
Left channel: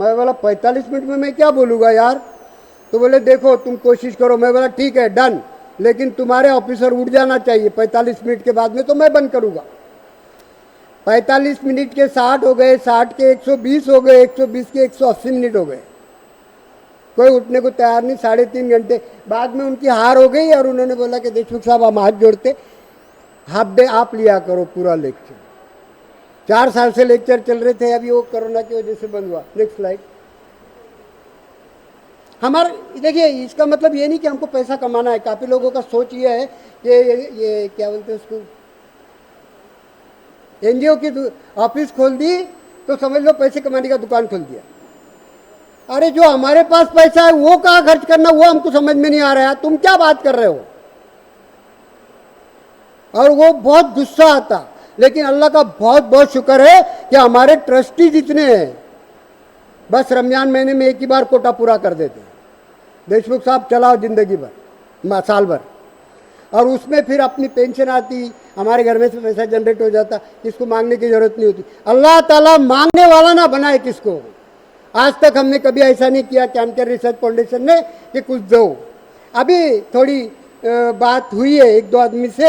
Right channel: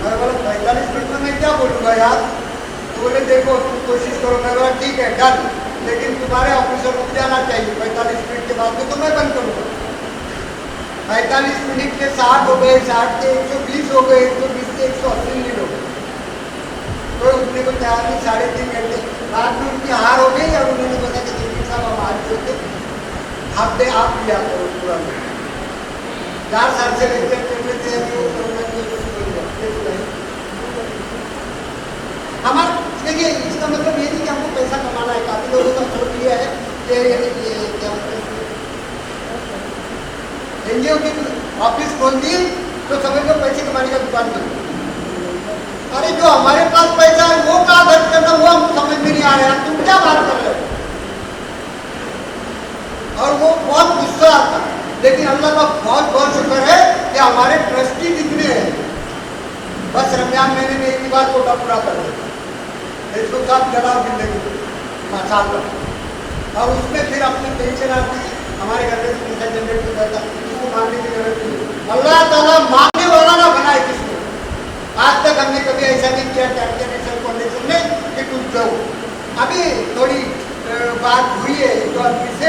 मैं बोला 45 मिनट में मैं क्या बोलूँगा यार, तो बोले देखो तुम कोशिश करो। मैं बोला ठीक है डन, लेकिन तुम्हारे ऑफिसर उठ जाना चाहिए 45 मिनट के बाद में, तो मैं बंद करूँगा। 45 मिनट के 60 हो गए, 60 के 120 हो गए, 120 के 180 मिनट हो गए, कोई उठने को तैयार नहीं। 3.5 घंटे बाद में उनकी हार हो गई और उन्होंने बोला कि देखिए साहब हम हाथ जोड़ते हाफ डे आप लिया करो पूरा लोग। 4 साल से लेक्चर चल रहे थे, अभी वो कोरोना की वजह से बन गया। हमारा देखिए इसका मतलब ये नहीं कि हमको पैसा कमाना है। काफ़ी लोगों का सोच ये है कि ये क्या मतलब एनजीओ की ऑफिस खोल दी तो समझ लो पैसे कमाने का दुकान खोल दी। अरे जो हमारे पास पैसा है वो कहाँ खर्च करना, वो हमको समझ में नहीं आ रहा है, तुम क्या बात कर रहे हो। और वो बहुत गुस्सा आता, लेकिन अल्लाह का बहुत बहुत शुक्र है कि हमारे ट्रस्टी जितने हैं बस रमजान महीने में एक ही बार कोटा पूरा कर देते। देशमुख साहब चला जिंदगी भर, साल भर, और उसमें फिर अपनी पेंशन आती, हमारे घर में से पैसा जनरेट हो जाता, इसको मांगने की जरूरत नहीं। अल्लाह ताला मांगने वाला ना बनाए किसको। आज तक हमने कभी ऐसा नहीं किया कैंसर रिसर्च फाउंडेशन में कि कुछ दो, अभी थोड़ी बात हुई है एक दो आदमी से,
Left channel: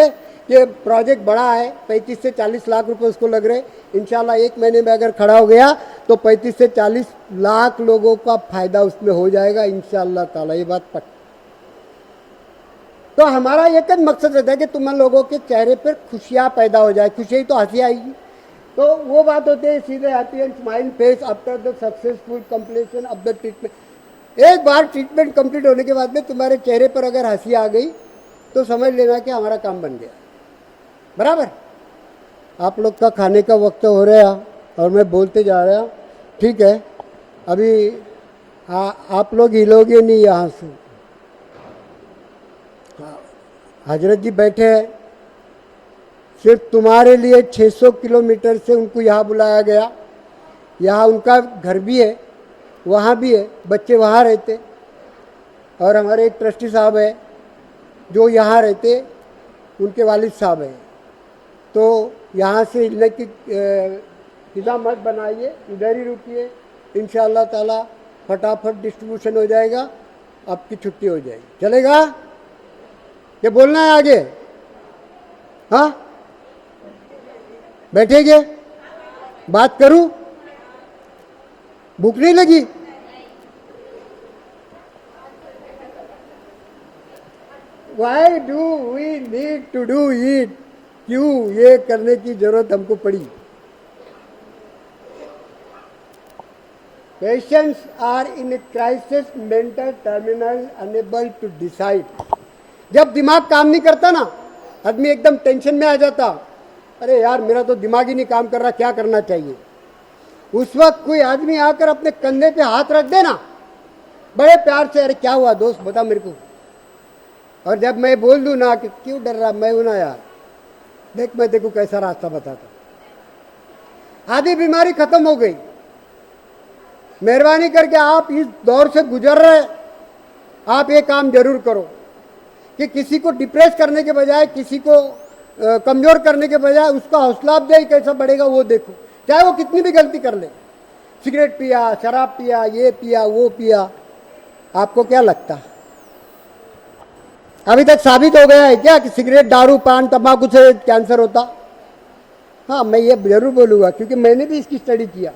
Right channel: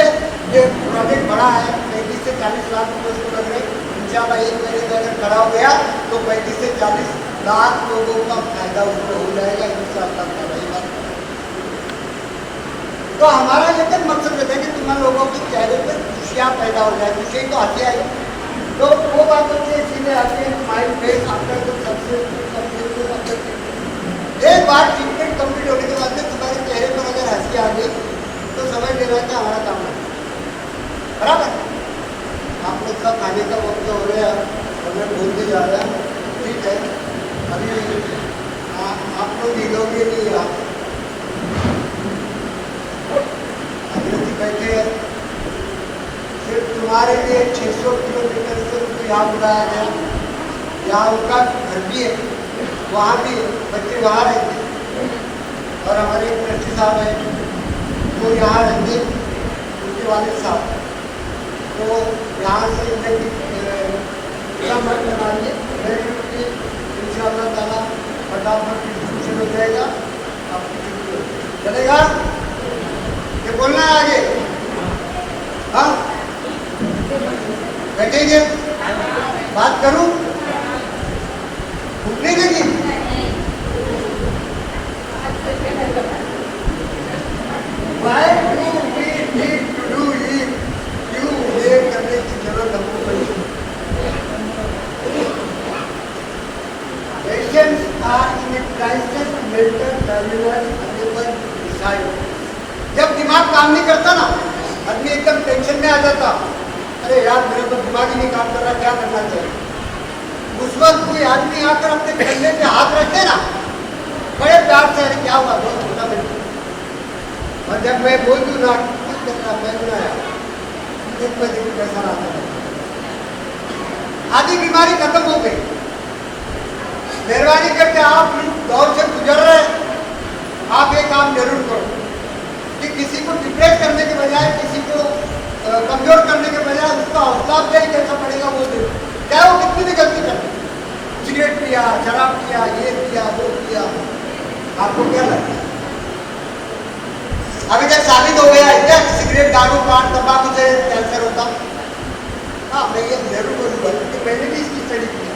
ये प्रोजेक्ट बड़ा है, 35 से 40 लाख रुपए उसको लग रहे। इंशाल्लाह 1 महीने में अगर खड़ा हो गया तो 35 से 40 लाख लोगों का फायदा उसमें हो जाएगा इंशाल्लाह ताला, ये बात पक्का। तो हमारा ये तो मकसद रहता है कि तुम लोगों के चेहरे पे खुशियाँ पैदा हो जाए, खुशी तो हंसी आई। तो वो बात होती है सीधे आती है mind base after the complete. एक बार ट्रीटमेंट कंप्लीट होने के बाद में तुम्हारे चेहरे पर अगर हंसी आ गई तो समझ लेना कि हमारा काम बन गया, बराबर। आप लोग का खाने का वक्त हो रहा है और मैं बोलते जा रहा हूँ, ठीक है। अभी आप लोग हिलोगे नहीं यहाँ से। हजरत जी बैठे हैं, सिर्फ तुम्हारे लिए 600 किलोमीटर से उनको यहाँ बुलाया गया। यहाँ उनका घर भी है, वहाँ भी है, बच्चे वहाँ रहते। और हमारे एक ट्रस्टी साहब है जो यहाँ रहते, उनके वालिद साहब हैं। तो यहाँ से इधर की मत बनाइए, इधर ही रुकिए, इंशाअल्लाह ताला फटाफट डिस्ट्रीब्यूशन हो जाएगा, आपकी छुट्टी हो जाएगी। चलेगा? ये बोलना है आगे? हाँ, बैठेंगे, बात करूं? भूख नहीं लगी? Why do we need to do it? क्यों ये करने की जरूरत हमको पड़ी? Patients are in a crisis mental terminal, unable to decide. जब दिमाग काम नहीं करता ना, आदमी एकदम टेंशन में आ जाता, अरे यार मेरा तो दिमाग ही नहीं काम कर रहा, क्या करना चाहिए। उस वक्त कोई आदमी आकर अपने कंधे पे हाथ रखते ना, बड़े प्यार से, अरे क्या हुआ दोस्त बता मेरे। और जब मैं बोल दूँ ना कि क्यों कर रहा, मैं ना यार देखो कैसा रास्ता बता, आधी बीमारी खत्म हो गई। मेहरबानी करके आप इस दौर से गुजर रहे, आप ये काम जरूर करो कि किसी को डिप्रेस करने के बजाय, किसी को कमजोर करने के बजाय उसका हौसला अफजाई कैसा पड़ेगा वो देखो, चाहे वो कितनी भी गलती कर ले। सिगरेट पिया, शराब पिया, ये पिया, वो पिया, आपको क्या लगता है अभी तक साबित हो गया है क्या कि सिगरेट, दारू, पान, तंबाकू से कैंसर होता? हाँ, मैं ये जरूर बोलूँगा क्योंकि मैंने भी इसकी स्टडी किया,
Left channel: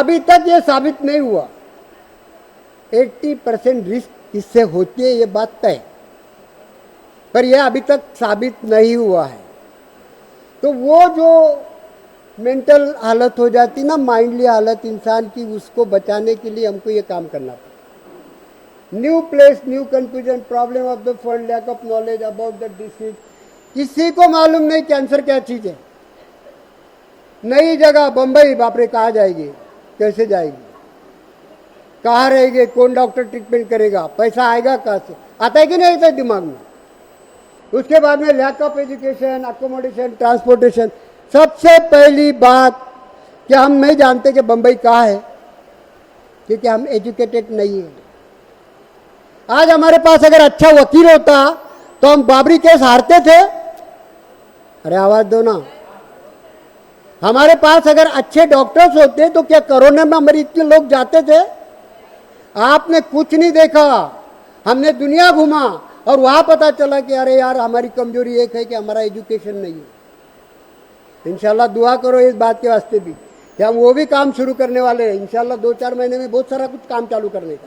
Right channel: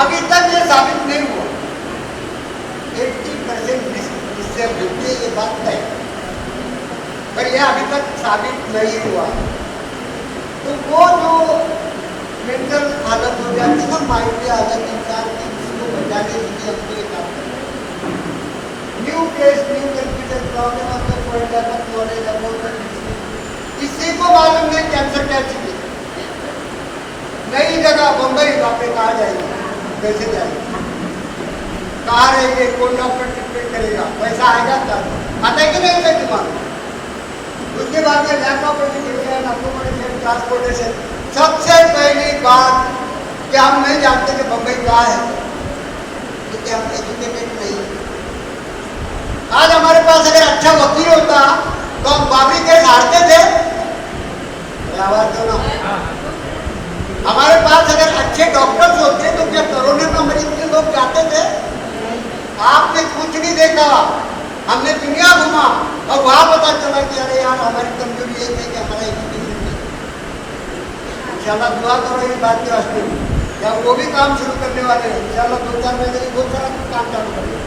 अभी तक ये साबित नहीं हुआ। 80% रिस्क इससे होती है, ये बात तय, पर यह अभी तक साबित नहीं हुआ। तो वो जो मेंटल हालत हो जाती ना, माइंडली हालत इंसान की, उसको बचाने के लिए हमको ये काम करना है। New place, new confusion, problem of the foreign lack of knowledge about the disease. किसी को मालूम नहीं कैंसर क्या चीज है। नई जगह बम्बई, बापरे कहाँ जाएगी, कैसे जाएगी, कहाँ रहेगी, कौन डॉक्टर ट्रीटमेंट करेगा, पैसा आएगा तब आता है कि नहीं आता दिमाग में। उसके बाद में lack of education, accommodation, transportation. सबसे पहली बात कि हम नहीं जानते कि बम्बई कहाँ है, क्योंकि हम एजुकेटेड नहीं है। आज हमारे पास अगर अच्छा वकील होता तो हम बाबरी केस हारते थे। अरे आवाज दो ना। हमारे पास अगर अच्छे डॉक्टर्स होते तो क्या कोरोना में मरीज के लोग जाते थे? आपने कुछ नहीं देखा, हमने दुनिया घूमा और वहां पता चला कि अरे यार हमारी कमजोरी एक है कि हमारा एजुकेशन नहीं। इंशाल्लाह दुआ करो इस बात के वास्ते कि हम वो भी काम शुरू करने वाले हैं। इंशाल्लाह 2-4 महीने में बहुत सारा काम चालू करेंगे।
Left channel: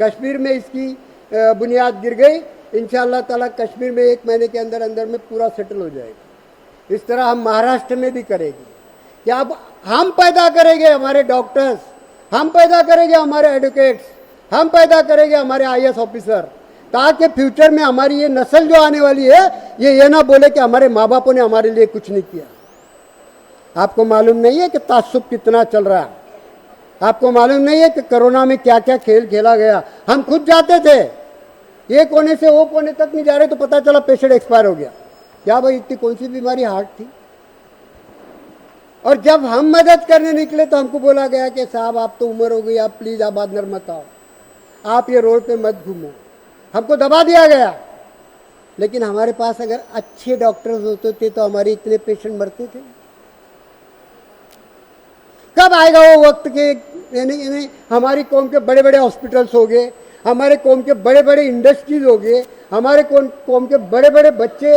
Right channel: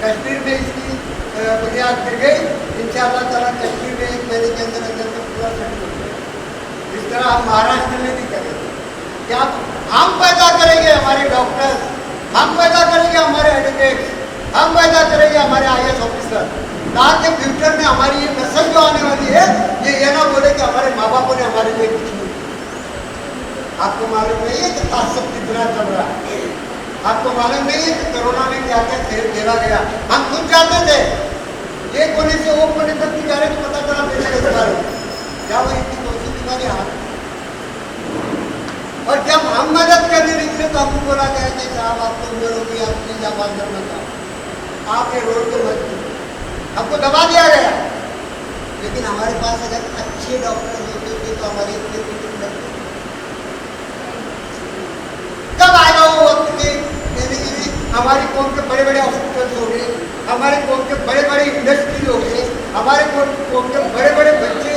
कश्मीर में इसकी बुनियाद गिर गई, इंशाल्लाह ताला कश्मीर में 1 महीने के अंदर अंदर में पूरा सेटल हो जाएगा। इस तरह हम महाराष्ट्र में भी करेंगे कि अब हम पैदा करेंगे हमारे डॉक्टर्स, हम पैदा करेंगे हमारे एडवोकेट्स, हम पैदा करेंगे हमारे IAS ऑफिसर, ताकि फ्यूचर में हमारी ये नस्ल जो आने वाली है ये ना बोले कि हमारे माँ बापों ने हमारे लिए कुछ नहीं किया। आपको मालूम नहीं है कि तासुब कितना चल रहा है, आपको मालूम नहीं है कि कोरोना में क्या क्या खेल खेला गया। हम खुद जाते थे, ये कोने से वो कोने तक नहीं जा रहे तो पता चला पेशेंट एक्सपायर हो गया। क्या वो इतनी कौन सी बीमारी हाथ की? और जब हम मदद करने निकले तो हमको बोला गया कि साहब आप तो उम्र हो गई, आप प्लीज आप अंदर मत आओ, आप ये रोड पे मत कीजिए, हमको दबा दिया गया। लेकिन हमारे पास अगर अच्छे डॉक्टर्स होते थे तो हमारी इतने पेशेंट बढ़ते थे। कब आएगा वो वक्त कि हमारी कौन के बड़े बड़े हॉस्पिटल्स हो गए, हमारे कौम के बड़े बड़े इंडस्ट्रीज हो गए, हमारे कौम के बड़े बड़े बच्चे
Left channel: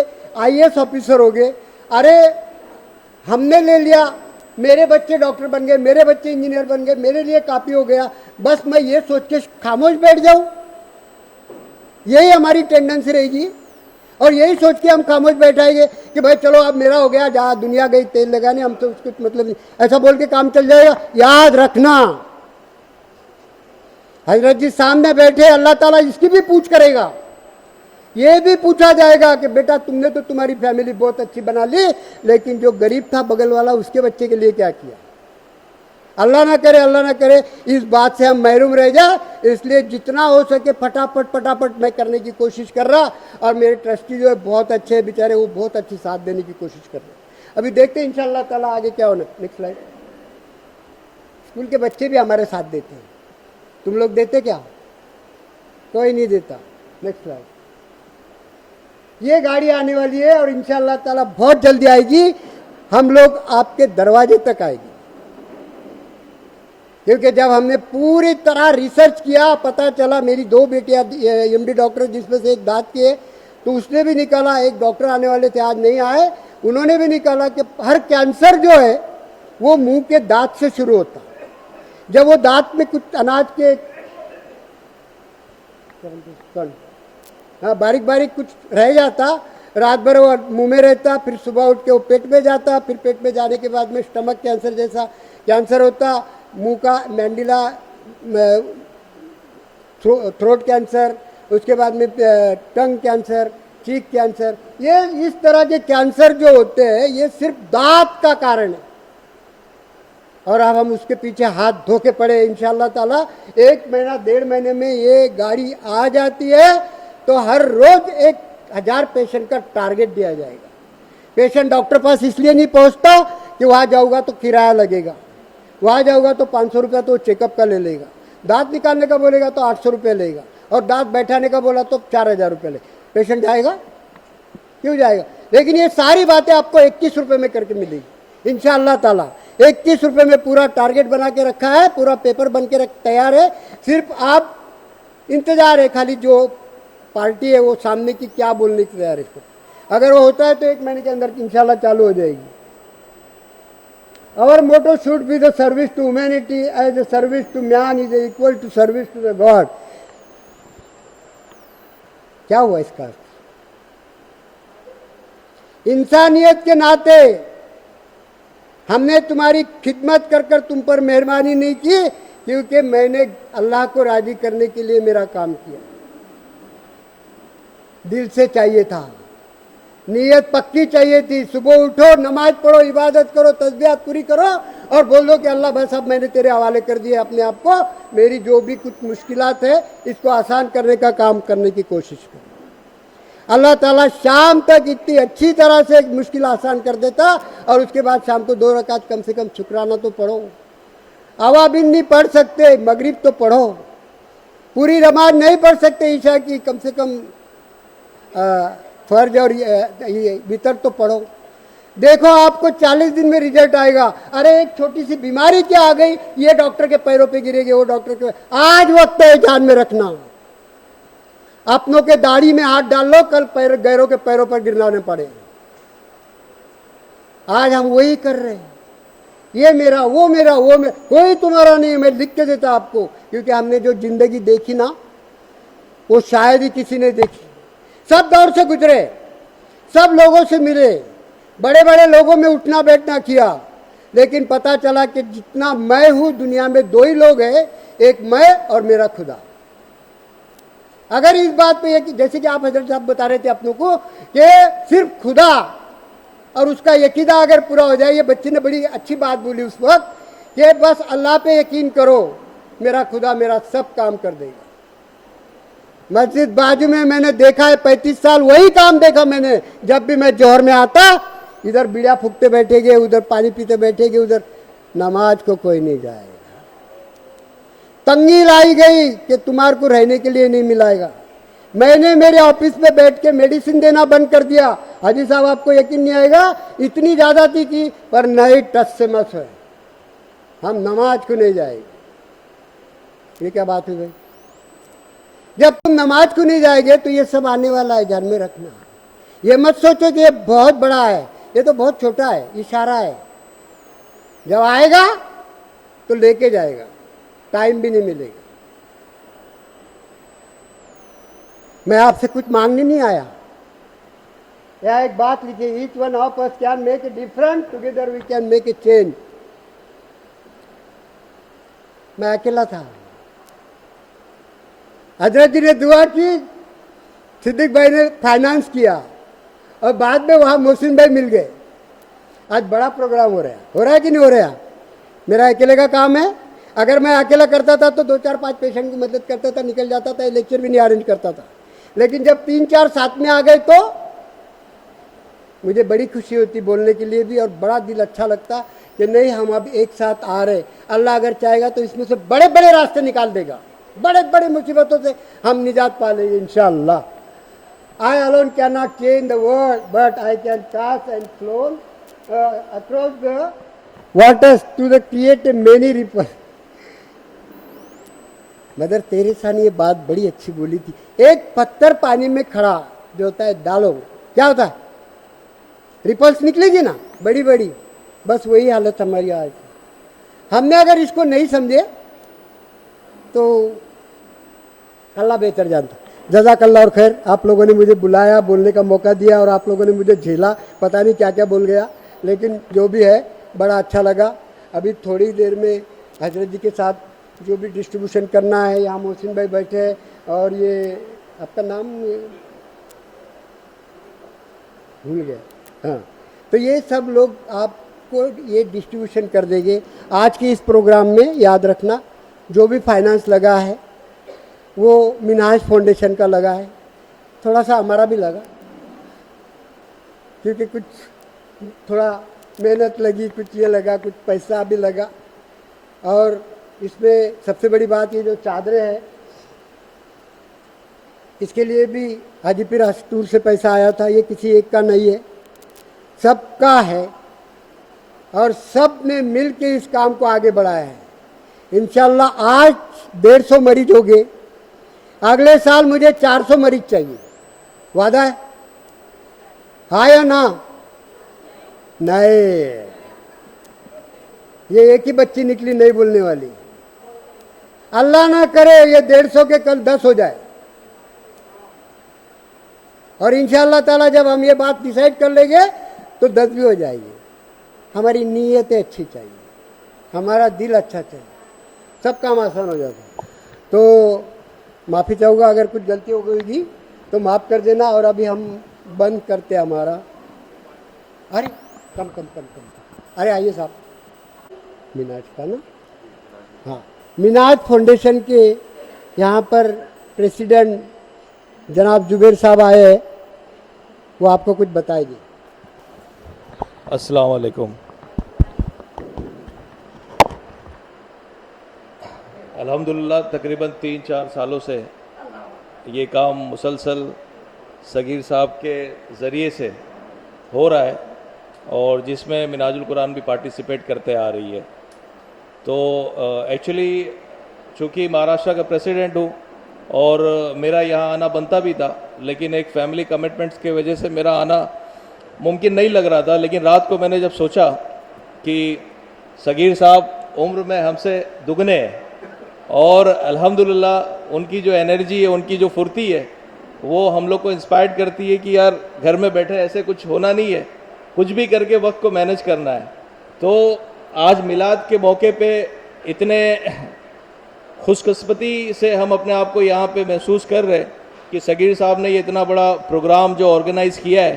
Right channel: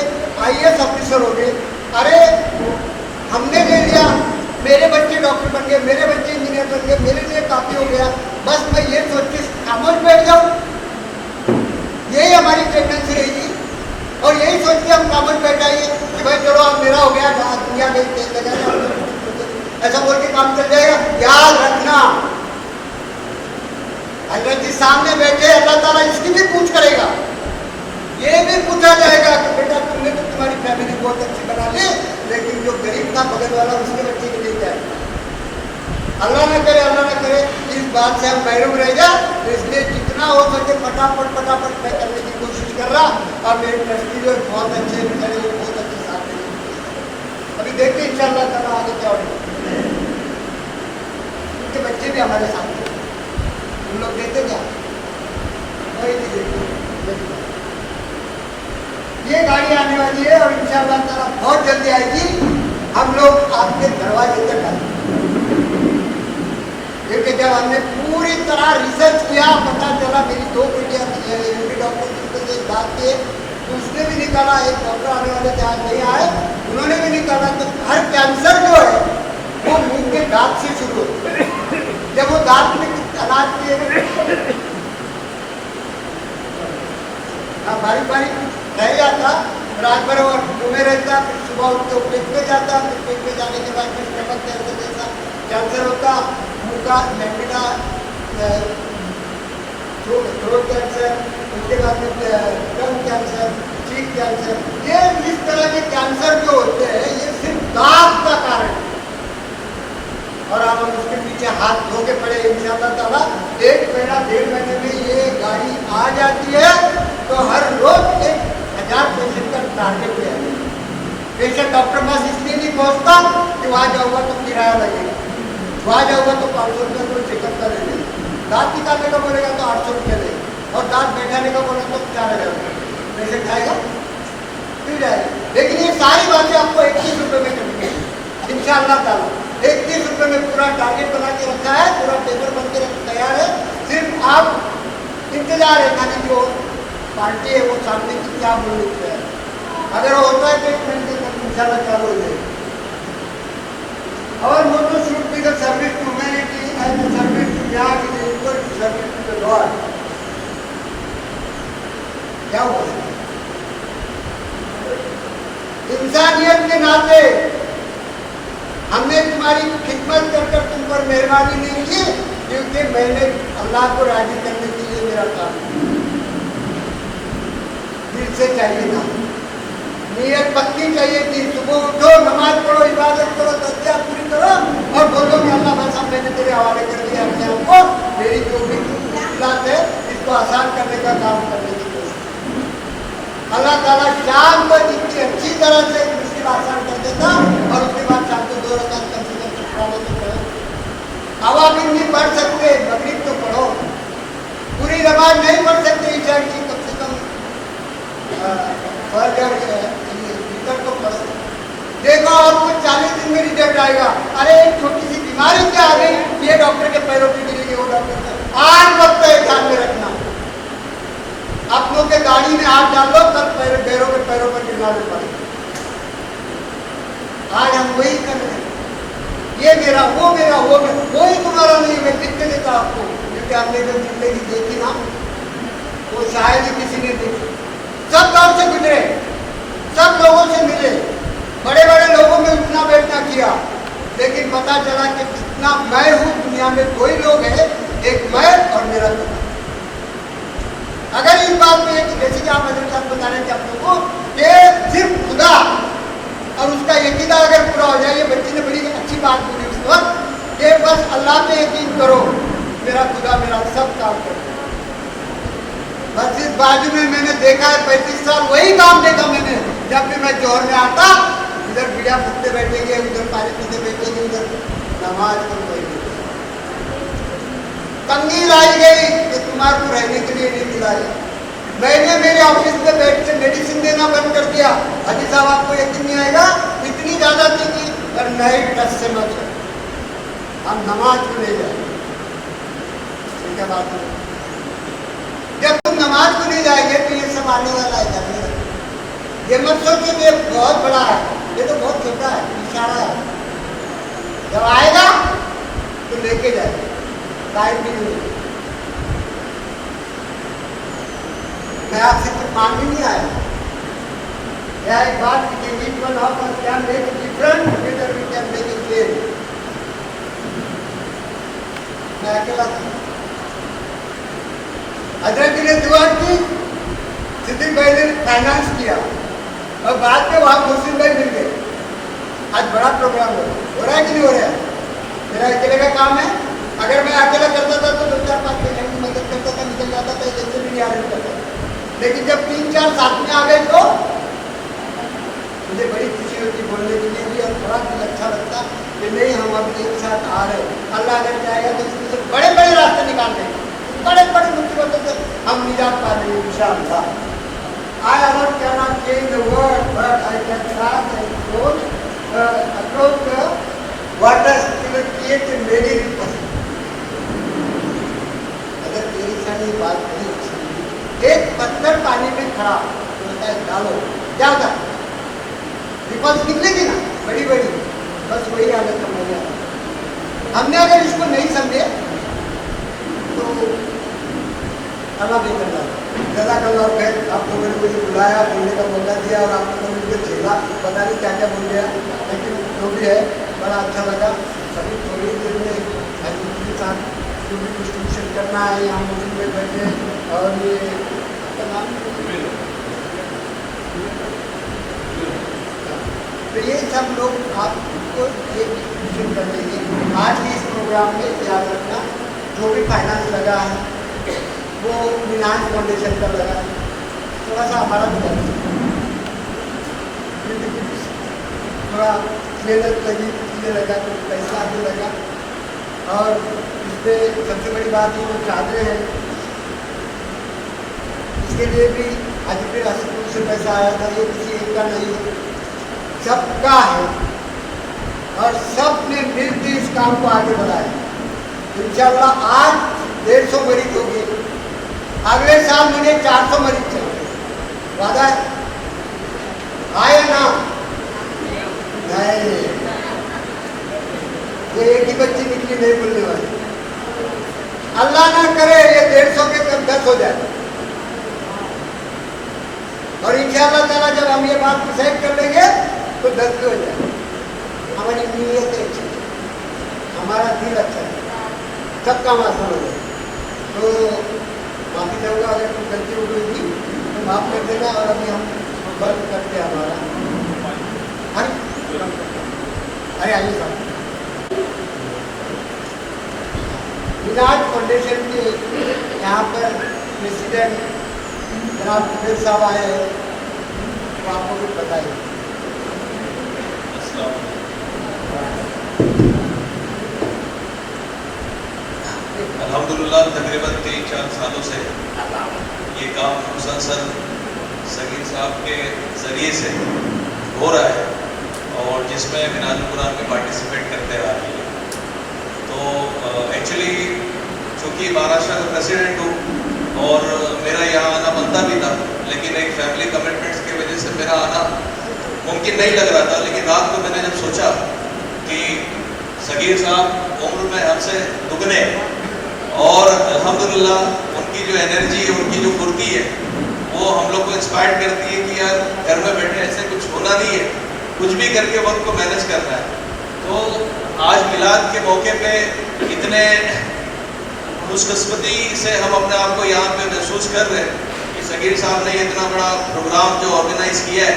IAS ऑफिसर हो गए। अरे हमने ले लिया, मेरे बच्चे डॉक्टर बन गए, मेरे बच्चे इंजीनियर बन गए, मेरे लिए काफ़ी हो गया, बस मैं ये सोच के खामोश बैठ जाऊँ। यही हमारी टेंडेंसी रहेगी और यही सोच के हम खामोश बैठ जाएंगे कि भाई चलो अब मेरा हो गया, जहाँ दुनिया गई तेल लगाने, हमको कुछ मतलब नहीं, ऐसा बोल के काम चल जाएगा। याद रखना, हजरत जी सामने बैठे, अल्लाह ताला इसकी भी पूछ करेगा, ये भी पूछा जाएगा कि बेटा तुमने तो तुम्हारी फैमिली बहुत अच्छी बना ली, लेकिन जो गरीब था बगल वाला उसके बच्चे के लिए क्या किया? अल्लाह ना करे इस बात से हम महरूम रह जाए। तो इसलिए जितना हो सके फटाफट मैं करने की कोशिश कर रहा, और मेरे ट्रस्टी जो बहुत अच्छे बेचारे, वो बहुत अच्छे साथ देने की कोशिश कर। अभी देखते हैं इंशाअल्लाह ताला आगे क्या होने, उनके बच्चे भी हमारे साथ देते। तुम लोग देते क्या? कोई नहीं देता। ये गाड़ी आने वाली है और इंशाअल्लाह ताला बहुत जल्दी आएगी, हम लोग आपके दरवाजे तक आएंगे। क्योंकि जब हमने पूरी तरह रिसर्च किया, पता चला मेरी 2 बेटियां MD डॉक्टर जिसमें से एक दांत की है, तो उसने भी निकाला, एक डॉक्टर आने वाले थे आज नहीं आए, उन्होंने भी निकाला कि हर कैंसर जो है वो मुंह के दांत से शुरू होता है। जब वो दांत में कुछ अनाज के बारीक कुछ रह जाता, रात भर वो मुंह में रहता, फिर सुबह उठ के वो पेट में जाता, फिर पेट में जाने के बाद में स्टमक कैंसर जैसा कैंसर होता, मुंह का मैंडिला, थ्रोट कैंसर, उसके बाद में टंग कैंसर, चीक कैंसर, ये इस तरह के कैंसर जो होते हैं ये सिर्फ दांत का कारण है। और अब हम उसके पीछे हाथ धो के पड़े। इंशाअल्लाह ताला 1 महीना 1.5 महीने में ये गाड़ी आ जाती है तो हर रोज 1000 पेशेंट का टारगेट किया जाएगा। पेशेंट डॉक्टर पास इसलिए नहीं पहुंचता कि वहाँ जाऊँगा तो किराया लगेगा, वहाँ जाऊँगा तो 500 रुपये तो चेकअप का ले लेंगे, दांत निकालने का बोलेगा तो 800 रुपये लेंगे, और दांत बैठाने का बोला तो 4000 रुपये। पेशेंट जाएगा? क्यों जाएगा? लेकिन ये सारी बातें आपको 21 रुपये में करके मिलेगी इंशाअल्लाह ताला। 21 रुपये में पूरा टारगेट बना के रखा है, पूरा पेपर बन के तैयार है, सिर्फ आप इंतजार है खाली जो पार्टी है वो सामने की क्या बोलने की तैयार है। अगर वो होता है तो 1 महीने के अंदर इंशाअल्लाह चालू हो जाएगी। Our motto should be the service to humanity and the service to man is equal to service to the Lord. क्या हुआ इसका? इंसानियत के नाते हमने तुम्हारी खिदमत कर तुम पर मेहरबानी नहीं की, क्योंकि मैंने अल्लाह को राजी करने के लिए मेरा काम किया, दिल से चाहिए था, नीयत पक्की चाहिए कि सुबह उठो, नमाज पढ़ो, इबादत करो, तस्बीह पूरी करो और बोलो कि अल्लाह बस अब मैंने तेरे हवाले कर दिया अपने आप को, मेरी जो भी मुश्किलात है इसको आसान करने का काम करने की कोशिश। अल्लाह ताला शाम तक इतनी अच्छी तरह से मुश्किल आसान कर देता, और उसके बाद शाम को 2 रकात कम से कम शुक्राना तो पढ़ो। अवाबिन नहीं पढ़ सकते, मगरिब तो पढ़ो, पूरी नमाज नहीं पढ़ सकते ईशा की, कम से कम फर्ज और वितर तो पढ़ो। देखो आपको 40 दिन में रिजल्ट आएगा। अरे एक छोटी सी बीमारी क्या आ गई, ये डॉक्टर के पैरों पे गिरेगी, वो डॉक्टर पे, आज वक्त है ध्यान में रखना। अपनों के दाढ़ी में हाथ डाल लो, कल गैरों के पैरों पर गिरना न पड़े। आज हम वही कर रहे हैं, ये मेरा वो मेरा वो मेरा, कोई तुम्हारा नहीं, मैं लिख के देता आपको, क्योंकि हमने जो जिंदगी देखी ना वो शायद ही किसी ने देखी। सब दौर से गुजरे, सब लोगों से मिले, बड़े बड़े लोगों में उठना बैठना किया, लेकिन पता चला कि जितना मैं हूँ दुनिया में 2 ही लोग हैं, एक मैं और मेरा खुदा। अगर इस बात को जैसे कि आप हजरत साहब बता रहे थे अपने को कि सिर्फ खुदा और उसका यकीदा अगर पूरा हो जाए, ये बच्चे ने बड़ी अच्छी बात बोली उस वक्त कि बस अल्लाह पे यकीन करो, मेरा खुदा मेरा सब काम कर रहा है। मस्जिद बाजू में मैंने देखा है, 35 साल वही काम देखा मैंने। जब भी मैं जोहर में आता, इधर बीड़ा फूकते बैठेंगे, उधर पानी पीते बैठेंगे, उधर नमाज को कोई नहीं जाए। तंगी लाई गई कि तुम्हारे को रहने के लिए नहीं मिलाएगा। मैंने मेरे ऑफिस पे बैठ के मेडिसिन देना बंद कर दिया। हाजी साहब आपको यकीन नहीं आएगा, इतनी ज्यादा थी पर नए टच से मत हो, हम नमाज को ले जाए। ठीक है बात है। जब तुम नमाज को नहीं जाएंगे तो ये सब आने वाला है, ध्यान में रखना। ये मत सोचो कि ये बहुत बड़ा है, ये तो बहुत छोटा है, इशारा है। जब आएगा तो लेके जाएगा, टाइम भी नहीं मिलेगा। मैं आपसे कुछ मांगने नहीं आया। क्या एक बात each one of us can make a difference, together we can make a change। मैं अकेला था, हजरत जी ने दुआ की, सिद्दीक भाई ने फाइनेंस किया और बाद में वहाँ मुस्लिम भाई मिल गए। आज बड़ा प्रोग्राम हो रहा है कि नहीं हो रहा है? मेरा अकेले का काम है। अगर मैं अकेला करता था तो 2-4-5 पेशेंट की मदद करता था, निकल जाता था, जैसे भी नहीं अरेंज करता था। लेकिन जब 3-4 साथ में आ गए तो मुझे बड़ी खुशी होती बोलने के लिए भी, और बड़ा दिल अच्छा लगता कि नहीं हम अब एक साथ आ रहे। अल्लाह अगर चाहेगा तो इसमें से बड़े बड़े रास्ते निकाल देगा, बड़े बड़े मुसीबतों से हम निजात पा लेंगे इंशाअल्लाह। I alone cannot change the world, but I can pass and approach the waters to the create many rivers। मगर तेरे सामने ये बात बड़ी अच्छी बोली, एक पत्थर पानी में खड़ा जो होता है डालो, क्या होता है? रिपल्स निकलेगी ना बड़ी बड़ी, बस वही हालत हमारी है। हमने अगर इसको नहीं समझे तो अल्लाह बेहतर जाता। जज़ाकल्लाह और खैर, आप लोगों ने मुझे बुलाया, बोलने का मौका दिया और आप लोगों ने मुझे झेला, पता नहीं क्या क्या बोल गया, लेकिन जो भी है बड़ा अच्छा लगा। अभी थोड़ी देर में हजरत के साथ जो भी डिस्ट्रीब्यूशन करना है, यहाँ मुस्लिम भाई बैठे और ये आपका नाम हाँ, तो ये सब लोग आपको ये डिस्ट्रीब्यूशन कर देंगे। आज के इस प्रोग्राम में याद रखना जो भी फाइनेंस लगा है वो मिनाज फाउंडेशन का लगा है, थोड़ा सा हमारा भी लगा, क्योंकि कुछ थोड़ा मेहनत लगी, कुछ ये लगा, कुछ पैसा भी लगा। और इसमें सबसे बड़ी बात ये जो चादरें हैं, इसके लिए भी हाजीपुर स्कूल से पैसा आया था। ये किसी एक का नहीं है, सबका है और सब ने मिल के इस काम को आगे बढ़ाया। इंशाअल्लाह आज 150 मरीज हो गए, अगले साल मुझे 400 मरीज चाहिए। वादा है या ना? नहीं, ये एक ही बच्ची निकली नहीं बोलने वाली। अल्लाह ना करे ये 150 के कल 10 हो जाए। और इंशाअल्लाह ताला जब हम ये बात डिसाइड कर लेंगे तो 10 भी हो जाएगा। हमारी नीयत अच्छी है, हमारा दिल अच्छा है, सब काम आसान होगा। तो माफ़ी चाहूँगा अगर कुछ गलती हो गई तो माफ़ कर देना। और अभी हम बंद करते हैं हमारा। अरे आइए साहब, मिनाज फाउंडेशन के यहाँ पर प्रेसिडेंट जनाब जुबैर साहब आए हैं, वो आपको कुछ बताएंगे। अस्सलाम वालेकुम। अल्हम्दुलिल्लाह तकरीबन 3-4 सालों से ये काम मुसलसल सगीर साहब के ज़रिए से हो रहा है और जिसमें मिनाजुल कुरान में पार्टिसिपेट करते आ रही है। तो एक्चुअली चूँकि महाराष्ट्र का प्रेसिडेंट हूँ और मेरा यहाँ आना बनता भी था, लेकिन एक फैमिली कमिटमेंट्स की वजह से मेरा आना मुमकिन नहीं लग रहा था। लेकिन रात को मैंने जब सोचा कि सगीर साहब उम्र में हमसे दुगने हैं और अल्हम्दुलिल्लाह उनकी जो एनर्जी है, उनकी जो फुर्ती है, वो हम लोग को इंस्पायर करती है कि यार घर में बैठे ऐसे कुछ होना नहीं है, कुछ भी करके वक्त को मैनेज करना है। तो आज मिलाद के मौके पे इतने खुशकिस्मती से हम अपने आप को यहाँ पे महसूस कर रहे हैं कि सगीर साहब ने इतना बड़ा प्रोग्राम जो ऑर्गेनाइज़ किया है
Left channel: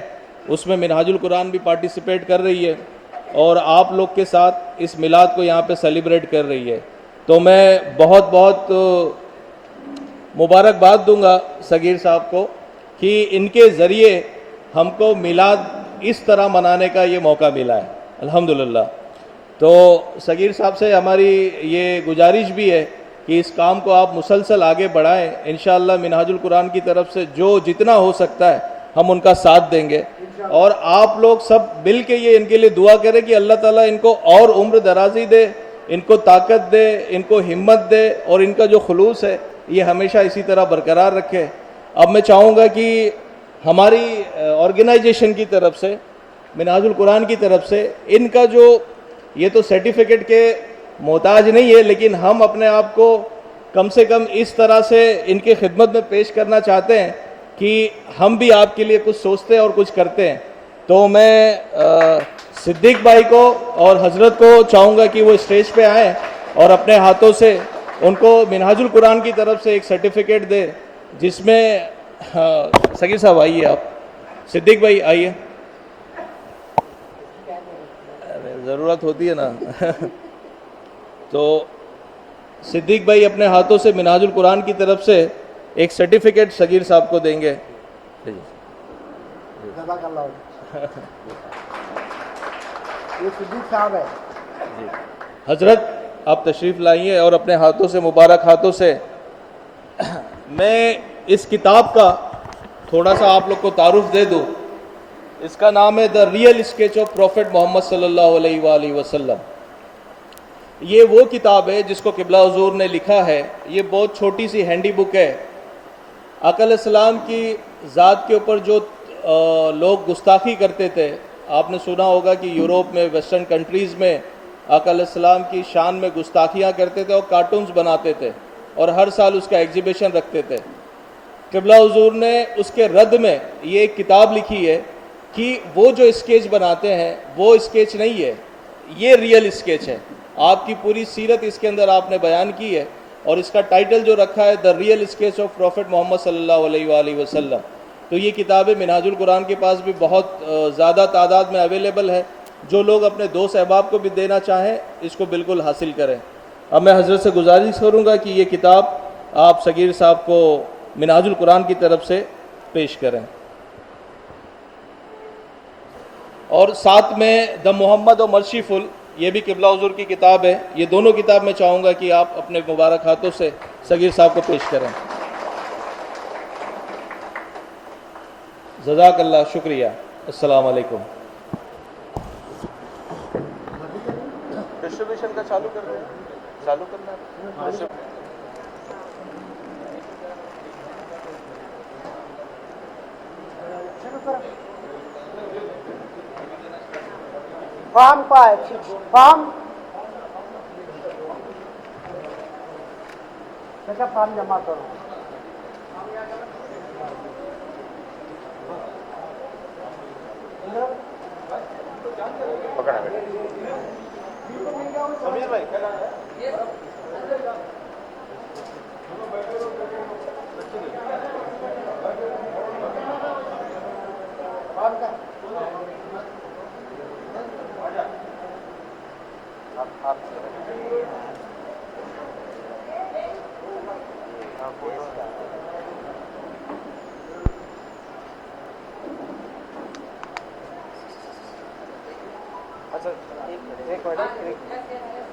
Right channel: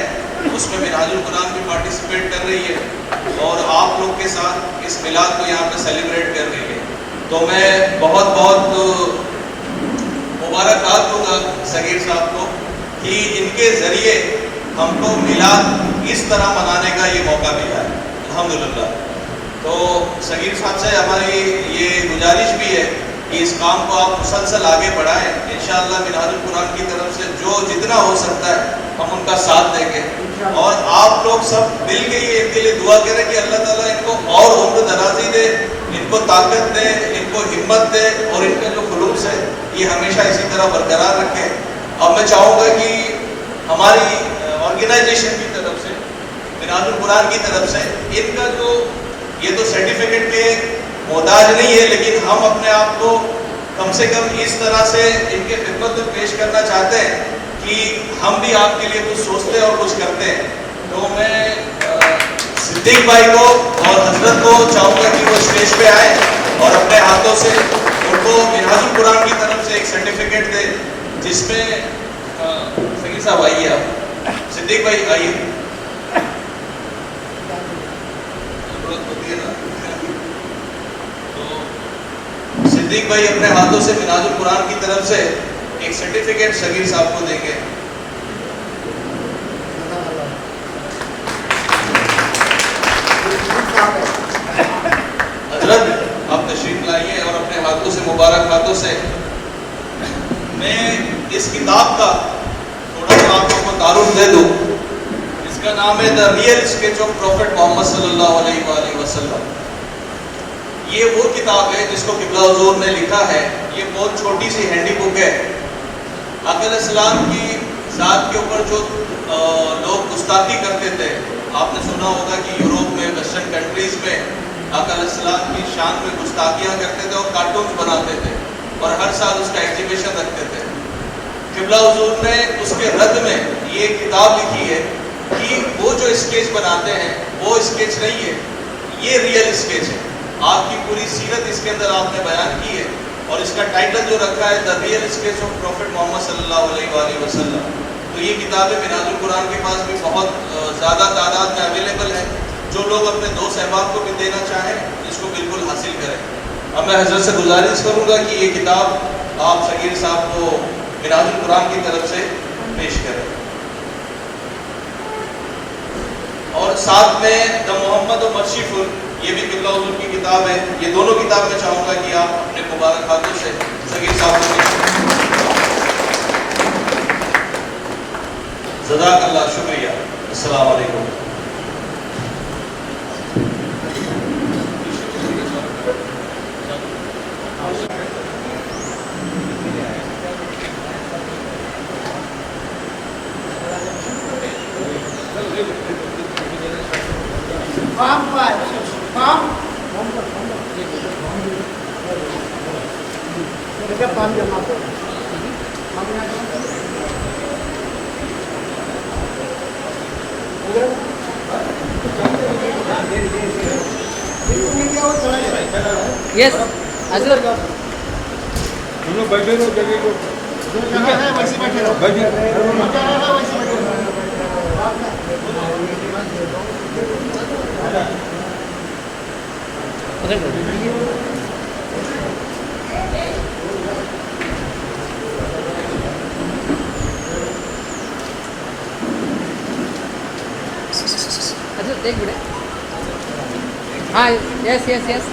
उसमें मिनाजुल कुरान भी पार्टिसिपेट कर रही है और आप लोग के साथ इस मिलाद को यहाँ पे सेलिब्रेट कर रही है। तो मैं बहुत बहुत मुबारकबाद दूंगा सगीर साहब को कि इनके ज़रिए हमको मिलाद इस तरह मनाने का ये मौका मिला है अल्हम्दुलिल्लाह। तो सगीर साहब से हमारी ये गुजारिश भी है कि इस काम को आप मुसलसल आगे बढ़ाएं। इंशाअल्लाह मिनाजुल कुरान की तरफ से जो जितना हो सकता है हम उनका साथ देंगे और आप लोग सब मिल के ये इनके लिए दुआ करें कि अल्लाह ताला इनको और उम्र दराजी दे, इनको ताकत दे, इनको हिम्मत दे और इनका जो खुलूस है ये हमेशा इसी तरह बरकरार रखे। अब मैं चाहूँगा कि हमारी ऑर्गेनाइजेशन की तरफ से, मिनाजुल कुरान की तरफ से, इनका जो ये तो सर्टिफिकेट के मोहताज नहीं है, लेकिन हम अपने आप को कम से कम इस तरह से इनके खिदमत में पेश करना चाहते हैं कि हम भी आपके लिए कुछ सोचते हैं और कुछ करते हैं। तो मैं सिद्दीक भाई को और हजरत को चाहूँगा कि वो स्टेज पे आए और अपने हाथों से उनको मिनहाजुल कुरान की तरफ से एक सर्टिफिकेट दे, जिसमें सकीर साहब आइए, आप सिद्दीक भाई आइए, ज़रूरत होती है ना। तो सिद्दीक भाई अपने हाथों से मिनहाजुल कुरान की तरफ से एक सर्टिफिकेट सगीर साहब को देंगे। हजरत आप तशरीफ लाइए और अपने हाथों से, मुबारक हाथों से, मैं इस किताब का थोड़ा सा आप लोग को तारुफ दे दूँ। इसका नाम है the real sketch of prophet Muhammad सल्लल्लाहु अलैहि वसल्लम। ये वो किताब है जिसको किबला हुजूर ने लिखा है। ये बहुत छोटी सी हैंडी बुक है। अकल इस्लाम की ज़ात के ऊपर जो लोग गुस्ताखी करते थे, आपने सुना होगा कि यूरोप में, वेस्टर्न कंट्रीज़ में अकल इस्लाम की शान में गुस्ताखियाँ करते थे और कार्टून्स बनाते थे और हर साल उसका एग्जीबिशन रखते थे। किबला हुजूर ने उसके रद्द में ये किताब लिखी है कि वो जो स्केच बनाते हैं वो स्केच नहीं है, ये रियल स्केच है। आपकी पूरी सीरत इसके अंदर आपने बयान की है और इसका टाइटल जो रखा है the real sketch of prophet Muhammad सल्लल्लाहु अलैहि वसल्लम। तो ये किताबें मिनहाजुल कुरान के पास भी बहुत ज़्यादा तादाद में अवेलेबल है। जो लोग अपने दोस्त अहबाब को भी देना चाहें इसको बिल्कुल हासिल करें। अब मैं हजरत से गुजारिश करूँगा कि ये किताब आप सगीर साहब को मिनहाजुल कुरान की तरफ से पेश करें। और साथ में द मोहम्मद और मर्शीफुल, ये भी किबला हुजूर की किताब है। ये दोनों किताब मैं चाहूँगा कि आप अपने मुबारक हाथों से सगीर साहब को पेश करें। जज़ाकल्लाह, शुक्रिया। अस्सलाम वालेकुम। फॉर्म पाए, फॉर्म फॉर्म जमा करो। यस अजर दोनों बैठे रहो, जगह को वैसे बैठे रहो, बैठिए। वैसे बैठे रहो। अजर देख बेटे, हाँ यस यस यस,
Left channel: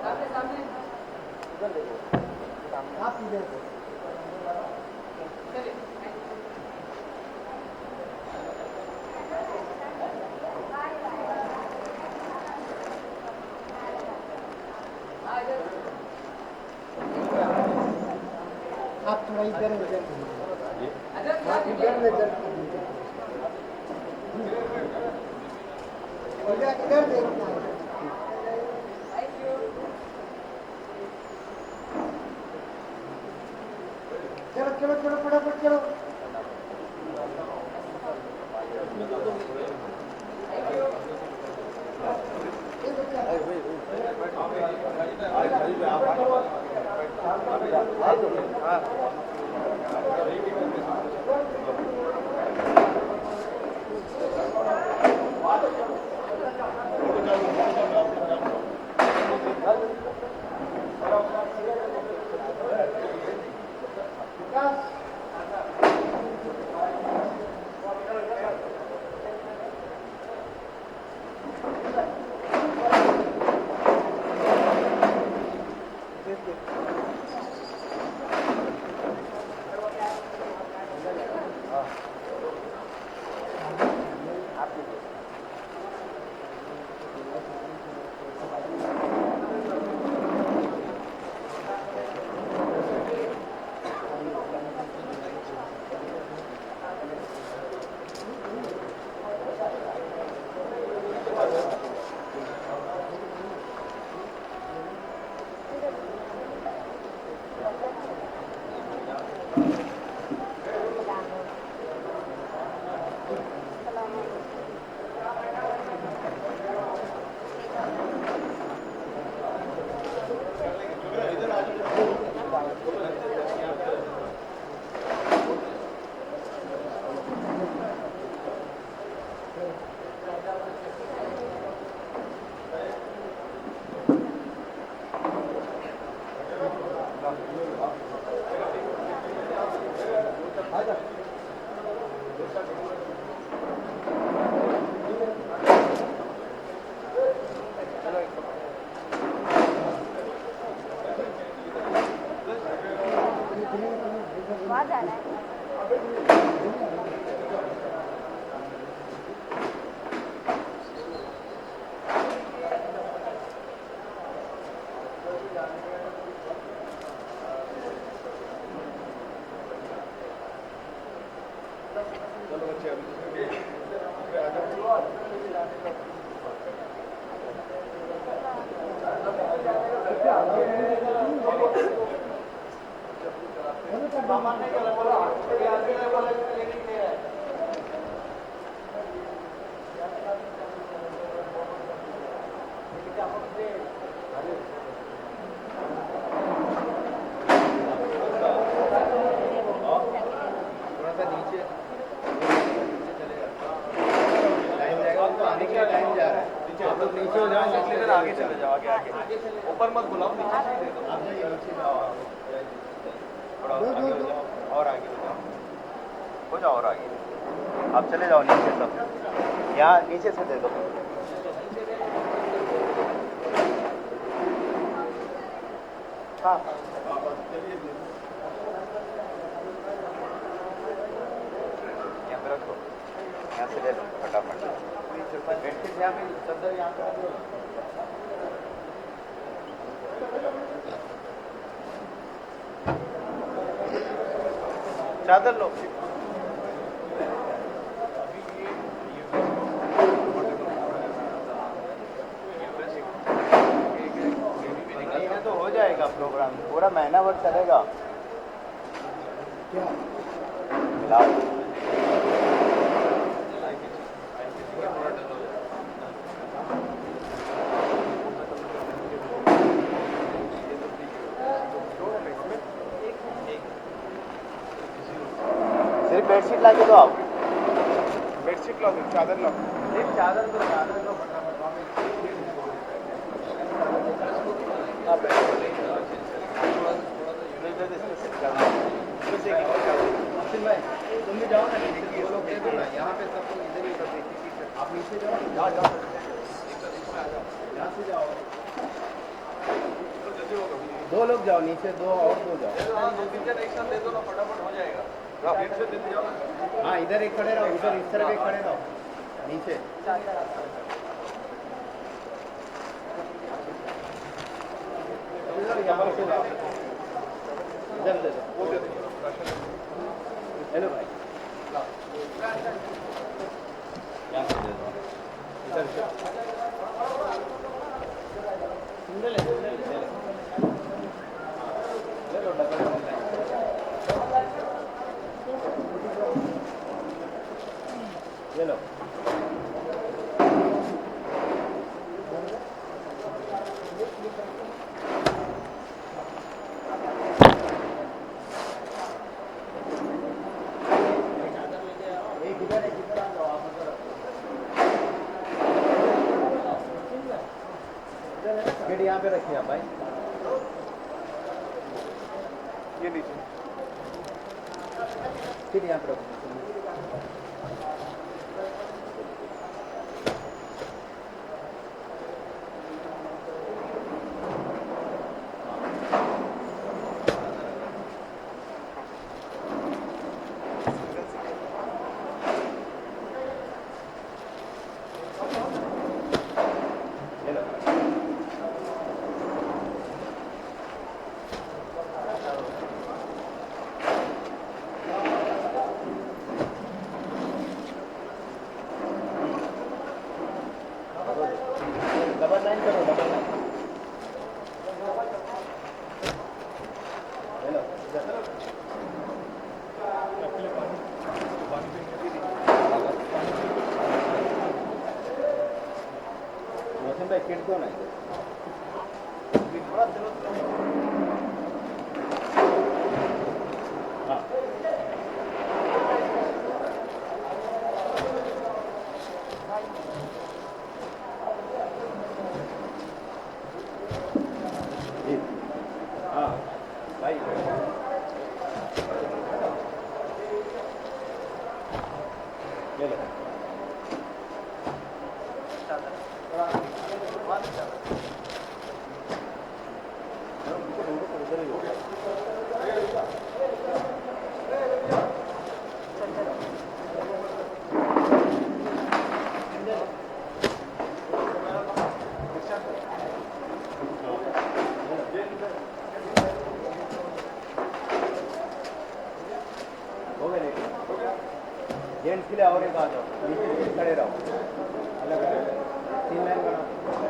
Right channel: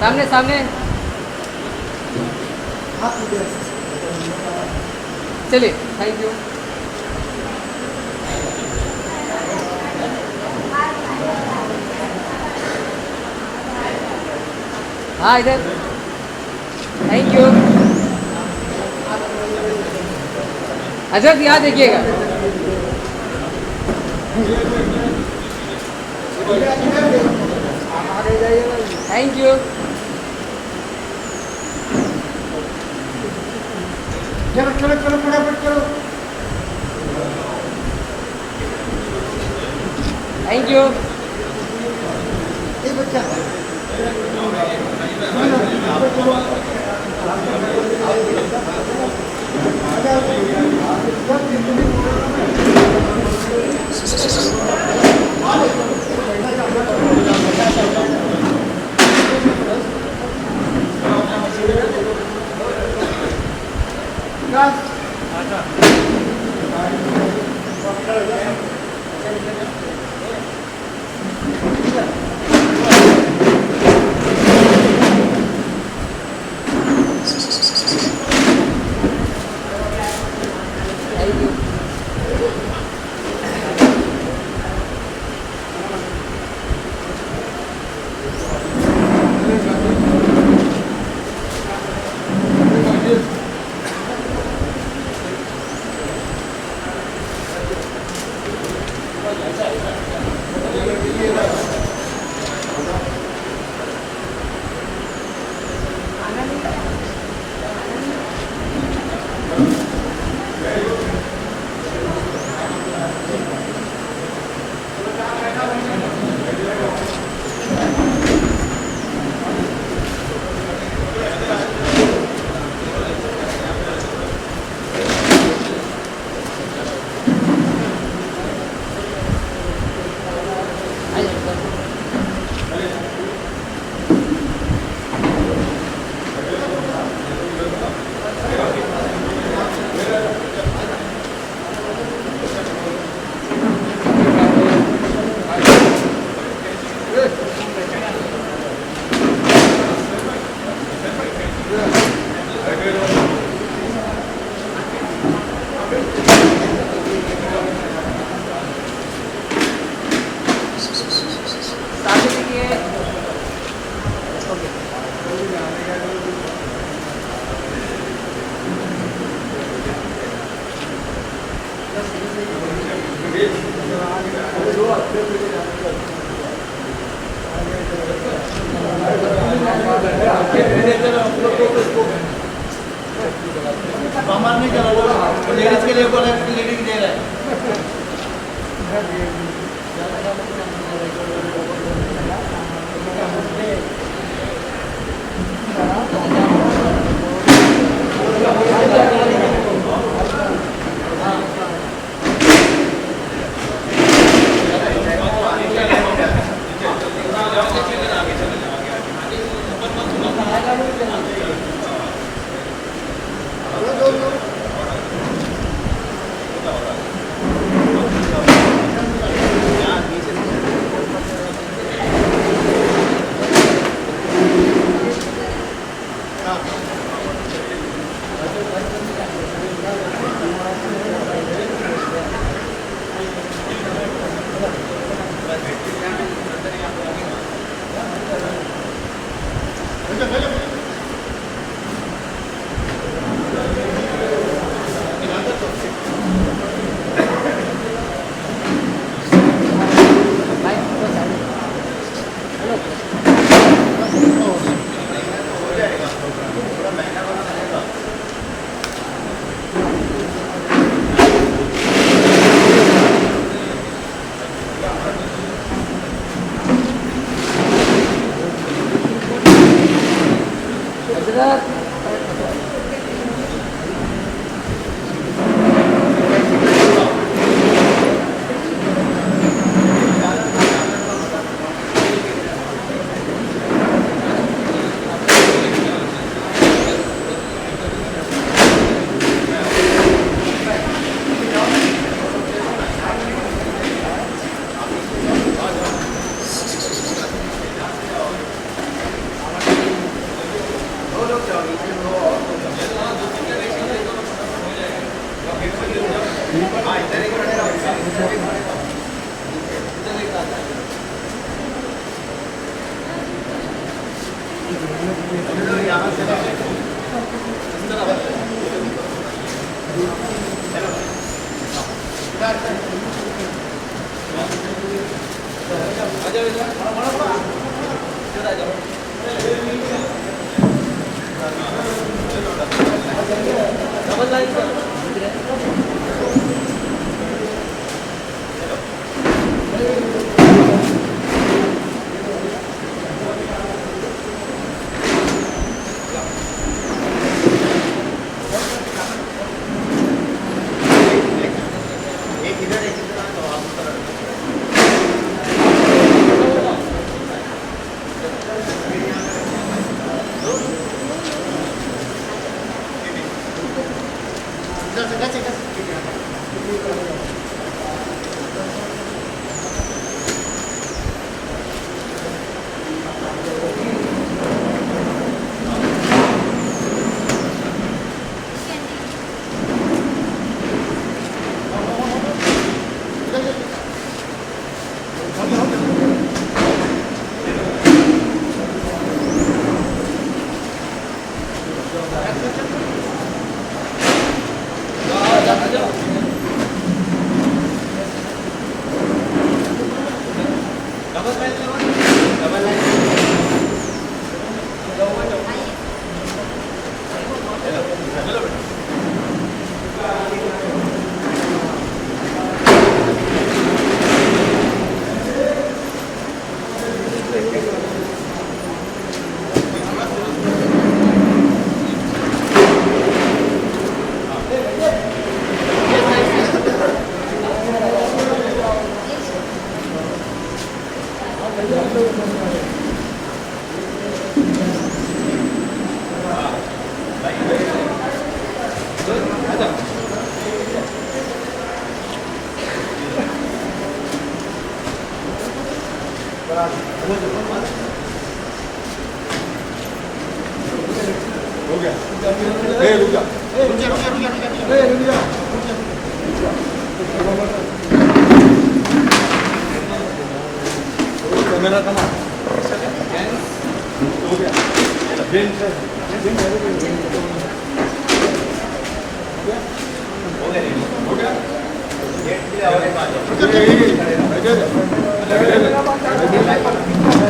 सामने सामने, चलिए, थैंक यू। हाँ इधर, थैंक यू। अजर यहाँ देखिएगा, थैंक यू। चलो चलो चलो फटाफट चलो। Thank you. ये बच्चा सामान नहीं चला लेडीज के लिए बोला लेडीज दे रहा है।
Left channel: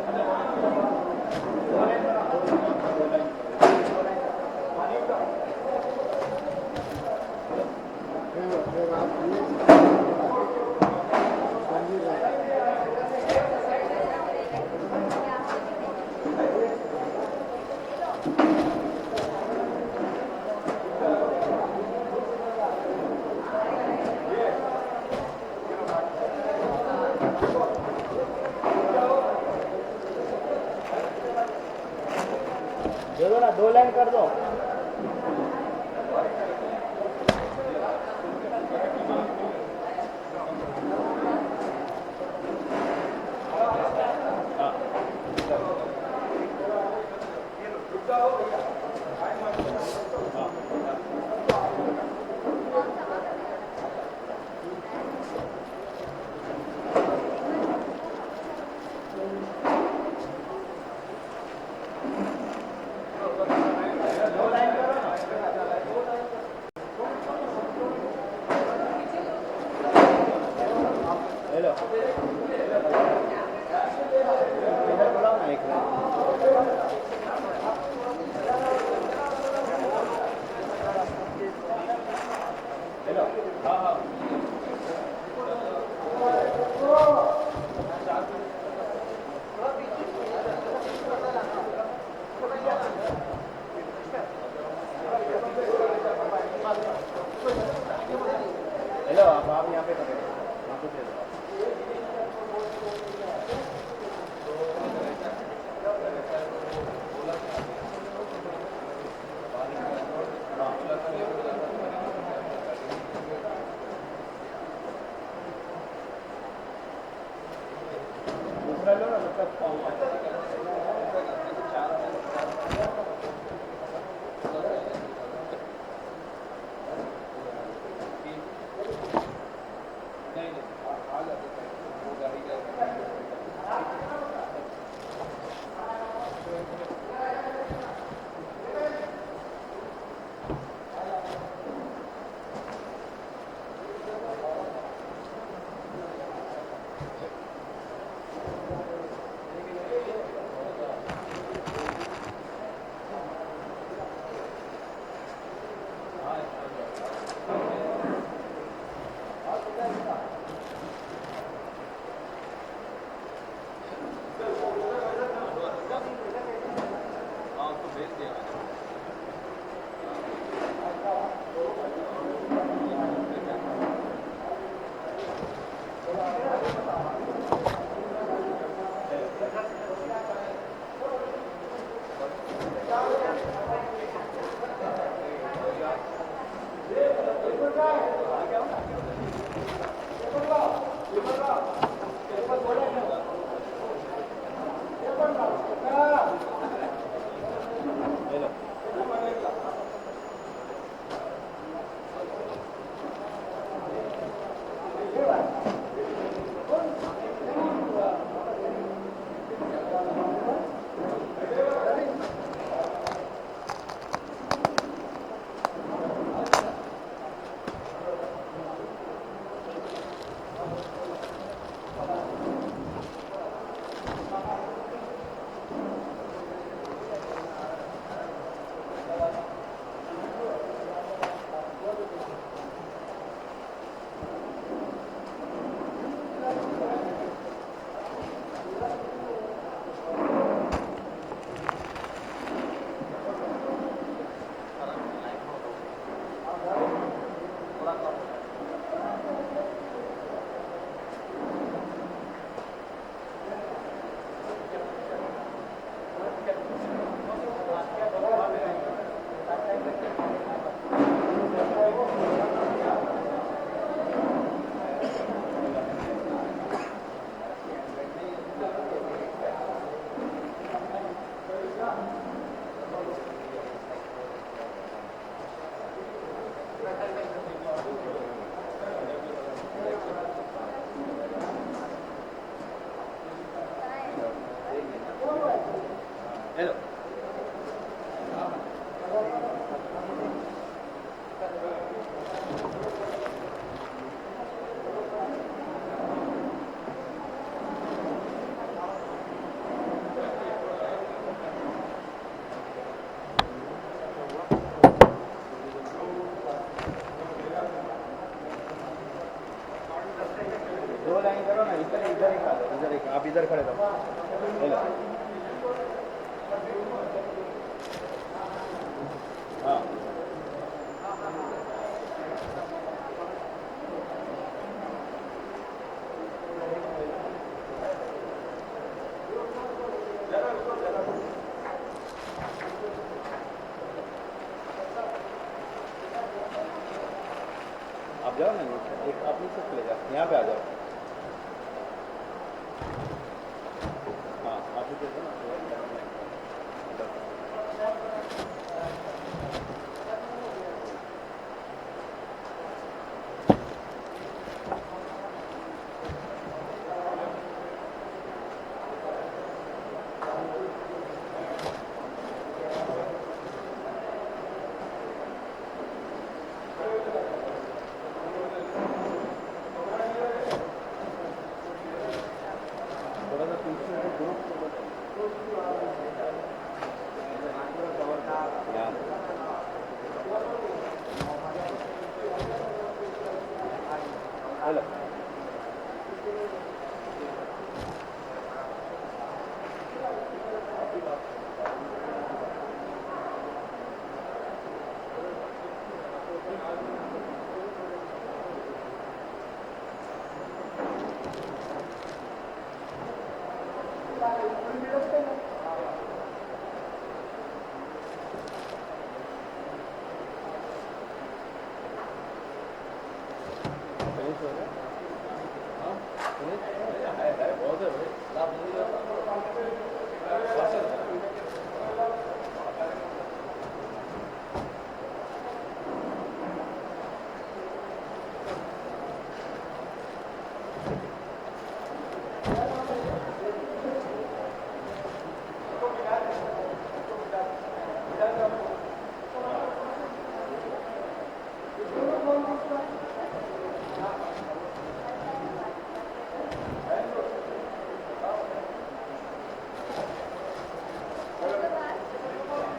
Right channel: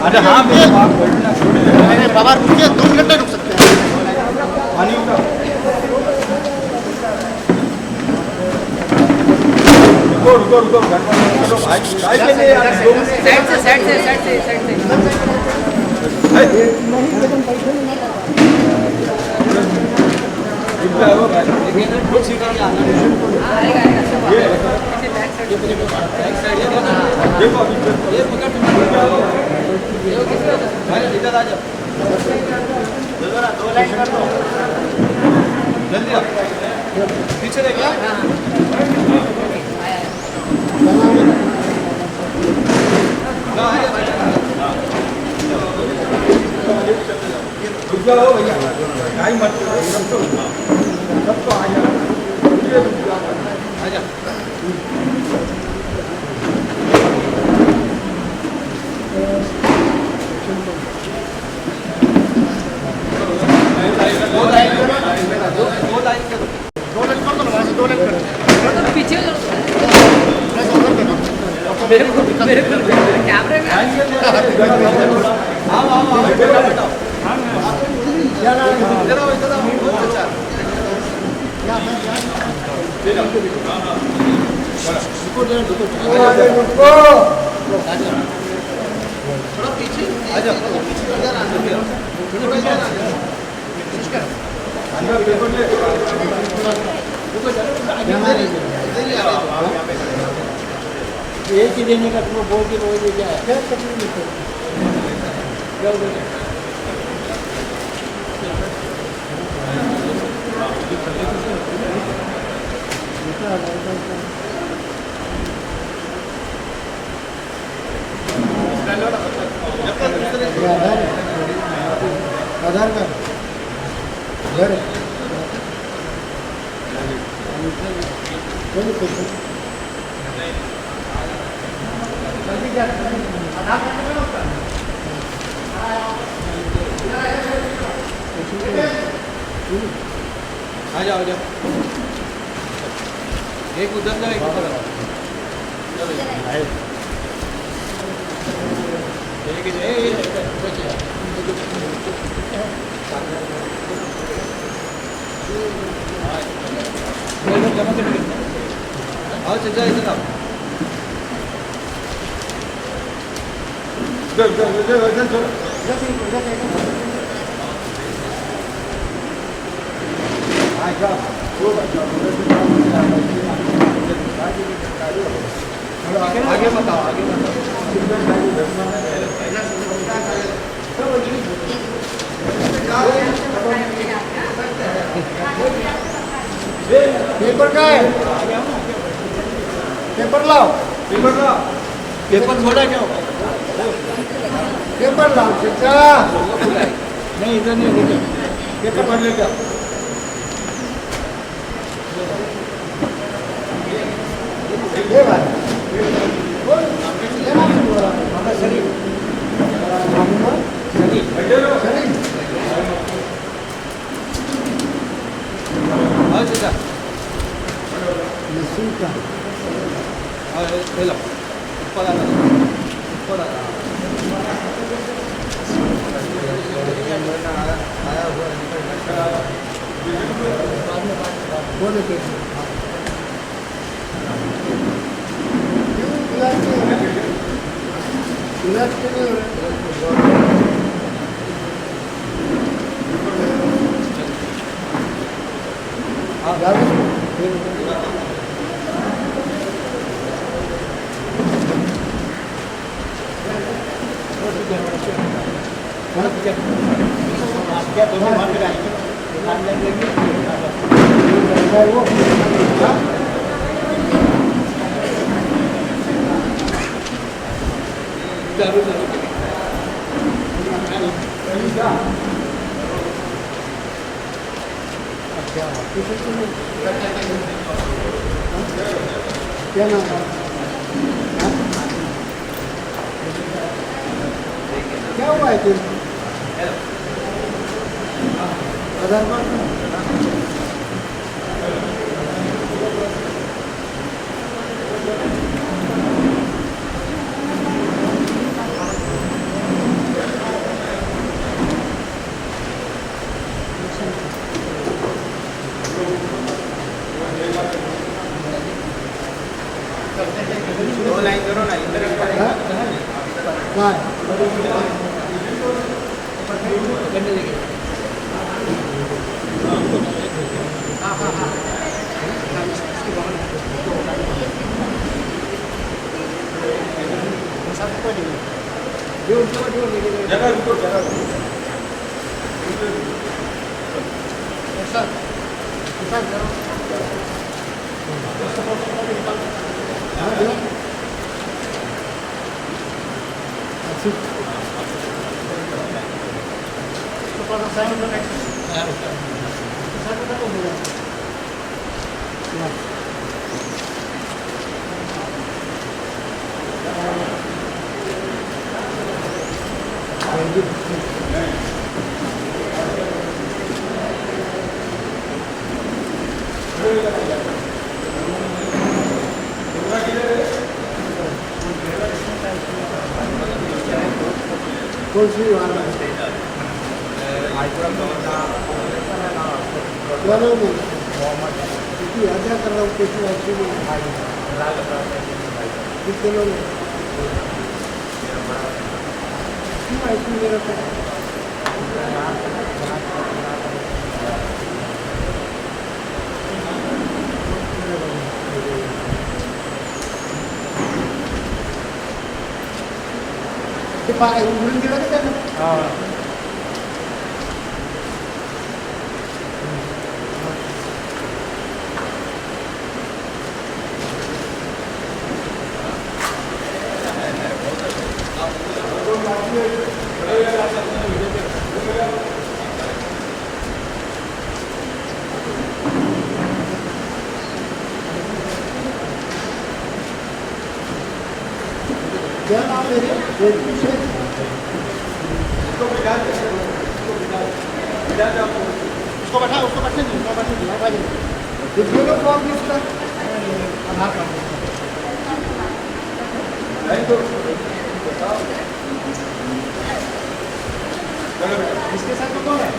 अरे हाँ अरे बाबा रुकिए 2 मिनट नहीं रुक सकते पानी उठा रुको रुको रुको भाई साइड से इधर आ जाओ चलो ना 2 लाइन कर दो जल्दी आओ पीछे देखिए जाओ भैया टाइम मत सब तो आ जाओ आ जाओ पीछे मेरे को कैमरे में एक ही देने का तुम बोल के बोल क्या है आधार कार्ड आ जाओ एक उधर जाओ एक उधर आओ चल जाओ इधर आओ आगे बताओ आगे पेपर का है पेपर लाओ पेपर छोड़ा क्या होगा पेपर लाओ चाचा नहीं इधर नहीं लेके पेपर भर लेके आओ ये बात क्या नाम है क्या हुआ है तुम आधार कार्ड दो लाइन करो ना इधर हाँ जगह रुको जगह रुको कौन सी वाला क्या नाम है क्योंकि यात्रा कर रहा हूँ किसी अच्छी में कितने लोग हैं क्यों ऐसी मेरा पाए उड़न गिरा के ना हाँ क्या नाम है रे उसको बैठा उसको बैठने कितने लोग कौन किसका इसके साथ तो कौन है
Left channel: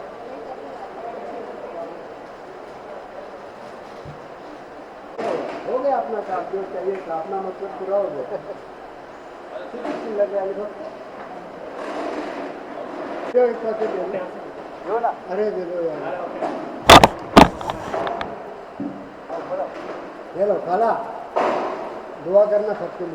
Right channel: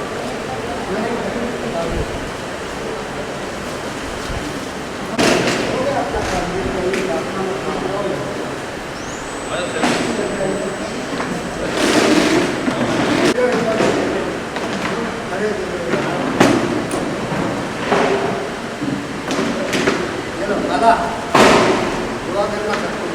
अरे चलो वाला दुआ करना सबको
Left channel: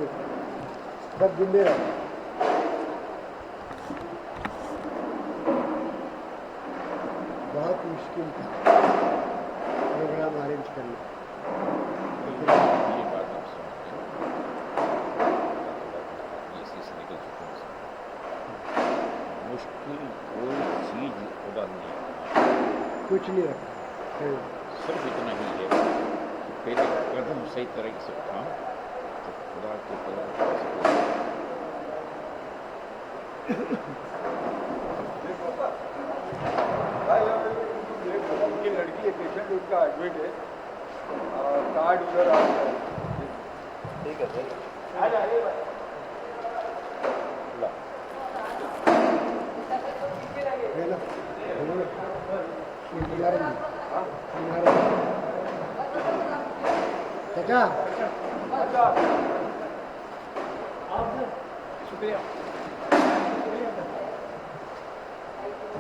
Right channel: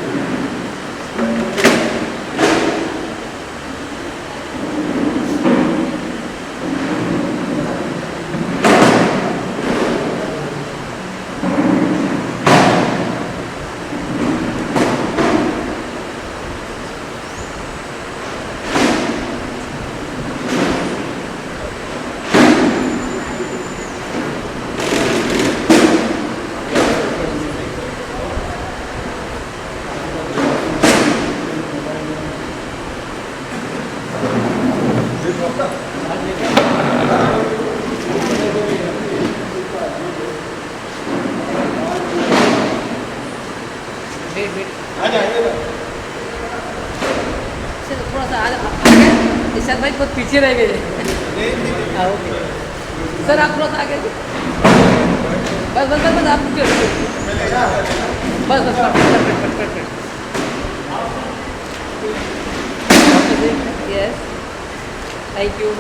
थोड़ा सा आगे इशाद भाई बहुत पीछे रह गए हाँ ओके सर आप थोड़ा सा आगे बस बस बस बस आप रुकिए बस बस यस थैंक यू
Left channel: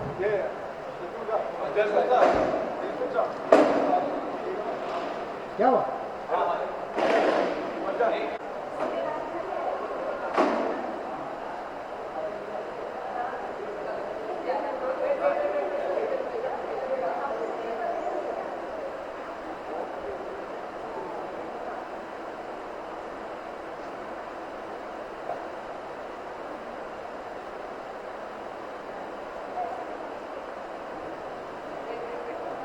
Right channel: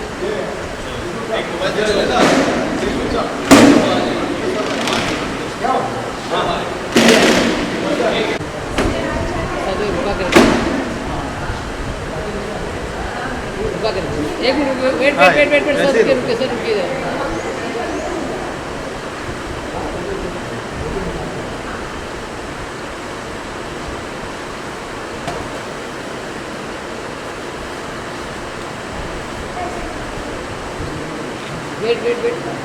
एक minute wait wait wait wait sir रुकिए सर रुकिए वेट वेट वेट